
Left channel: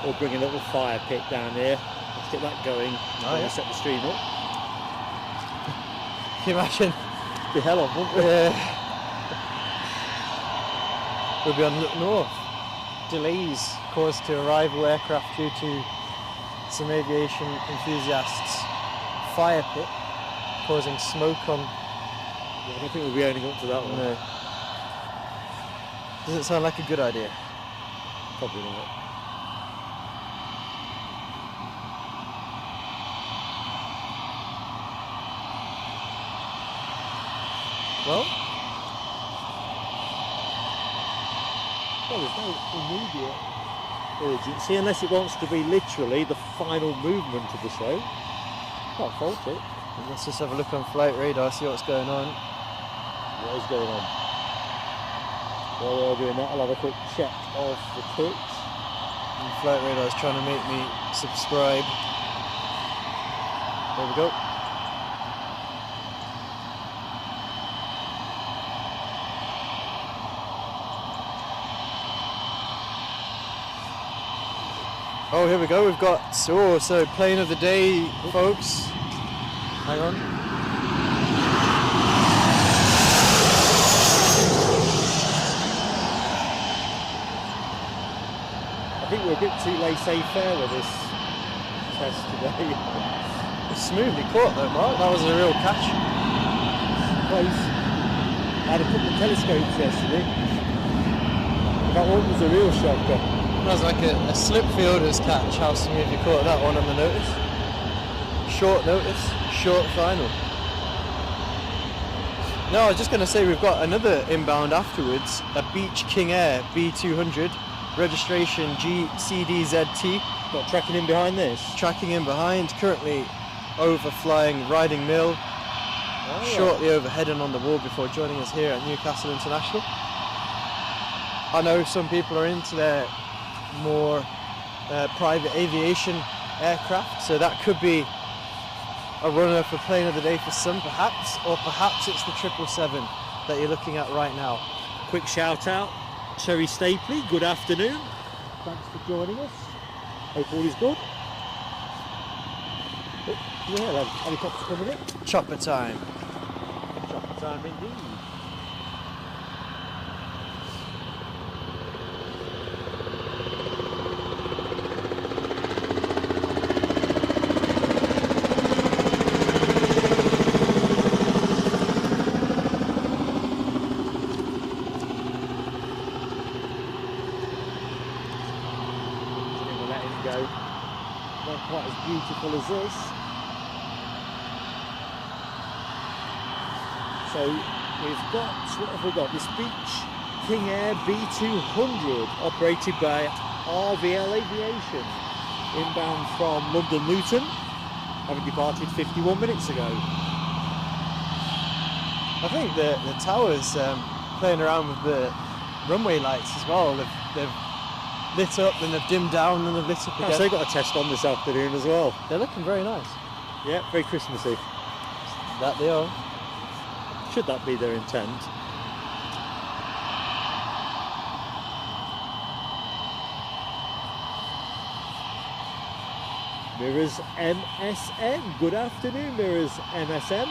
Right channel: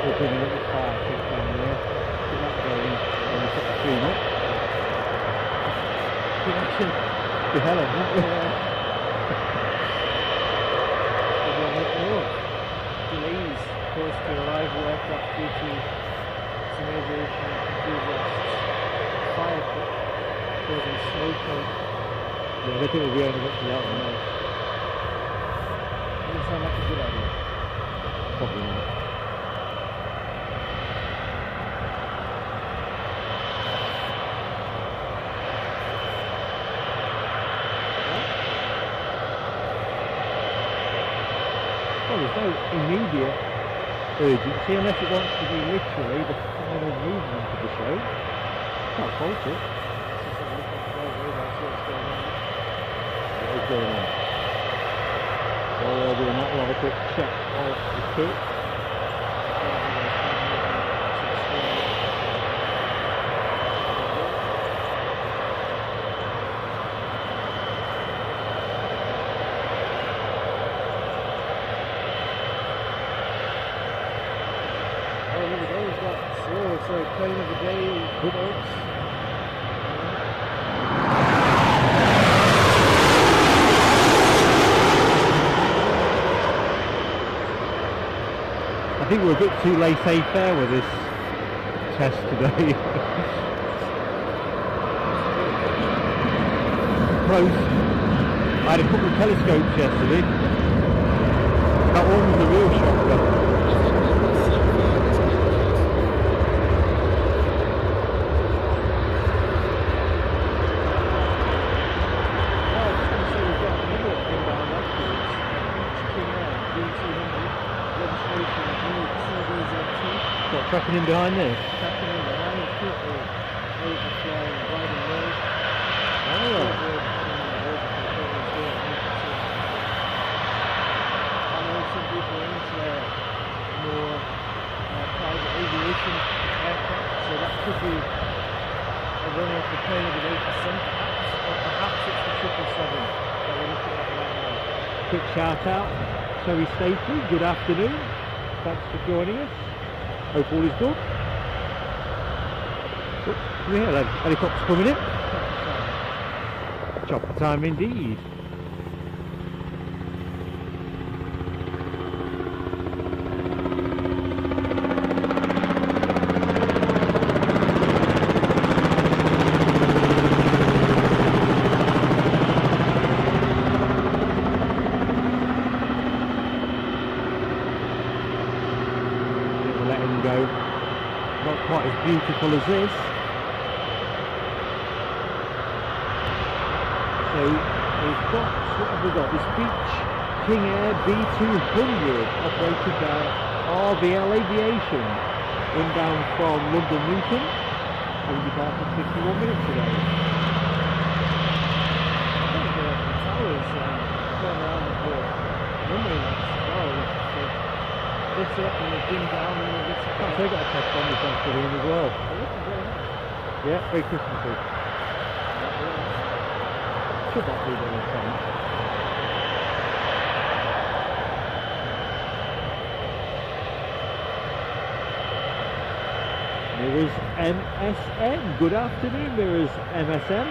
We're bringing up the fire pit down there. Let's get that going when we set the stream up. Can you imagine? The hell up, won't we? We'll be on delays caused to arrival aircraft due to some aviation enthusiasts' fire pit causing smoke on. Yeah, I think we're going to that one. No. Does it sound like a good idea? Probably not. Well, there's no immediate urgency unless it wants to be literally the final movement of the show. Can't fault it. Let's just have a look on flight radar, see what's going on. What is going on? While we're doing that, I'll have a quick check on the kit. And flight radar is trying to make me subscribe. There we go. Oh, here we go. We've got so plane of the day, folks. Hang on. I think we're a bit too laissez-faire with this test today. Smoothly caught though, Mark. That was a real catch. Close. I had a couple of telescopes yesterday. That one's a real shocker. That's like a slip fielder's catch. How soon have you caught that one on the notice? Short notice, short final. No, I was just going to say we've got another inbound afterwards, a Beach King Air B200, registration GCDZT. Got tracking in behind this. Tracking in behind, currently overflying Riding Mill, shortly overheading on the wall before joining us here at Newcastle International. I know some people are into their more private aviation aircraft, so that could be a runner for playing of the Navy Sun perhaps, or perhaps it's the 777 that you're looking at right now. Quick shout out, Terry Stapley, good afternoon. Thanks for joining us. Hope all is good. Yeah, then, helicopters coming in. Chopper time. Chopper time indeed. Not quite as beautiful as this. So we've got, what have we got? This Beach King Air B200 operated by RVL Aviation, inbound from London Luton, having departed 51 minutes ago. I think the towers playing around with the runway lights as well. They've lit up and they've dimmed down and they've lit up again. So they've got a test on this afternoon as well. They're looking very nice. Yeah, very Christmassy. That they are. Should not be their intent. Mirrors MSN. Good afternoon, Mirrors MSN.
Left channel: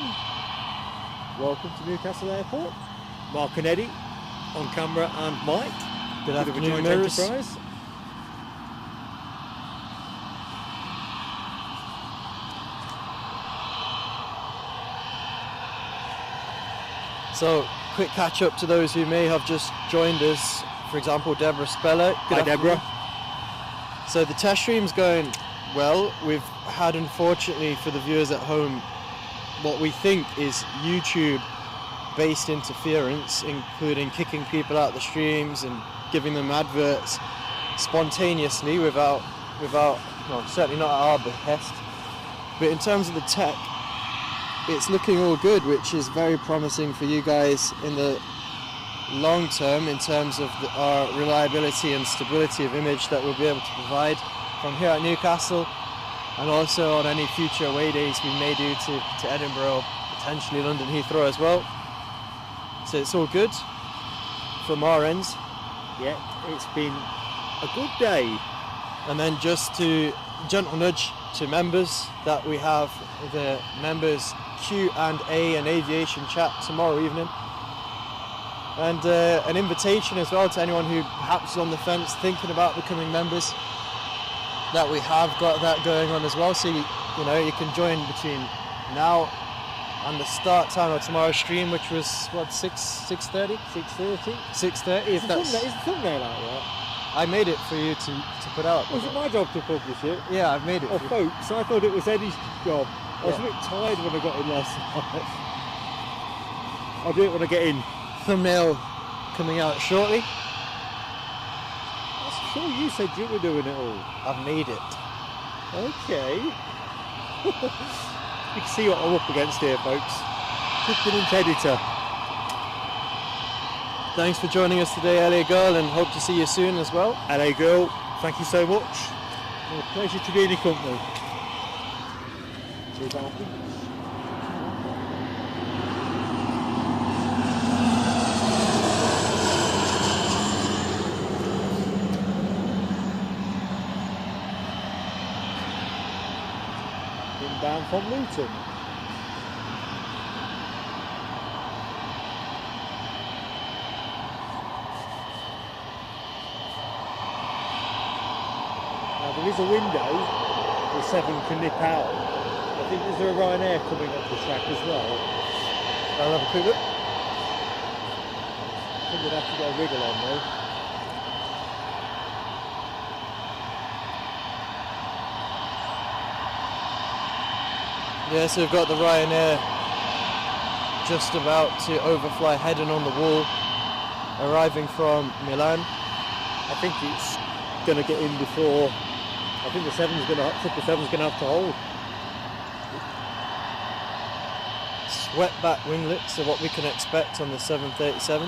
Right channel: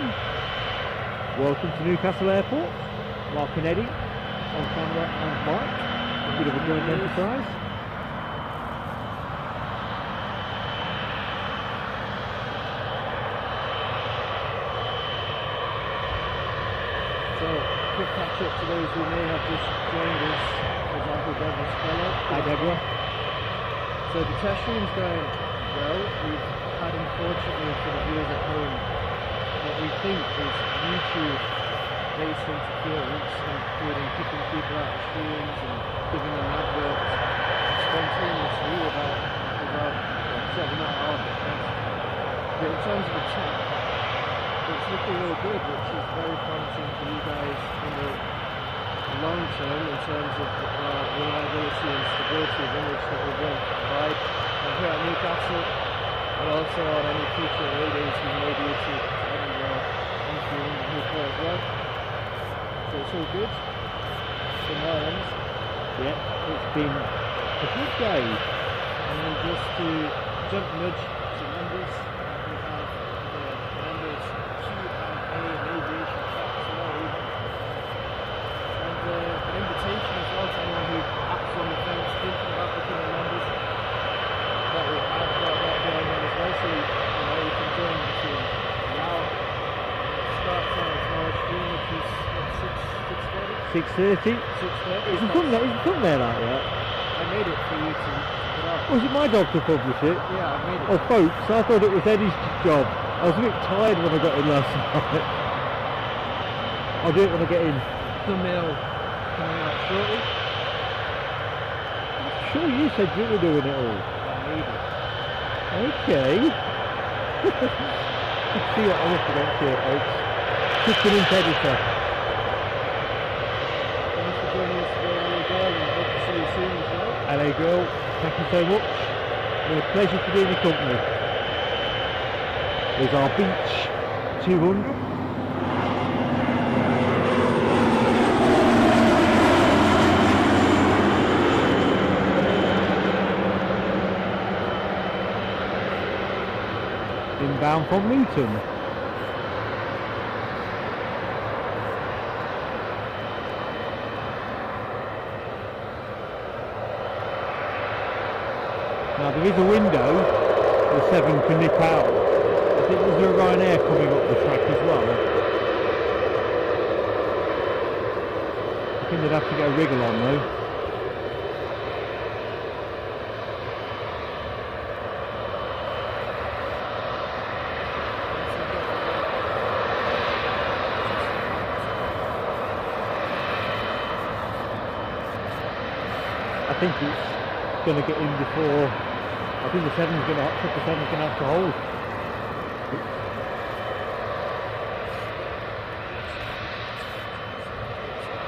Welcome to Newcastle Airport. Mark and Eddie on camera and mic. Good afternoon, Mirrors. So, quick catch up to those who may have just joined us. For example, Deborah Speller. Hi, Deborah. So the test stream's going well. We've had, unfortunately for the viewers at home, what we think is YouTube-based interference, including kicking people out the streams and giving them adverts spontaneously without well, certainly not at our behest. But in terms of the tech, it's looking all good, which is very promising for you guys in the long term in terms of our reliability and stability of image that we'll be able to provide from here at Newcastle, and also on any future away days we may do to Edinburgh, potentially London Heathrow as well. So it's all good from our ends. Yeah, it's been a good day. And then just to gentle nudge to members that we have the members Q&A and aviation chat tomorrow evening, and an invitation as well to anyone who perhaps is on the fence thinking about becoming members, that we have got that going on as well. So you can join between now and the start time of tomorrow's stream, which was what, 6:30? 6:30. 6:30. Is the thumbnail out yet? I made it for you to put out. Was it my job to publish it? Yeah, I made it. Oh, folks, I thought it was Eddie's job. I was a bit tired when I got in last night. I don't want to get in. Thumbnail coming out shortly. Sure, you said you were doing it all. I made it. Okay. You can see what I look against here, folks. Just an editor. Thanks for joining us today, LA Girl, and hope to see you soon as well. LA Girl, thank you so much. It's a pleasure to be in your company. With our Beach 200. Inbound from Luton. Now there is a window where 7 can nip out. I think there's a Ryanair coming up the track as well. reckon they'd have to get a wriggle on though. Yeah, so we've got the Ryanair just about to overfly heading on the wall, arriving from Milan. I think it's going to get in before. I think the 7's going to have to hold. Swept back winglets are what we can expect on the 737.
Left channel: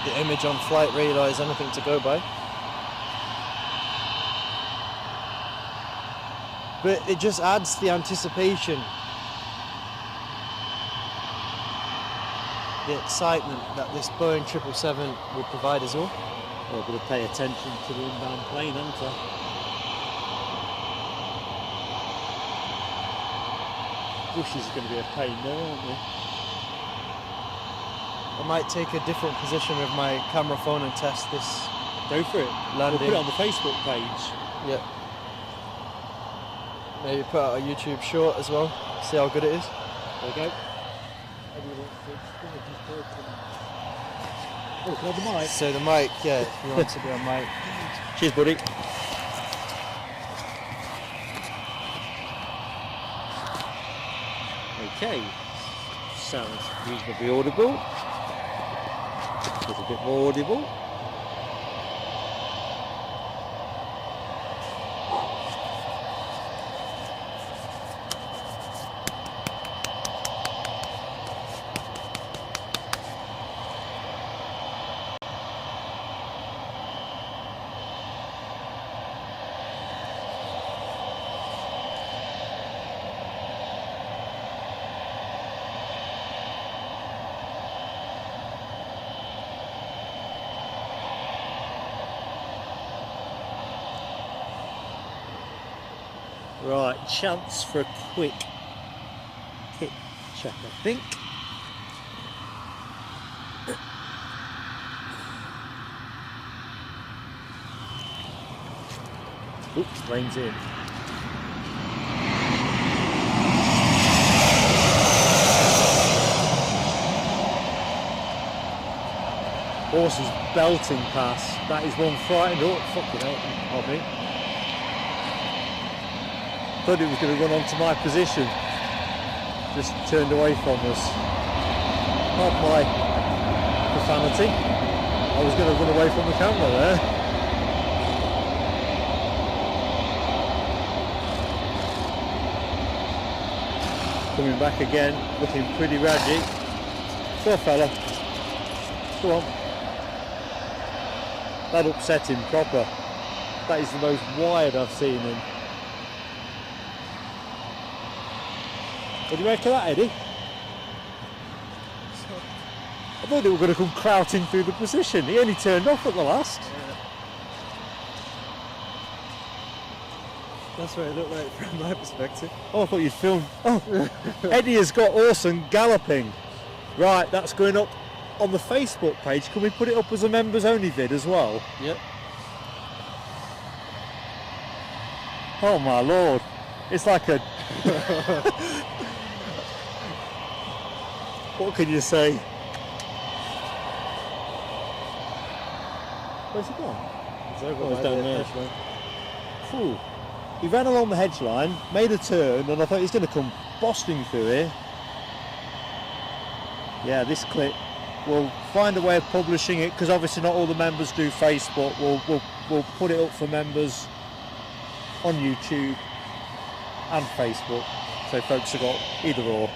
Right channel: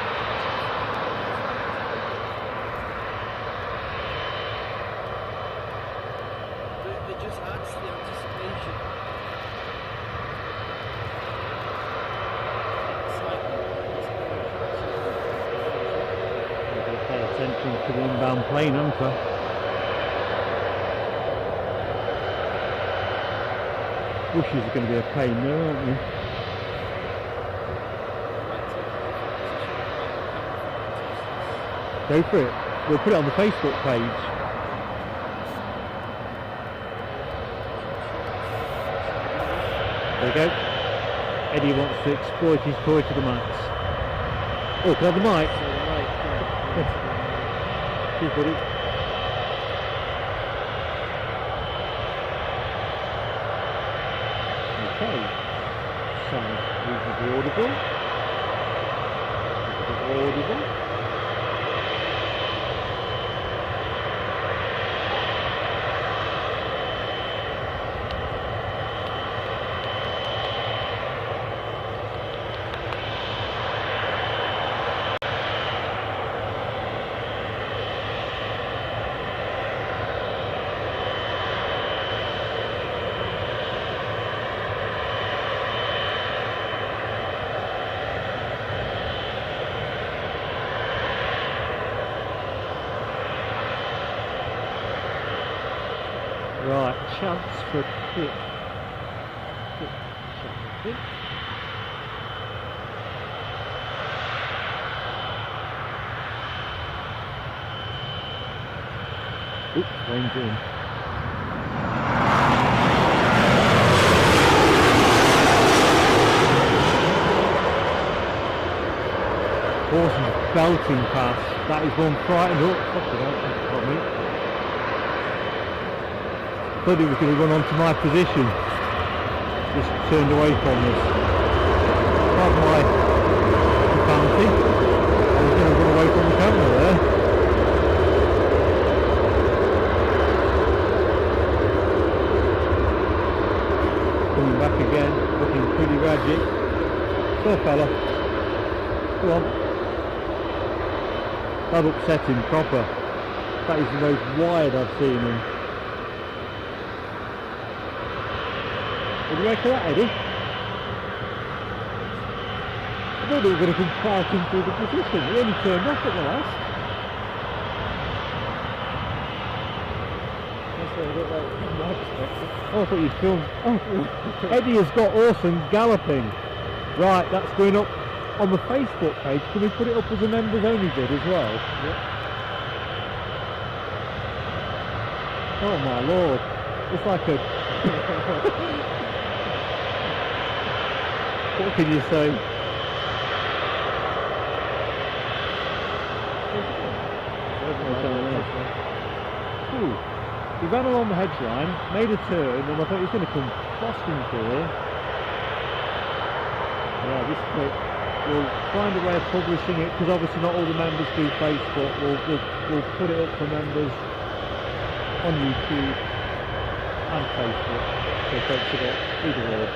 If the image on flight radar is anything to go by. But it just adds to the anticipation, the excitement that this Boeing 777 will provide us all. Maybe pay attention to the inbound plane, aren't I? Bushes are going to be a pain there, aren't they? I might take a different position with my camera phone and test this. Go for it. Landing. We'll put it on the Facebook page. Yeah. Maybe put out a YouTube short as well, see how good it is. There we go. Eddie wants to exploit his toy to the max. Oh, can I have the mic? So the mic, yeah, you want to be on mic. Cheers, buddy. Okay. Sounds reasonably audible. It's a bit audible. Right, chance for a quick check, I think. Oops, rain's in. Horses belting past. That is one frightened up. On me. Thought it was going to run onto my position. Just turned away from us. Pardon my profanity. I was going to run away from the camera there. Coming back again, looking pretty raggy. Poor fella. Go on. That upset him proper. That is the most wide I've seen him. What do you make of that, Eddie? I thought they were going to come crouching through the position. He only turned off at the last. That's what I like from my perspective. Oh, I thought you'd feel. Oh, Eddie has got Orson galloping. Right, that's going up on the Facebook page. Can we put it up as a members only vid as well? Yep. Oh my lord. It's like a. What can you say? Where's it gone? It's down there. Phew. He ran along the hedge line, made a turn, and I thought he's going to come busting through it. Yeah, this clip, we'll find a way of publishing it, because obviously not all the members do Facebook. We'll put it up for members on YouTube and Facebook, so folks have got either or.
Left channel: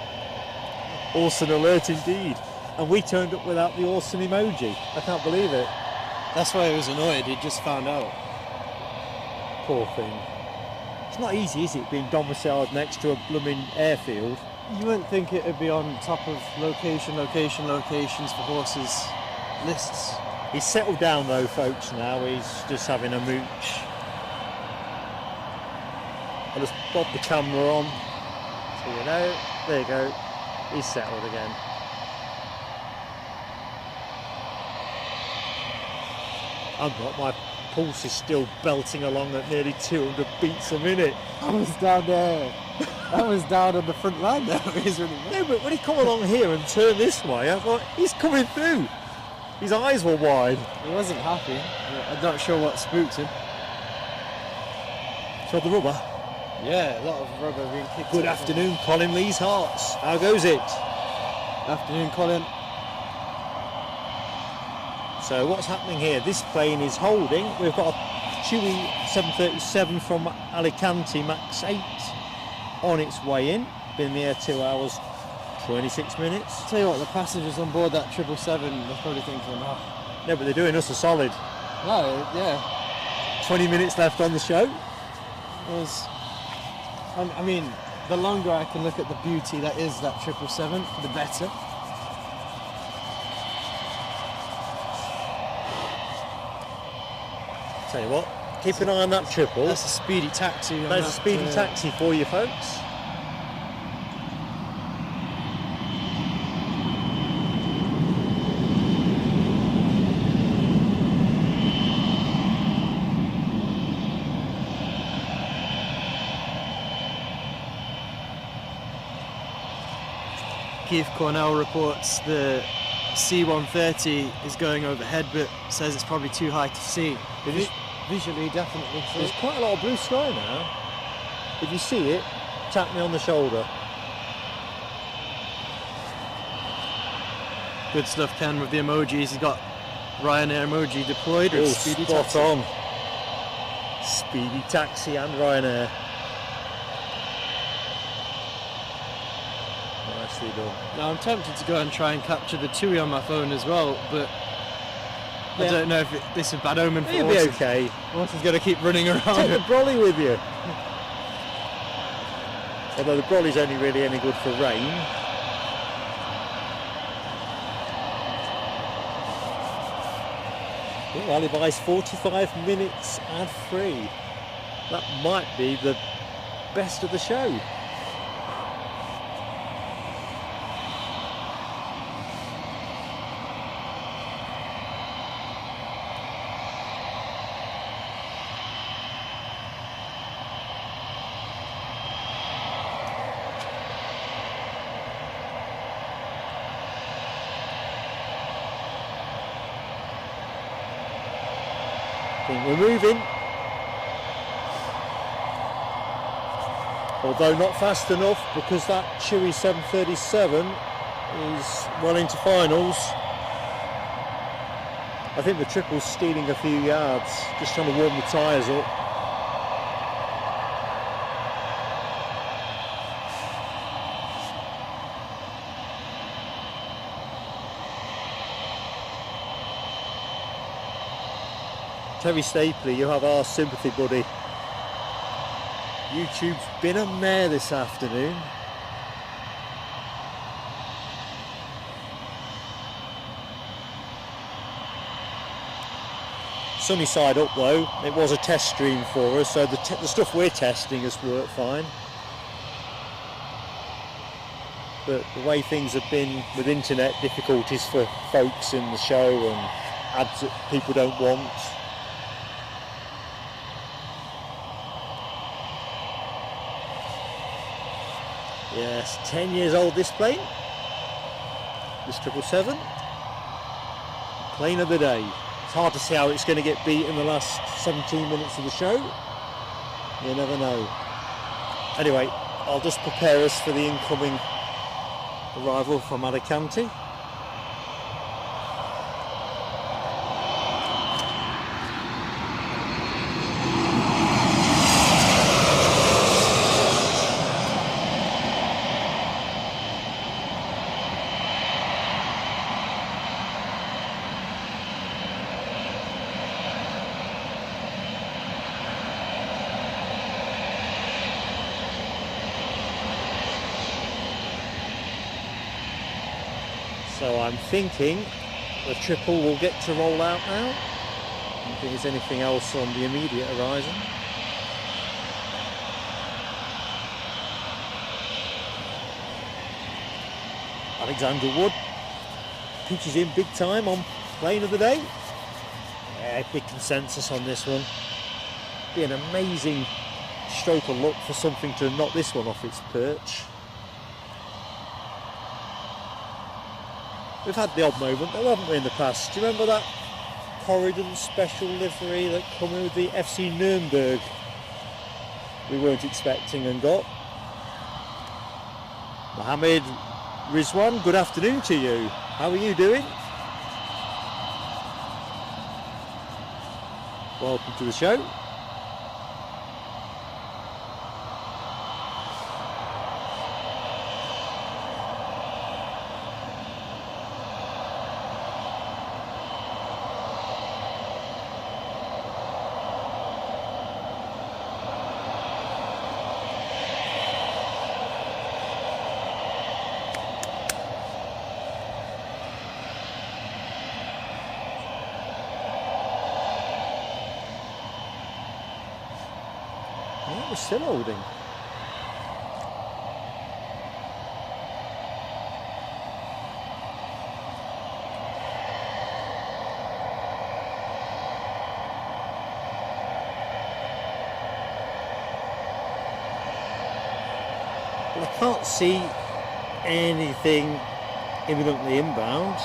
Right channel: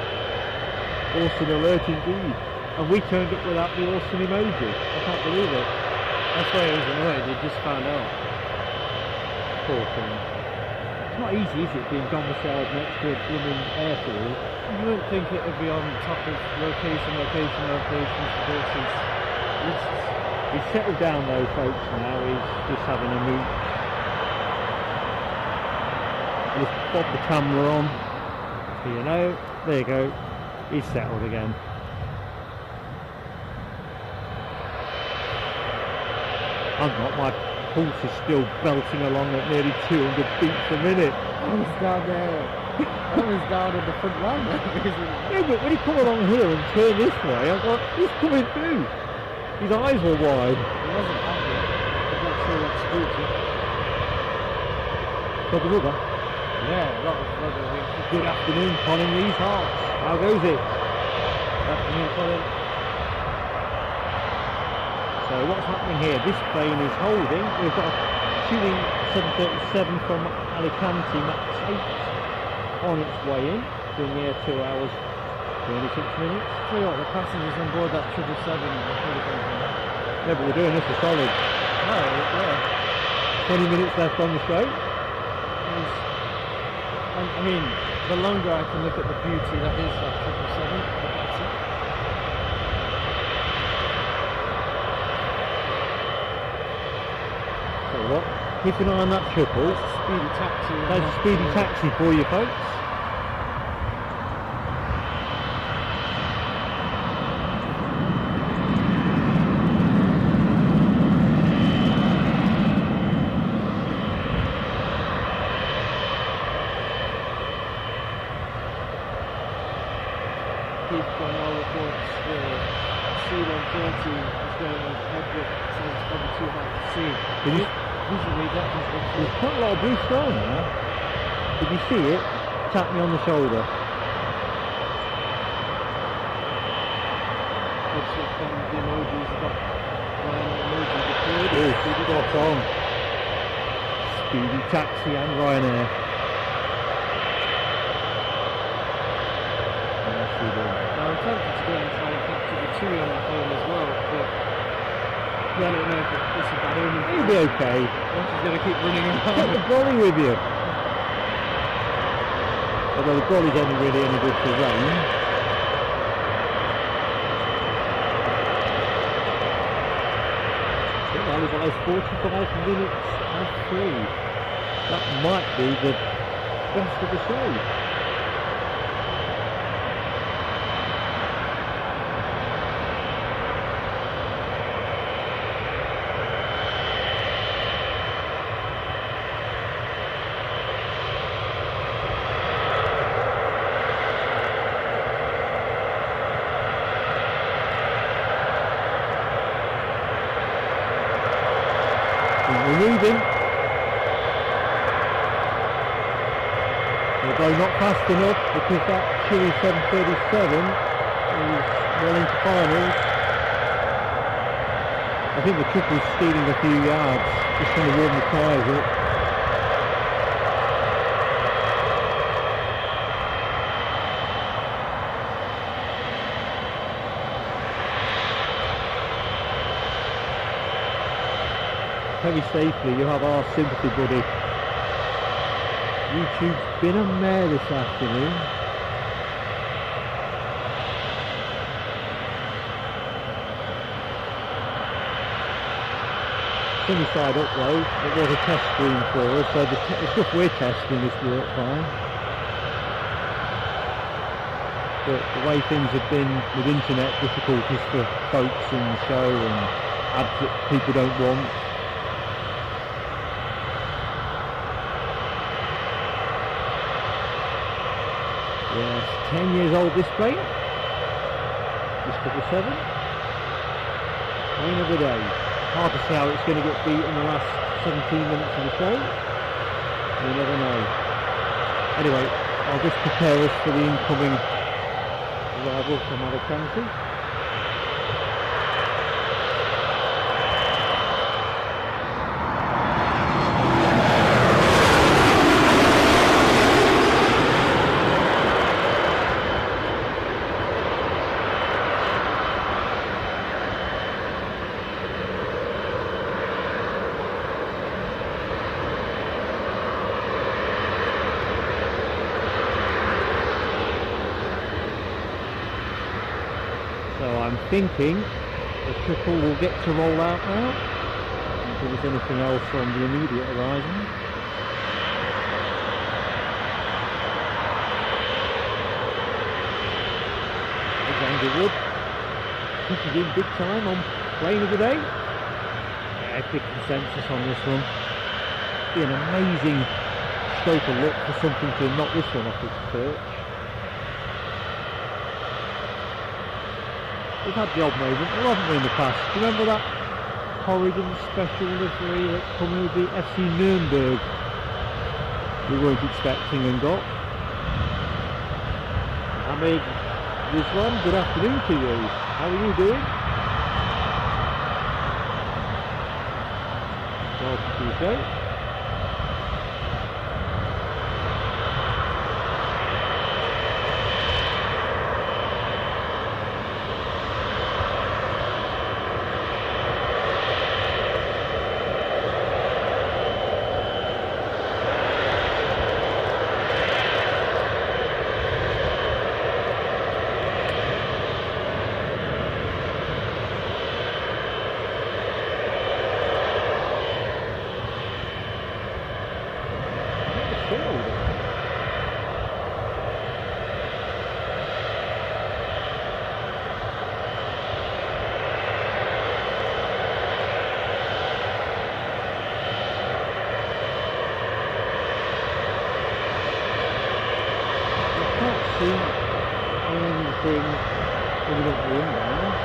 Awesome alert indeed. And we turned up without the awesome emoji. I can't believe it. That's why it was annoyed, he just found out. Poor thing. It's not easy, is it, being domiciled next to a blooming airfield? You wouldn't think it would be on top of locations for horses lists. He's settled down though, folks, now. He's just having a mooch. I just pop the camera on, so you know. There you go. He's settled again. I've got my pulse is still belting along at nearly 200 beats a minute. I was down there. I was down at the front line there. No, but when he come along here and turn this way, I was like, he's coming through. His eyes were wide. He wasn't happy. I'm not sure what spooked him. So the rubber. Yeah, a lot of rubber being kicked Good up. afternoon, Colin Lee's Hearts. How goes it? Good afternoon, Colin. So what's happening here? This plane is holding. We've got a Chewy 737 from Alicante Max 8 on its way in. Been there 2 hours, 26 minutes. Tell you what, the passengers on board that 777 are probably thinking, No, but they're doing us a solid. no, yeah. 20 minutes left on the show. It's, I mean, the longer I can look at the beauty that is that 777, the better. Tell you what, keep an eye on that triple. That's a speedy taxi. That's a speedy taxi for you folks. Keith Cornell reports the C-130 is going overhead, but says it's probably too high to see. Visually, definitely. There's quite a lot of blue sky now. If you see it, tap me on the shoulder. Good stuff, Ken, with the emojis. He's got Ryanair emoji deployed. It is spot on. Speedy taxi and Ryanair. Nicely done. I'm tempted to go and try and capture the TUI on my phone as well, but I don't know if this is bad omen. You'll be okay. Once he's going to keep running around. Take the brolly with you. Although the brolly's only really any good for rain. Otherwise 45 minutes and free. That might be the best of the show. Moving, although not fast enough because that Chewy 737 is well into finals. I think the triple's stealing a few yards, just trying to warm the tyres up. Toby Stapley, you have our sympathy, buddy. YouTube's been a mare this afternoon. Sunny side up though, it was a test stream for us, so the stuff we're testing has worked fine. But the way things have been with internet difficulties for folks in the show and ads that people don't want. Yes, 10 years old this plane. This 777. Plane of the day. It's hard to say how it's going to get beat in the last 17 minutes of the show. You never know. Anyway, I'll just prepare us for the incoming arrival from Alicante. So I'm thinking the triple will get to roll out now. If there's anything else on the immediate horizon. Alexander Wood pitches in big time on plane of the day. epic consensus on this one. Be an amazing stroke of luck for something to knock this one off its perch. We've had the odd moment, though, haven't we, in the past? Do you remember that Corrigan special livery that came with the FC Nuremberg? We weren't expecting and got. Mohammed Rizwan, good afternoon to you. How are you doing? Welcome to the show. Still holding. I can't see anything imminently inbound.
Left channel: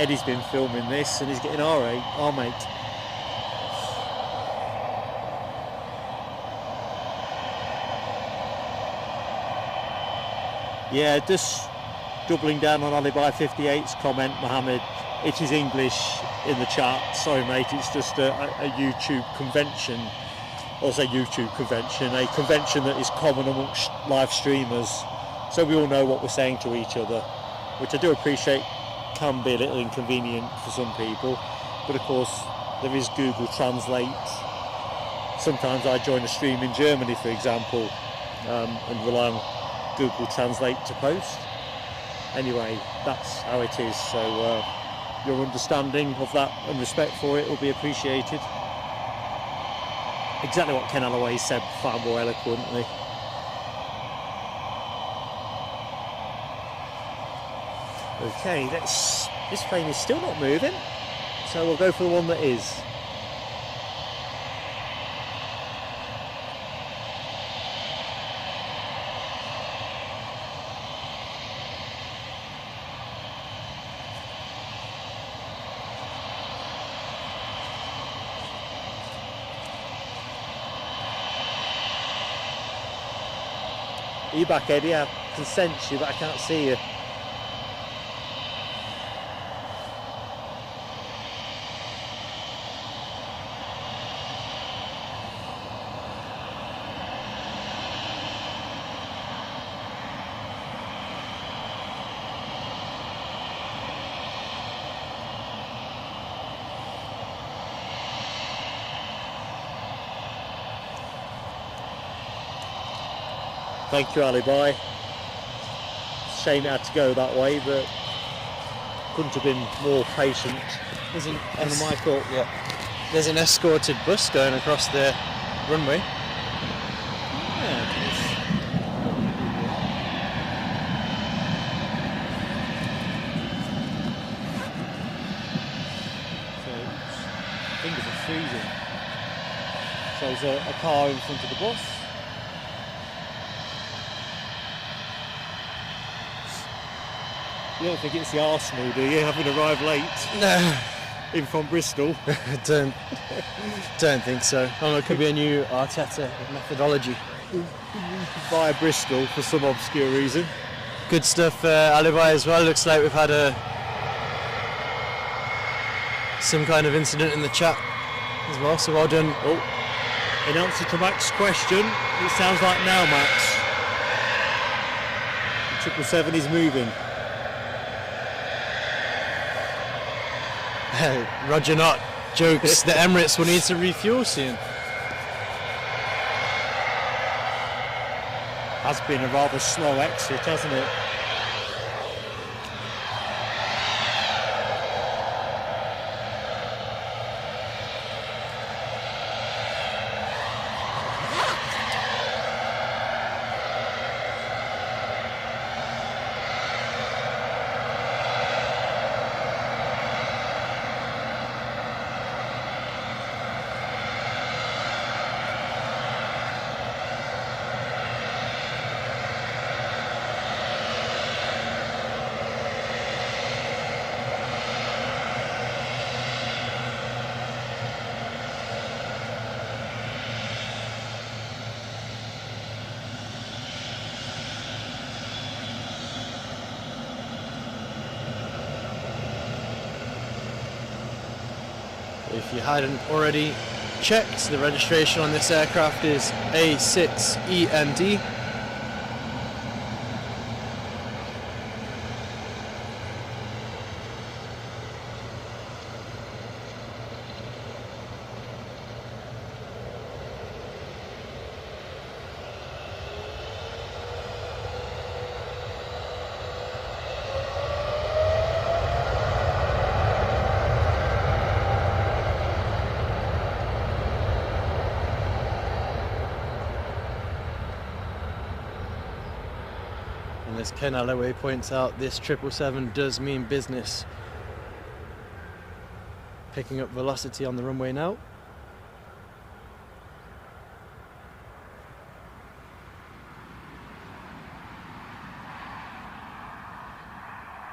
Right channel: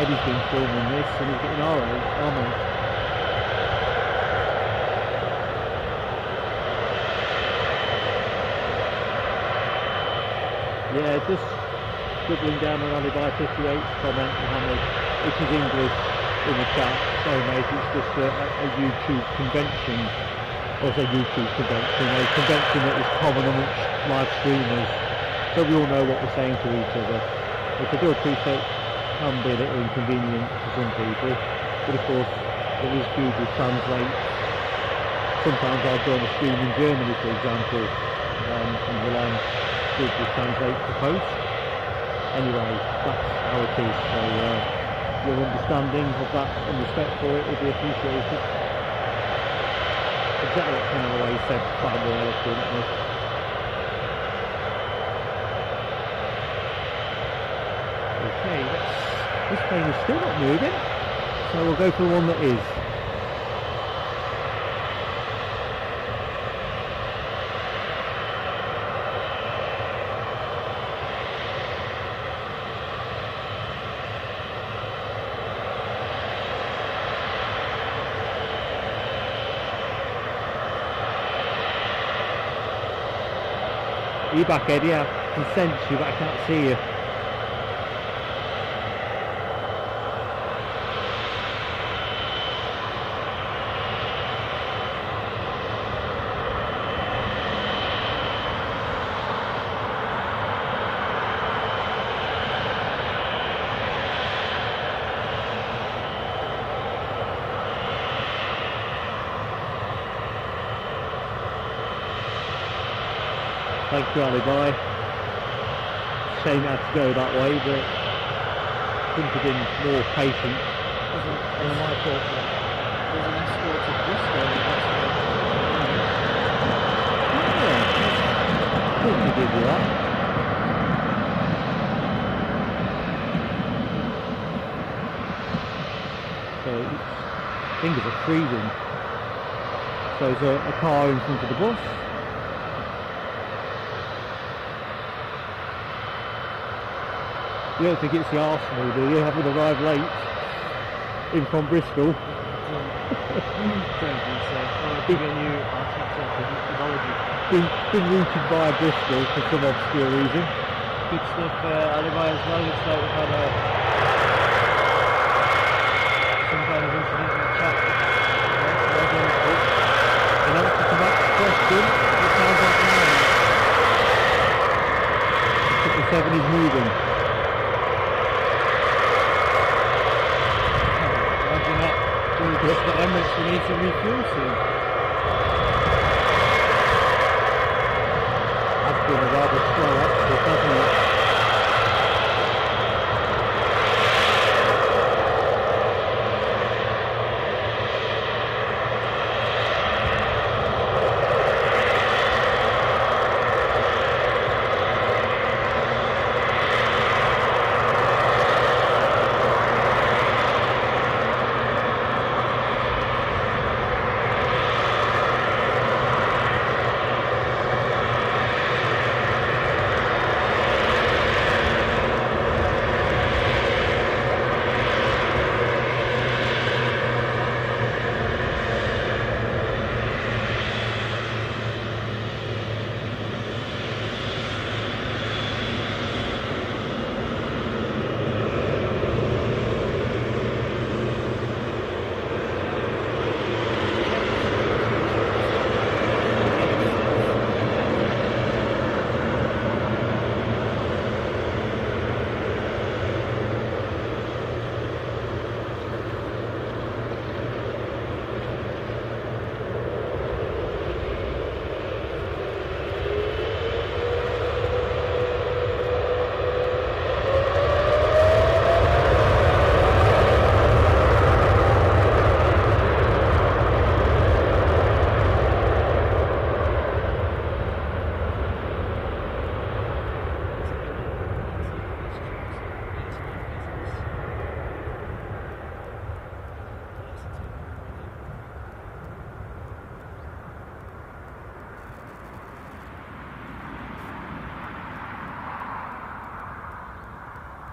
Eddie's been filming this and he's getting our mate. Yeah, just doubling down on Alibi 58's comment, Mohammed. It is English in the chat. Sorry, mate, it's just a YouTube convention. Well, I say YouTube convention, a convention that is common amongst live streamers. So we all know what we're saying to each other, which I do appreciate. Can be a little inconvenient for some people, but of course there is Google Translate. Sometimes I join a stream in Germany, for example, and rely on Google Translate to post. Anyway, that's how it is, so your understanding of that and respect for it will be appreciated. Exactly what Ken Alloway said far more eloquently. Okay, this plane is still not moving, so we'll go for the one that is. Are you back, Eddie? I can sense you, but I can't see you. Thank you, Alibi. Shame it had to go that way, but couldn't have been more patient. That's my fault, yeah. There's an escorted bus going across the runway. Yeah, I think we did that. So, oops, fingers are freezing. So there's a car in front of the bus. You don't think it's the Arsenal, do you, having arrived late? No. In from Bristol? don't think so. Oh, it could be a new Arteta methodology. Been routed by Bristol for some obscure reason. Good stuff, Alibi as well. Looks like we've had some kind of incident in the chat as well, so well done. In answer to Max's question, it sounds like now, Max. 777 is moving. Roger not. Jokes. The Emirates will need to refuel soon. That's been a rather slow exit, hasn't it? checked, the registration on this aircraft is A6EMD. As Ken Alloway points out, this 777 does mean business. Picking up velocity on the runway now.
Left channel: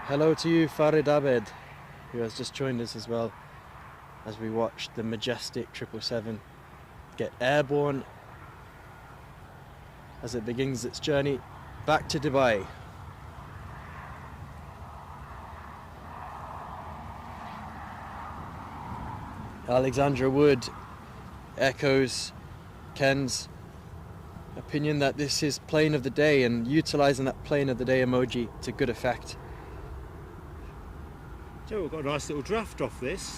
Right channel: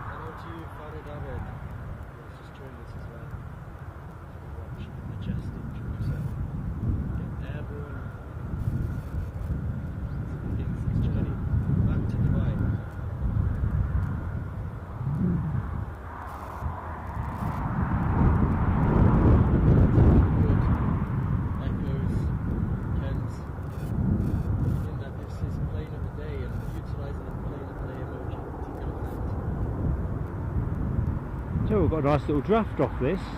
Hello to you, Farid Abed, who has just joined us as well, as we watch the majestic 777 get airborne as it begins its journey back to Dubai. Alexandra Wood echoes Ken's opinion that this is plane of the day, and utilising that plane of the day emoji to good effect. So we've got a nice little draft off this.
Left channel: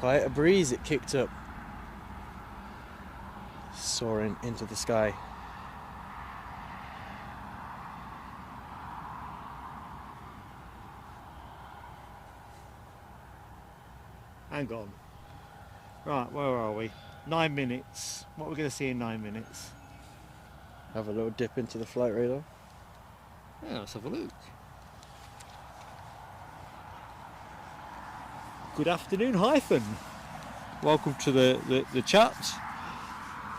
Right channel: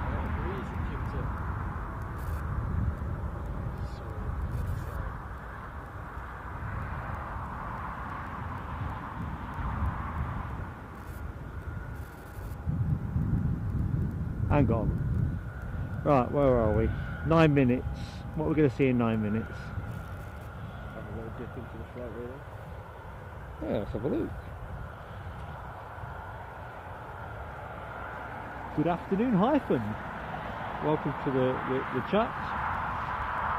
Quite a breeze it kicked up, soaring into the sky. Hang on. Right, where are we? 9 minutes. What are we going to see in 9 minutes? Have a little dip into the flight radar. Yeah, let's have a look. Good afternoon, Hyphen. Welcome to the chat.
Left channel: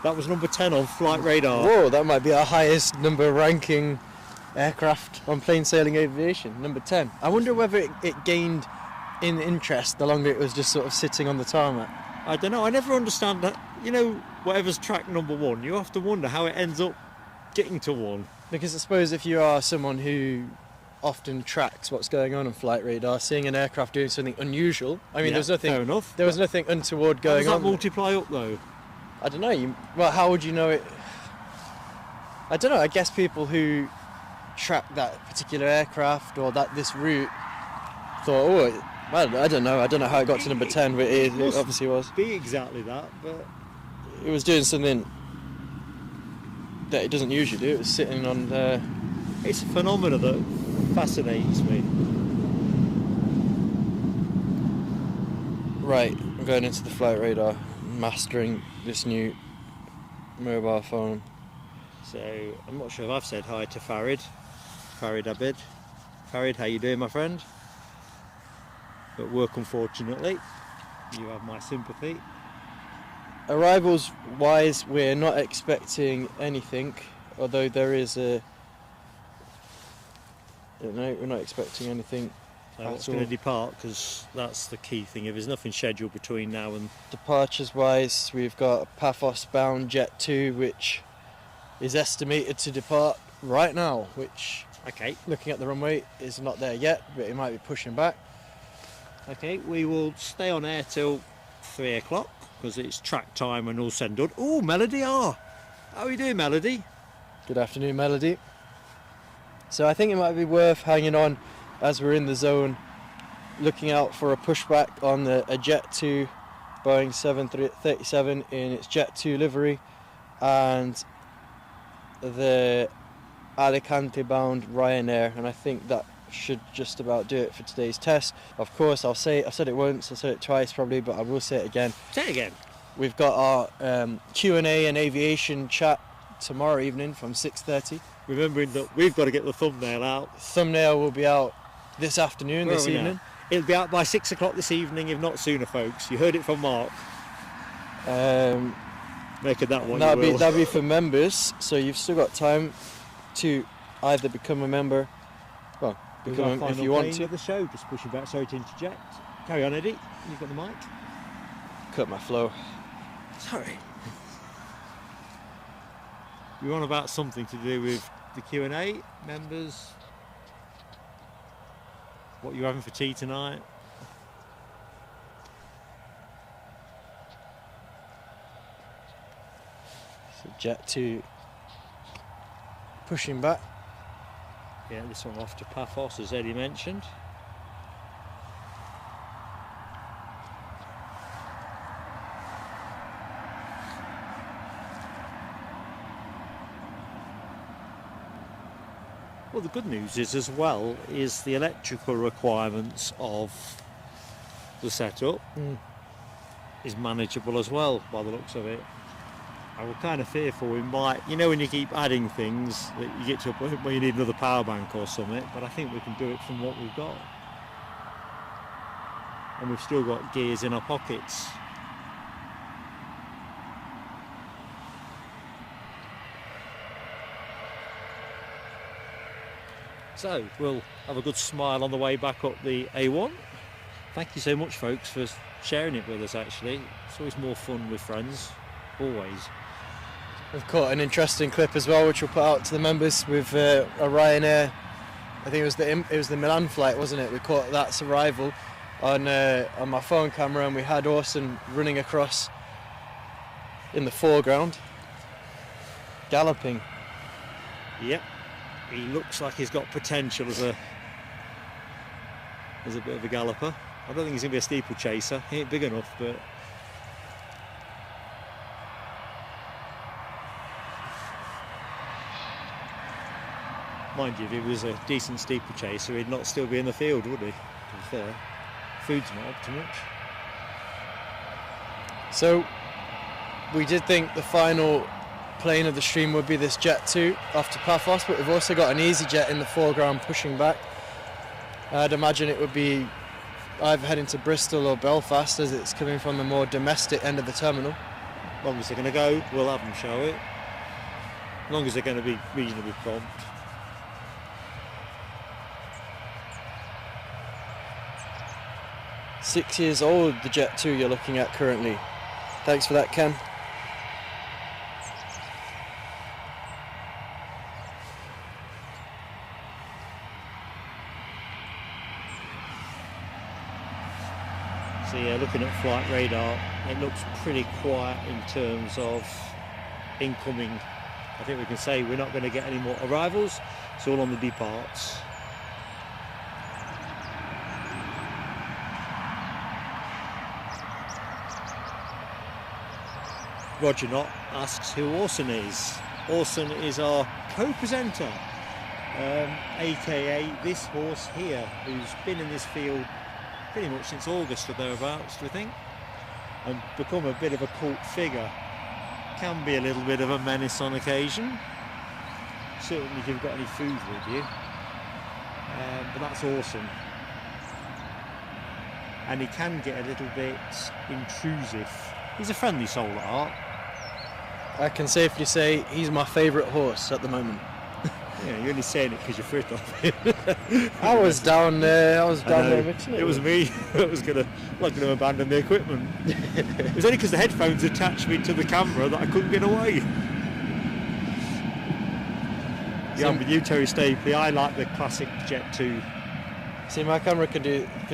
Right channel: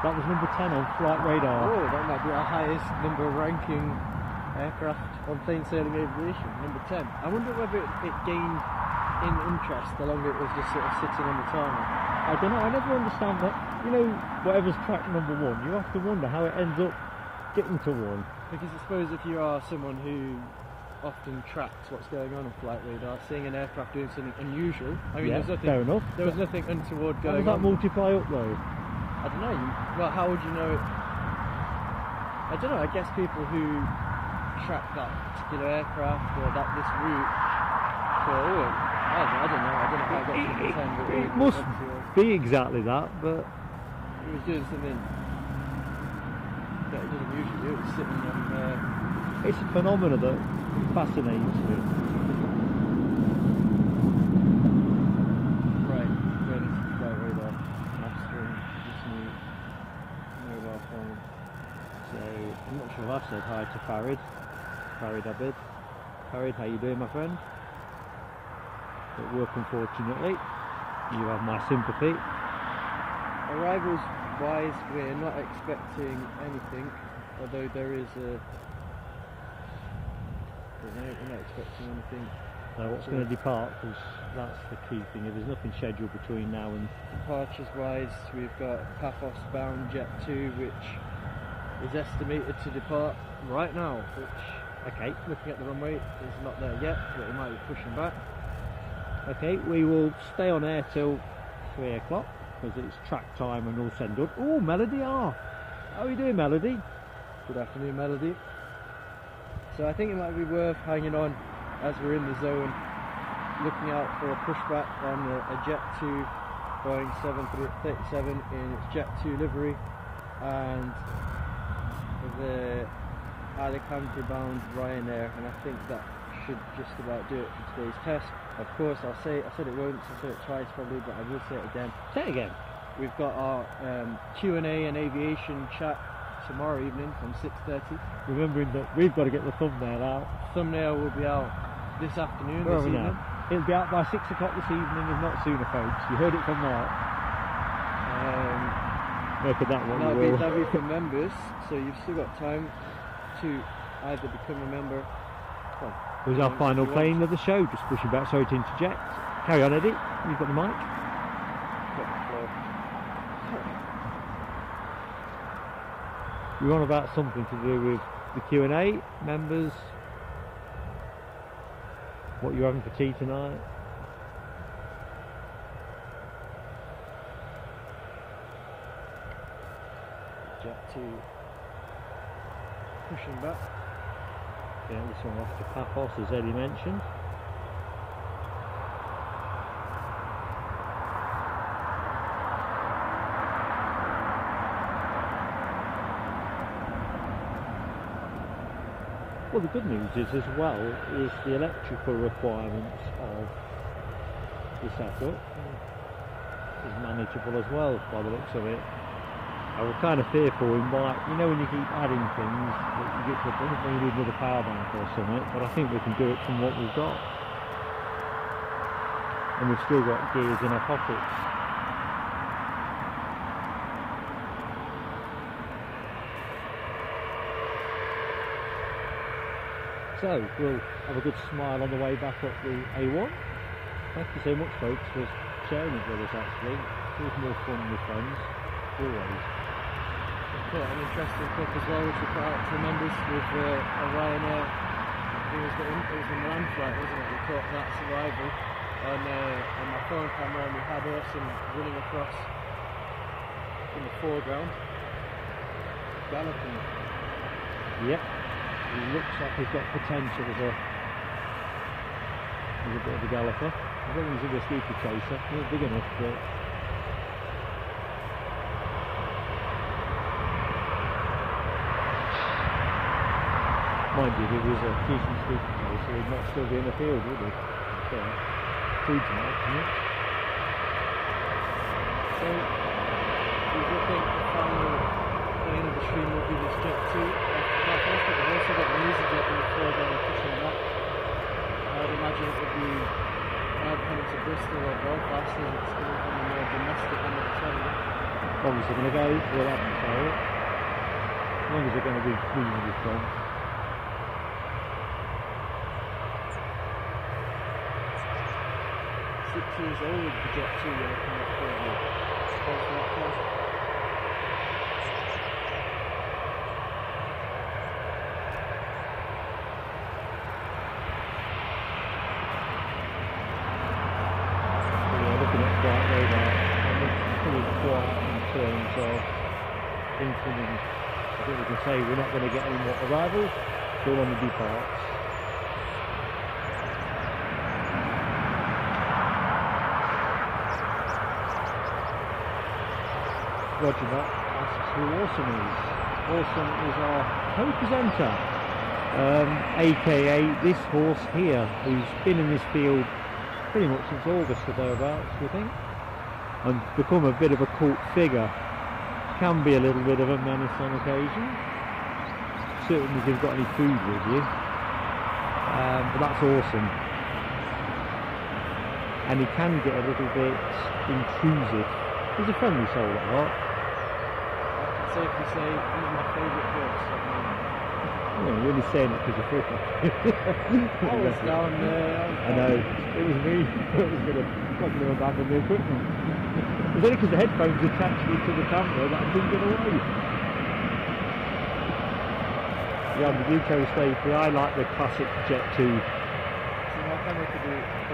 That was number 10 on flight radar. Whoa, that might be our highest number ranking aircraft on plain sailing aviation, number 10. I wonder whether it gained in interest the longer it was just sort of sitting on the tarmac. I don't know, I never understand that. You know, whatever's track number 1, you have to wonder how it ends up getting to 1. Because I suppose if you are someone who often tracks what's going on flight radar, seeing an aircraft doing something unusual, I mean, Yeah, there's nothing, fair enough. there was nothing untoward How going does that on. multiply up though? I don't know. Well, how would you know it? I don't know. I guess people who track that particular aircraft or this route thought, oh, I don't know. I don't know how it got to number 10, but it obviously was. Be exactly that, but It was doing something that it doesn't usually do. It was sitting on there. it's a phenomena that fascinates me. Right, going into the flight radar, mastering this new mobile phone. So I'm not sure if I've said hi to Farid Abid. Farid, how you doing, my friend? At work, unfortunately. You have my sympathy. Arrivals wise, we're not expecting anything, although there is a... No, we're not expecting anything. So what's going to depart, because that's the key thing. If there's nothing scheduled between now and... Departures wise, we've got Paphos bound Jet 2, which is estimated to depart right now, which, Okay, looking at the runway, is not there yet, but it might be pushing back. okay, we will stay on air till 3 o'clock, because it's track time and all said and done. Oh, Melody R! How are you doing, Melody? Good afternoon, Melody. So I think it might be worth hanging on as we're in the zone, looking out for a pushback on a Jet 2 Boeing 737 in its Jet 2 livery, and the Alicante bound Ryanair, and I think that should just about do it for today's test. Of course, I've said it once, I've said it twice probably, but I will say it again. Say it again. We've got our Q&A and aviation chat tomorrow evening from 6:30. Remembering that we've got to get the thumbnail out. Thumbnail will be out this afternoon, this Yeah. evening. It'll be out by 6 o'clock this evening, if not sooner, folks. You heard it from Mark. Making that one. That'll be for members, so you've still got time to either become a member. Well, Who's become our if final you want playing to. of the show? Just pushing back. Sorry to interject. Carry on, Eddie. You've got the mic. Cut my flow. Sorry. We're on about something to do with the Q&A members. What you're having for tea tonight? Jet 2 pushing back. Yeah, this one off to Paphos, as Eddie mentioned. Well, the good news is as well is the electrical requirements of the setup is manageable as well by the looks of it. I was kind of fearful we might, you know, when you keep adding things that you get to a point where you need another power bank or something, but I think we can do it from what we've got. And we've still got gears in our pockets. So we'll have a good smile on the way back up the A1. Thank you so much, folks, for sharing it with us. Actually, it's always more fun with friends, always. We've caught an interesting clip as well, which we'll put out to the members with a Ryanair. I think it was the Milan flight, wasn't it? We caught that's arrival on my phone camera, and we had Orson running across in the foreground, galloping. Yep. He looks like he's got potential as a bit of a galloper. I don't think he's going to be a steeplechaser. He ain't big enough, but mind you, if he was a decent steeplechaser, he'd not still be in the field, would he? Fair. Feeds him up too much. So we did think the final plane of the stream would be this Jet 2 off to Paphos, but we've also got an EasyJet in the foreground pushing back. I'd imagine it would be either heading to Bristol or Belfast, as it's coming from the more domestic end of the terminal. As long as they're going to go, we'll have them, shall we? As long as they're going to be reasonably prompt. Six years old, the Jet 2 you're looking at currently. Thanks for that, Ken. So yeah, looking at flight radar, it looks pretty quiet in terms of incoming. I think we can say we're not going to get any more arrivals. It's all on the departs. Roger Not asks who Orson is. Orson is our co-presenter, aka this horse here, who's been in this field pretty much since August or thereabouts, do you think? And become a bit of a cult figure. Can be a little bit of a menace on occasion. Certainly if you've got any food with you. But that's awesome. And he can get a little bit intrusive. He's a friendly soul at heart. I can safely say he's my favourite horse at the moment. Yeah, you're only saying it because you're afraid of I was down there. It was me that was going to abandon the equipment. It was only because the headphones attached me to the camera that I couldn't get away. Yeah, I'm with you, Terry Stapley. I like the classic Jet 2. See, my camera can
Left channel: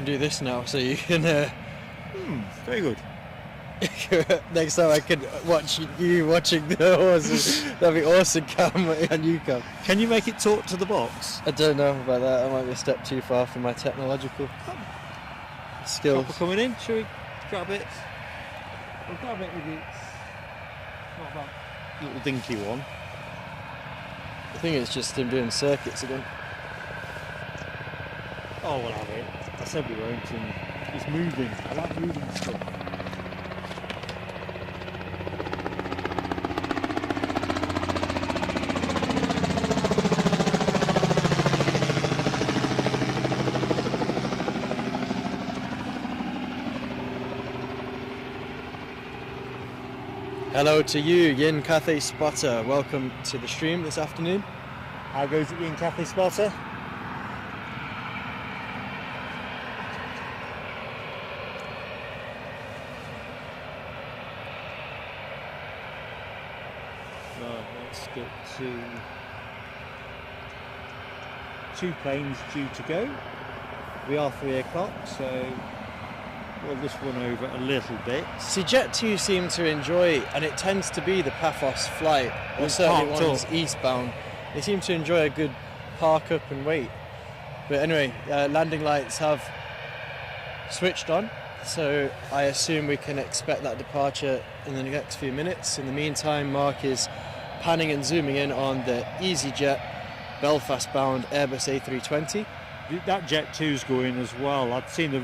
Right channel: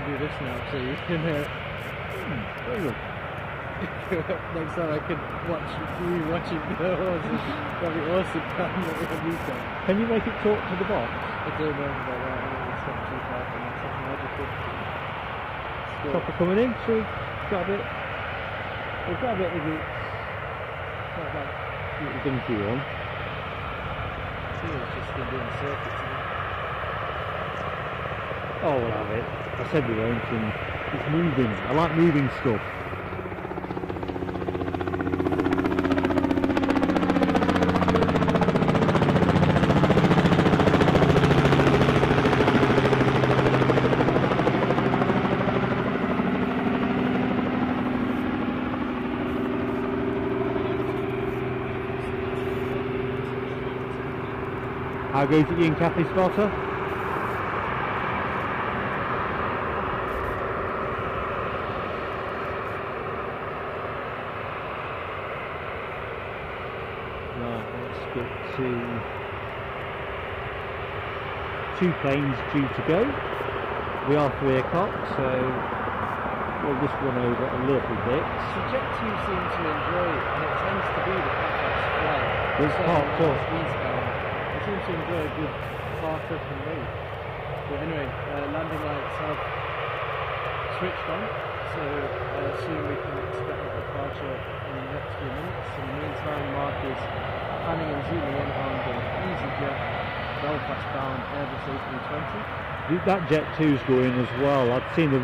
do this now, so you can. Very good. Next time I can watch you watching the horses. That'd be awesome, camera and you can. Can you make it talk to the box? I don't know about that. It might be a step too far for my technological skills. Coming in, shall we grab it? We'll grab it with it. Little dinky one. I think it's just him doing circuits again. Oh, we'll have it. I said we won't, and it's moving. I like moving stuff. Hello to you, Yin Cathay Spotter. Welcome to the stream this afternoon. How goes it, Yin Cathay Spotter? Right, let's get to 2 planes due to go. We are 3 o'clock, so want this one over a little bit. See, Jet 2 seem to enjoy it, and it tends to be the Paphos flight, or certainly ones eastbound. They seem to enjoy a good park up and wait. But anyway, landing lights have switched on, so I assume we can expect that departure in the next few minutes. In the meantime, Mark is panning and zooming in on the EasyJet Belfast-bound Airbus A320. That Jet 2's going as well. I'd seen the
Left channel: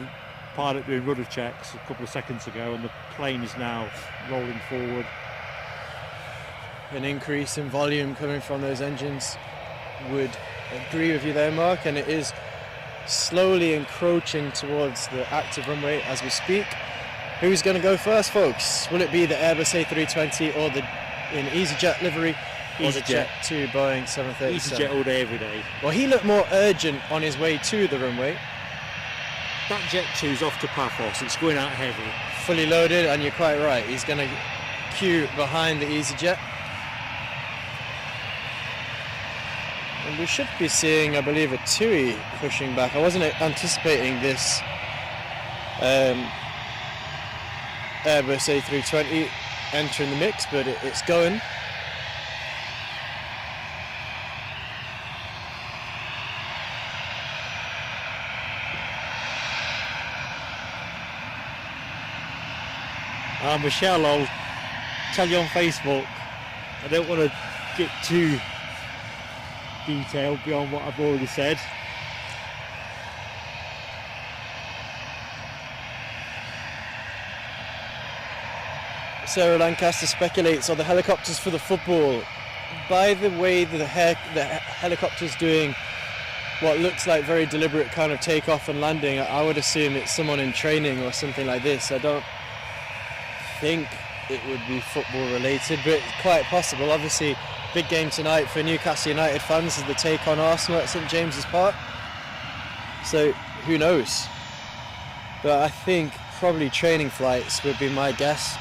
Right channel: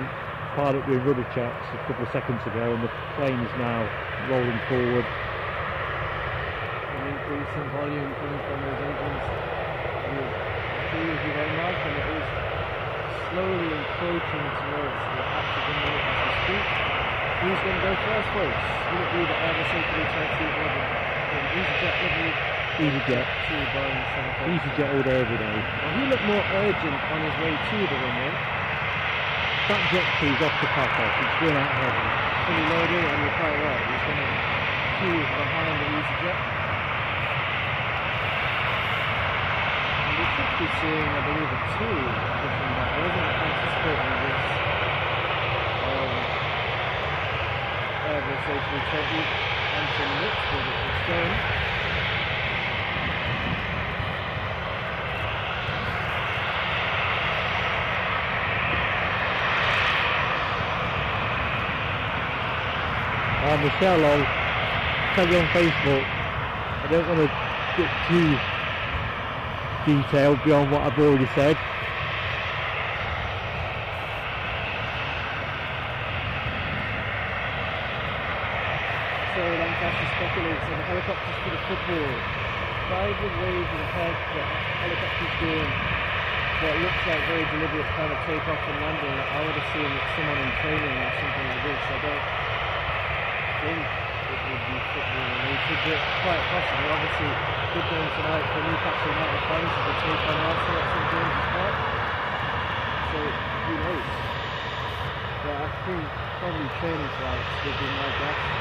pilot doing rudder checks a couple of seconds ago, and the plane is now rolling forward. An increase in volume coming from those engines. Would agree with you there, Mark, and it is slowly encroaching towards the active runway as we speak. Who's going to go first, folks? Will it be the Airbus A320 or the EasyJet livery? EasyJet. 2 Boeing 737. EasyJet all day, every day. Well, he looked more urgent on his way to the runway. That Jet 2 is off to Paphos. It's going out heavy. Fully loaded, and you're quite right. He's going to queue behind the EasyJet. And we should be seeing, I believe, a TUI pushing back. I wasn't anticipating this Airbus A320 entering the mix, but it's going. Michelle, I'll tell you on Facebook, I don't want to get too detailed beyond what I've already said. Sarah Lancaster speculates on the helicopters for the football. By the way, the helicopter's doing what looks like very deliberate kind of takeoff and landing, I would assume it's someone in training or something like this. I don't think it would be football related, but it's quite possible. Obviously, big game tonight for Newcastle United fans is the take on Arsenal at St James's Park. So who knows? But I think probably training flights would be my guess.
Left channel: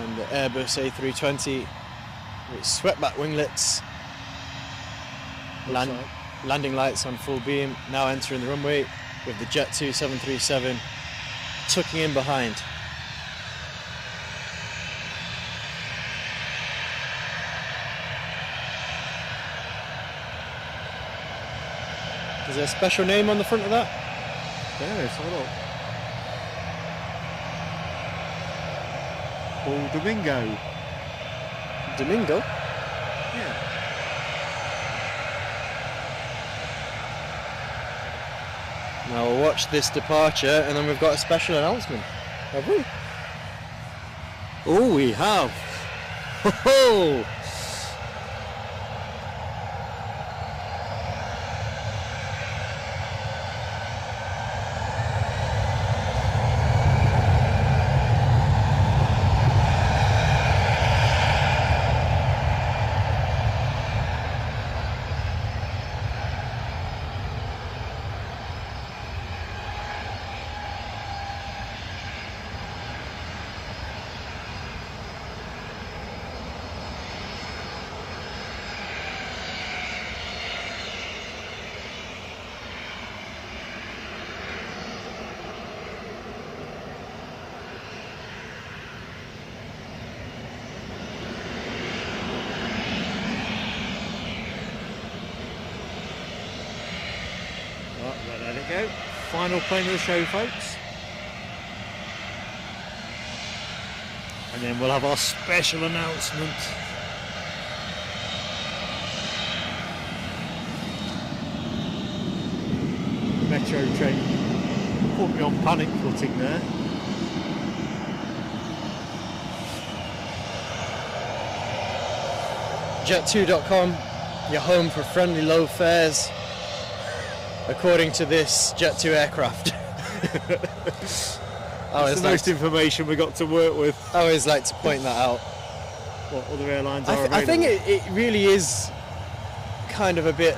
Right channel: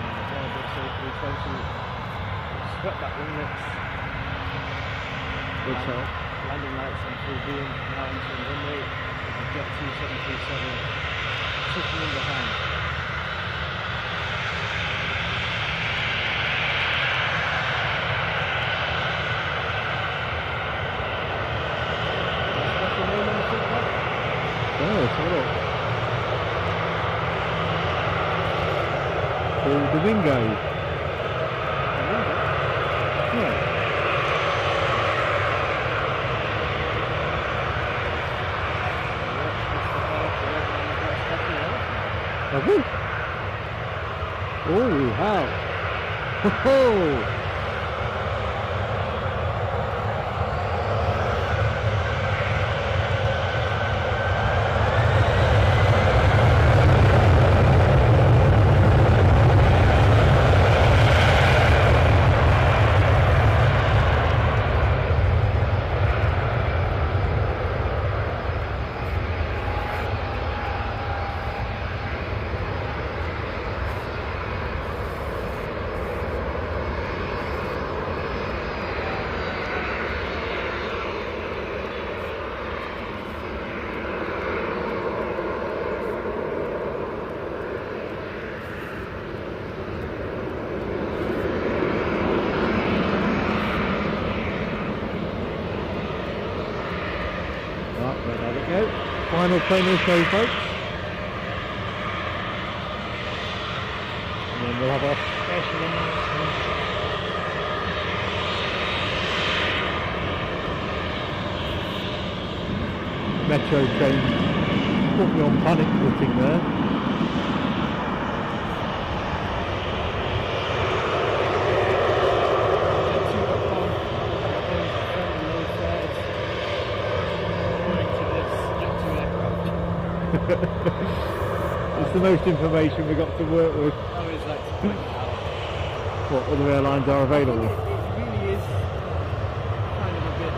And the Airbus A320 with swept-back winglets, landing lights on full beam, now entering the runway, with the Jet 2 737 tucking in behind. Is there a special name on the front of that? Oh, let's have a look. Domingo. Domingo? Yeah. I'll watch this departure, and then we've got a special announcement. Oh, we have. Oh. Let it go. Final plane of the show, folks. And then we'll have our special announcement. Metro train put me on panic footing there. Jet2.com, your home for friendly low fares, according to this Jet 2 aircraft. That's the most information we got to work with. I always like to point that out. What other airlines are available? I think it really is kind of a bit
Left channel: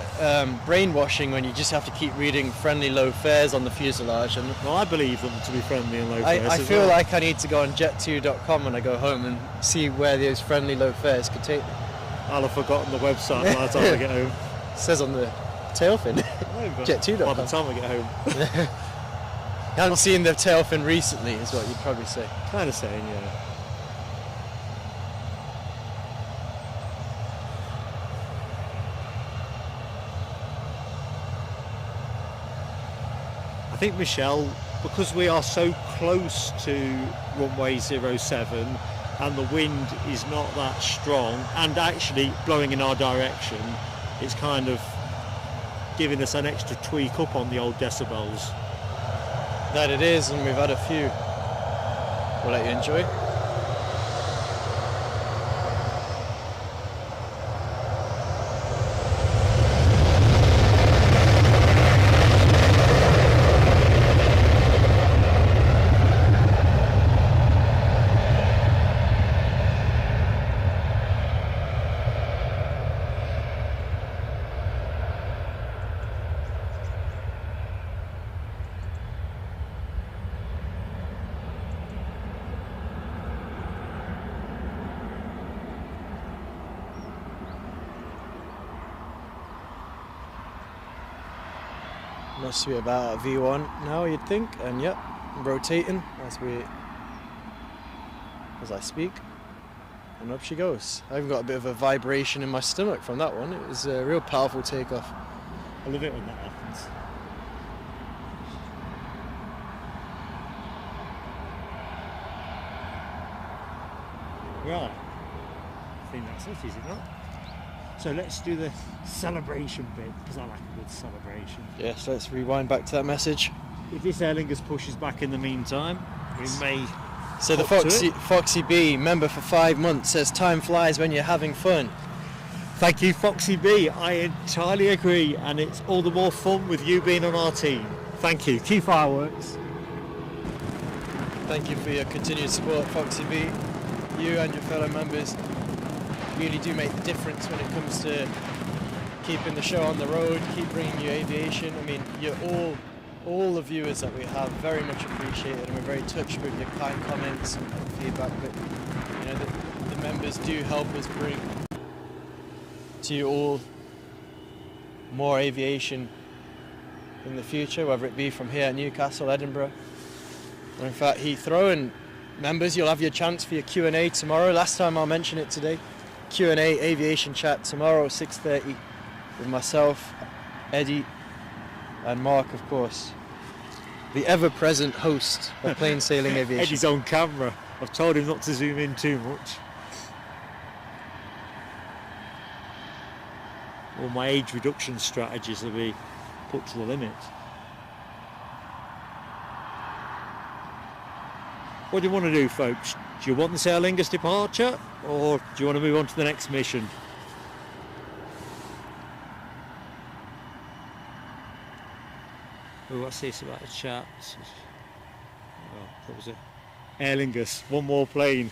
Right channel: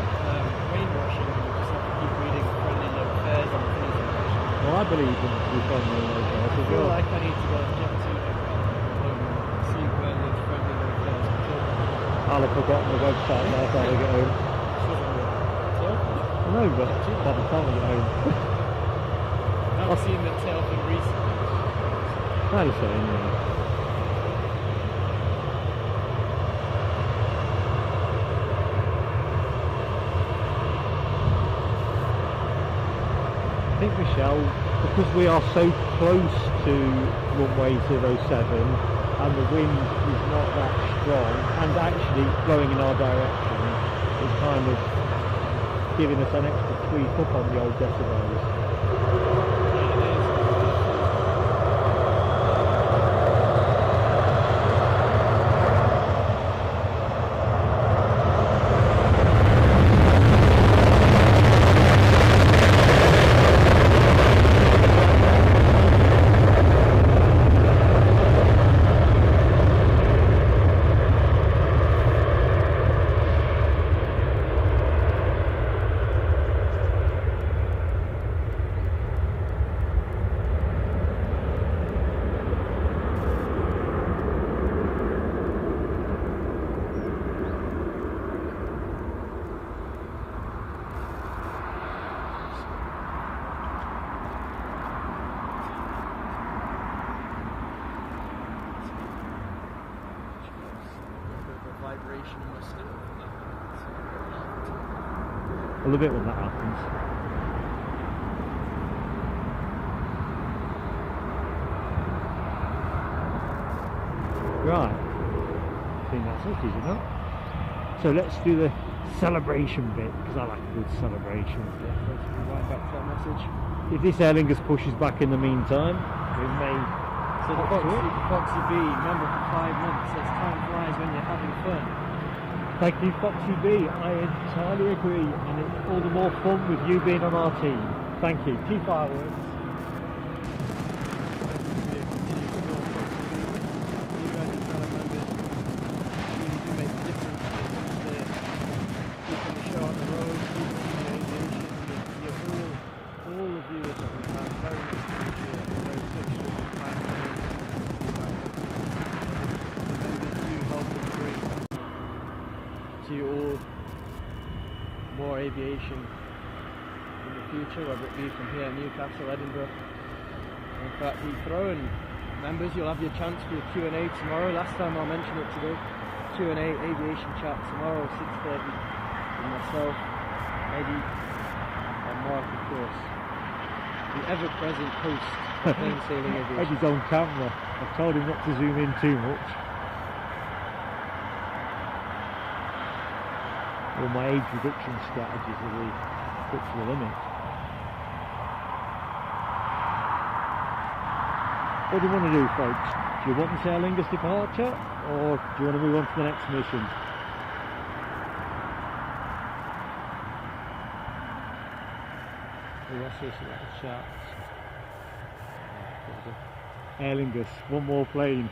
brainwashing when you just have to keep reading friendly low fares on the fuselage. And I believe them to be friendly and low fares. I feel like I need to go on jet2.com when I go home and see where those friendly low fares could take me. I'll have forgotten the website by the time I get home. It says on the tail fin. No, but Jet 2 by the time I get home. I haven't seen the tail fin recently, is what you'd probably say. Kind of saying, yeah. I think, Michelle, because we are so close to runway 07 and the wind is not that strong and actually blowing in our direction, it's kind of giving us an extra tweak up on the old decibels. That it is, and we've had a few. Right, enjoy. Must be about V1 now, you'd think, and yep, rotating as I speak, and up she goes. I've got a bit of a vibration in my stomach from that one. It was a real powerful takeoff. I love it when that happens. Right, I think that's it, is it not? So let's do the celebration bit, because I like a good celebration. Yes, let's rewind back to that message. If this Aer Lingus pushes back in the meantime, we may... So the Foxy B, member for 5 months, says time flies when you're having fun. Thank you, Foxy B. I entirely agree, and it's all the more fun with you being on our team. Thank you. Keep fireworks. Thank you for your continued support, Foxy B. You and your fellow members really do make the difference when it comes to keeping the show on the road, keep bringing you aviation. I mean, you're all the viewers that we have very much appreciated. We're very touched with your kind comments and feedback that, you know, the members do help us bring to you all more aviation in the future, whether it be from here at Newcastle, Edinburgh, or in fact Heathrow. And members, you'll have your chance for your Q&A tomorrow. Last time I'll mention it today. Q&A aviation chat tomorrow 6:30 with myself, Eddie and Mark, of course, the ever-present host of Plain Sailing Aviation. Eddie's on camera. I've told him not to zoom in too much. All my age reduction strategies will be put to the limit. What do you want to do, folks? Do you want the Aer Lingus departure, or do you want to move on to the next mission? Oh, what's this about the chat? What was it? Aer Lingus, one more plane.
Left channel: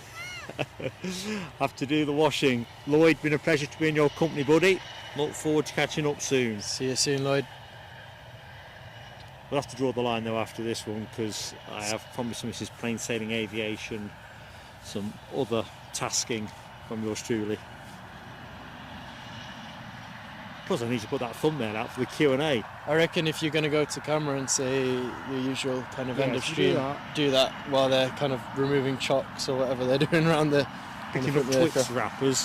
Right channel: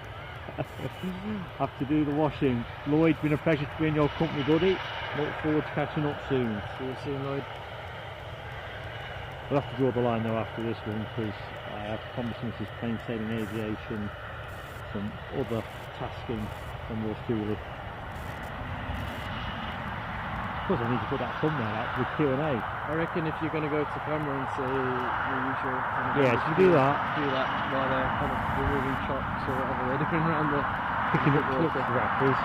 Have to do the washing. Lloyd, been a pleasure to be in your company, buddy. Look forward to catching up soon. See you soon, Lloyd. We'll have to draw the line though after this one, because I have promised Mrs. Plain Sailing Aviation some other tasking from yours truly. Of course I need to put that thumbnail out for the Q&A. I reckon if you're going to go to camera and say your usual kind of industry, do that while they're kind of removing chocks or whatever they're doing on the picking up tux wrappers.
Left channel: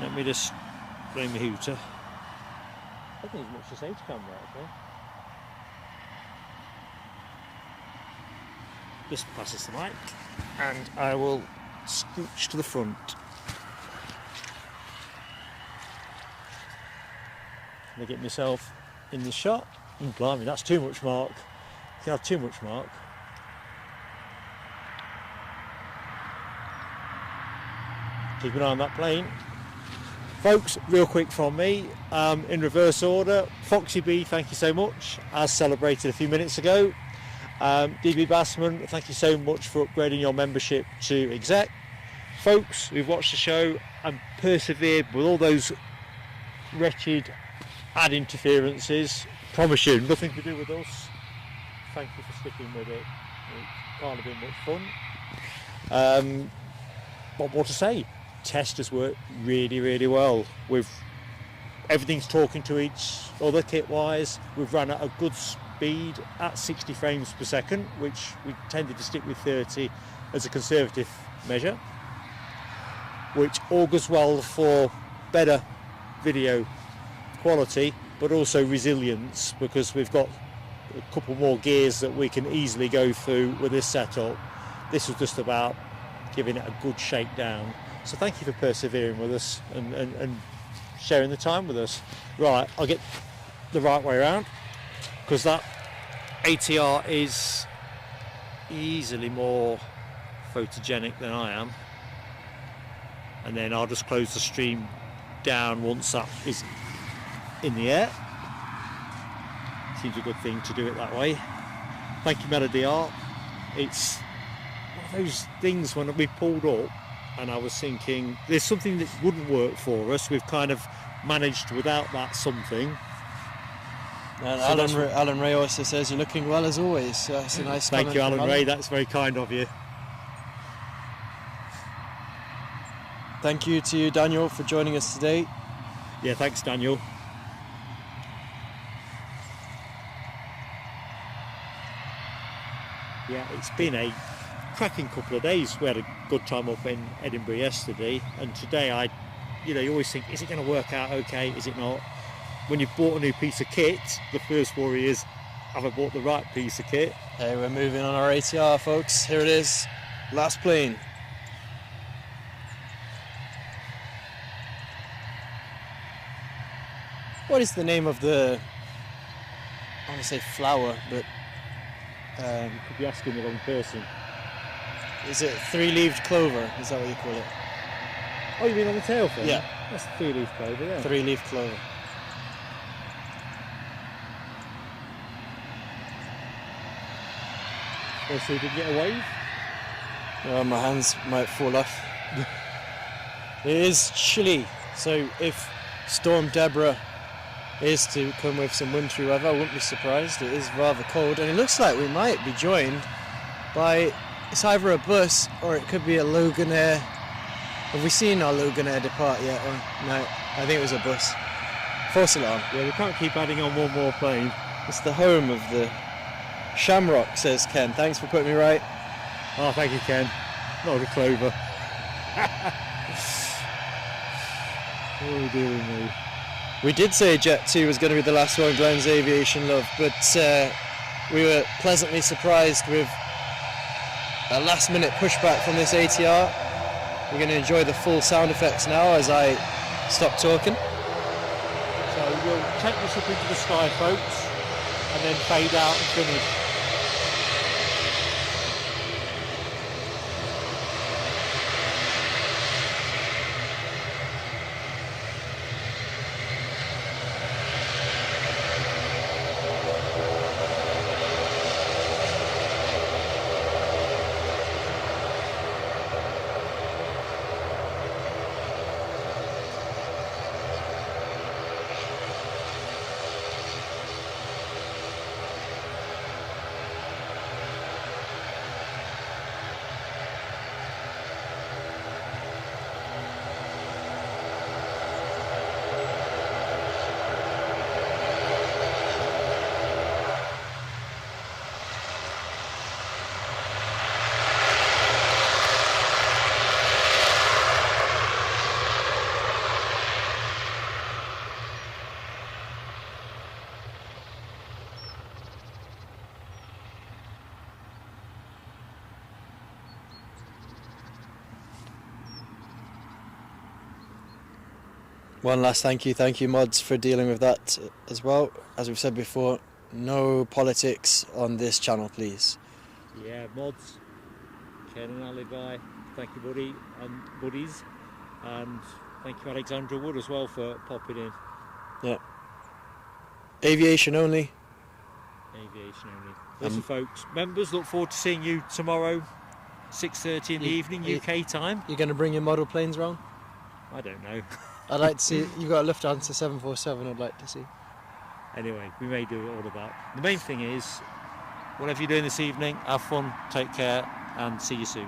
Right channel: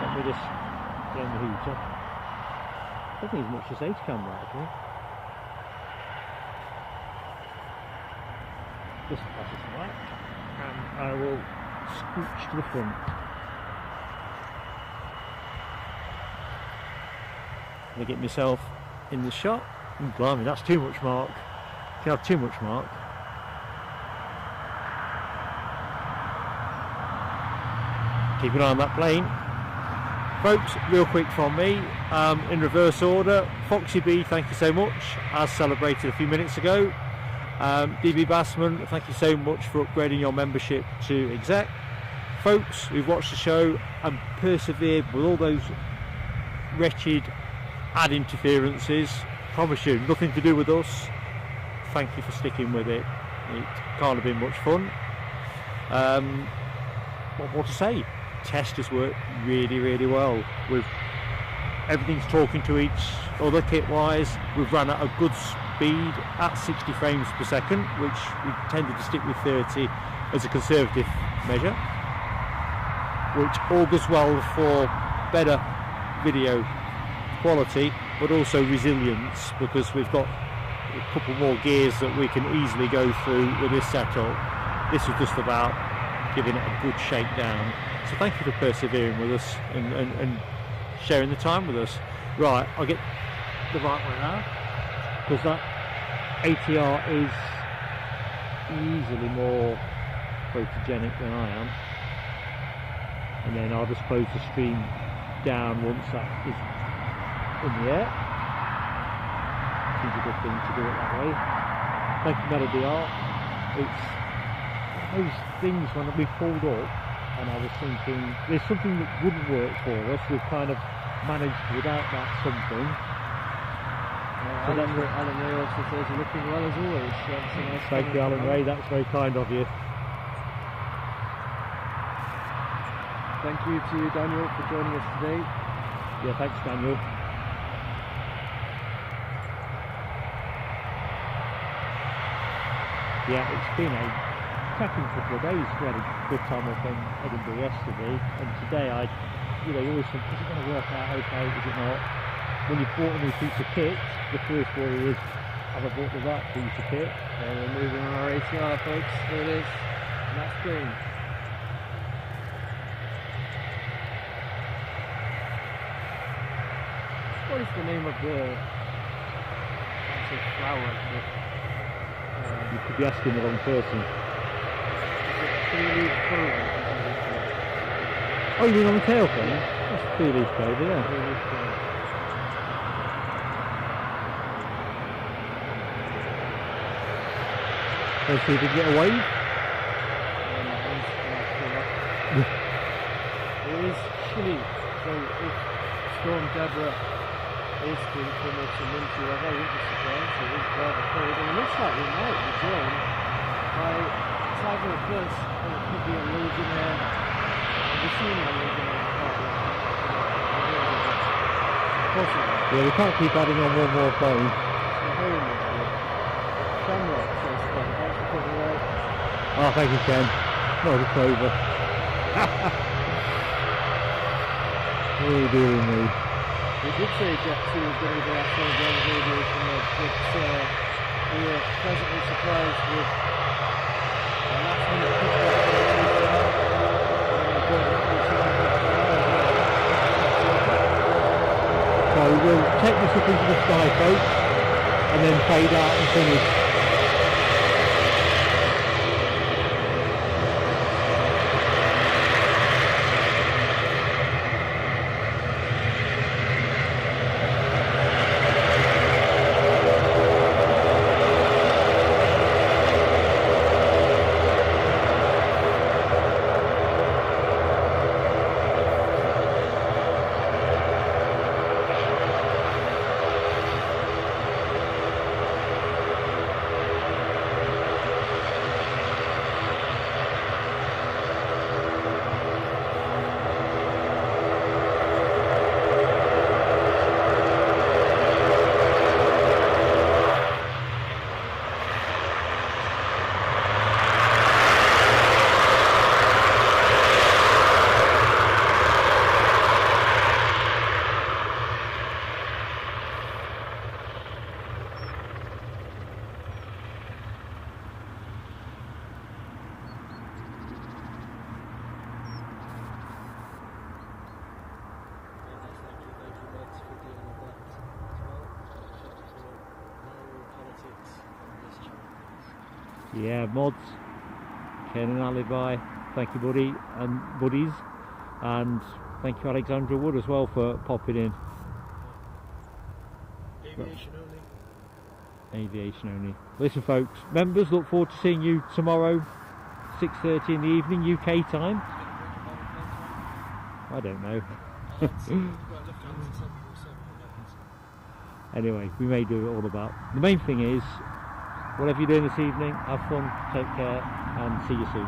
Let me just play my hooter. I think it's much as age camera actually. Just pass this the mic and I will scooch to the front. I get myself in the shot. Blimey, that's too much, Mark. You can have too much, Mark. Keep an eye on that plane. Folks, real quick from me, in reverse order, Foxy B, thank you so much, as celebrated a few minutes ago. DB Bassman, thank you so much for upgrading your membership to exec. Folks, we've watched the show and persevered with all those wretched ad interferences. Promise you, nothing to do with us. Thank you for sticking with it. It can't have been much fun. What more to say? Test has worked really, really well. We've everything's talking to each other kit-wise. We've run at a good speed at 60 frames per second, which we tended to stick with 30 as a conservative measure, which augurs well for better video quality, but also resilience, because we've got a couple more gears that we can easily go through with this setup. This is just about giving it a good shakedown. So thank you for persevering with us and sharing the time with us. Right, I'll get the right way around, because that ATR is easily more photogenic than I am. And then I'll just close the stream down once that is in the air. Seems a good thing to do it that way. Thank you, Melody Art. It's those things when we pulled up and I was thinking there's something that wouldn't work for us. We've kind of managed without that something. And Alan Ray also says you're looking well as always. So that's a nice. Thank you, Alan Ray. That's very kind of you. Thank you to you, Daniel, for joining us today. Yeah, thanks, Daniel. Yeah, it's been a cracking couple of days. We had a good time up in Edinburgh yesterday, and today you always think, is it going to work out okay, is it not? When you've bought a new piece of kit, the first worry is, have I bought the right piece of kit? And we're moving on our ATR, folks. Here it is, last plane. What is the name of the, I want to say flower, but you could be asking the wrong person. Is it three-leaved clover? Is that what you call it? Oh, you mean on the tail fin? Yeah. That's three-leaf clover, yeah. Three-leaf clover. Want to see if we can get a wave? Well, my hands might fall off. It is chilly, so if Storm Deborah is to come with some wintry weather, I wouldn't be surprised. It is rather cold, and it looks like we might be joined by, it's either a bus or it could be a Loganair. Have we seen our Loganair depart yet? No, I think it was a bus. False alarm. Yeah, we can't keep adding on one more plane. It's the home of the Shamrock, says Ken. Thanks for putting me right. Oh, thank you, Ken. Not a clover. Oh, dear me. We did say Jet 2 was going to be the last one, Grounds Aviation Love, but we were pleasantly surprised with a last-minute pushback from this ATR. We're going to enjoy the full sound effects now as I stop talking. So we'll take this up into the sky, folks, and then fade out and finish. One last thank you mods for dealing with that as well. As we've said before, no politics on this channel, please. Yeah, mods, Ken and Alibi, thank you, buddy and buddies, and thank you, Alexandra Wood, as well, for popping in. Yeah. Aviation only. Aviation only. Listen, folks, members, look forward to seeing you tomorrow, 6:30 in the evening, UK time. You're going to bring your model planes round? I don't know. I'd like to see, you've got a Lufthansa 747 I'd like to see. Anyway, we may do it all about. The main thing is, whatever you're doing this evening, have fun, take care, and see you soon.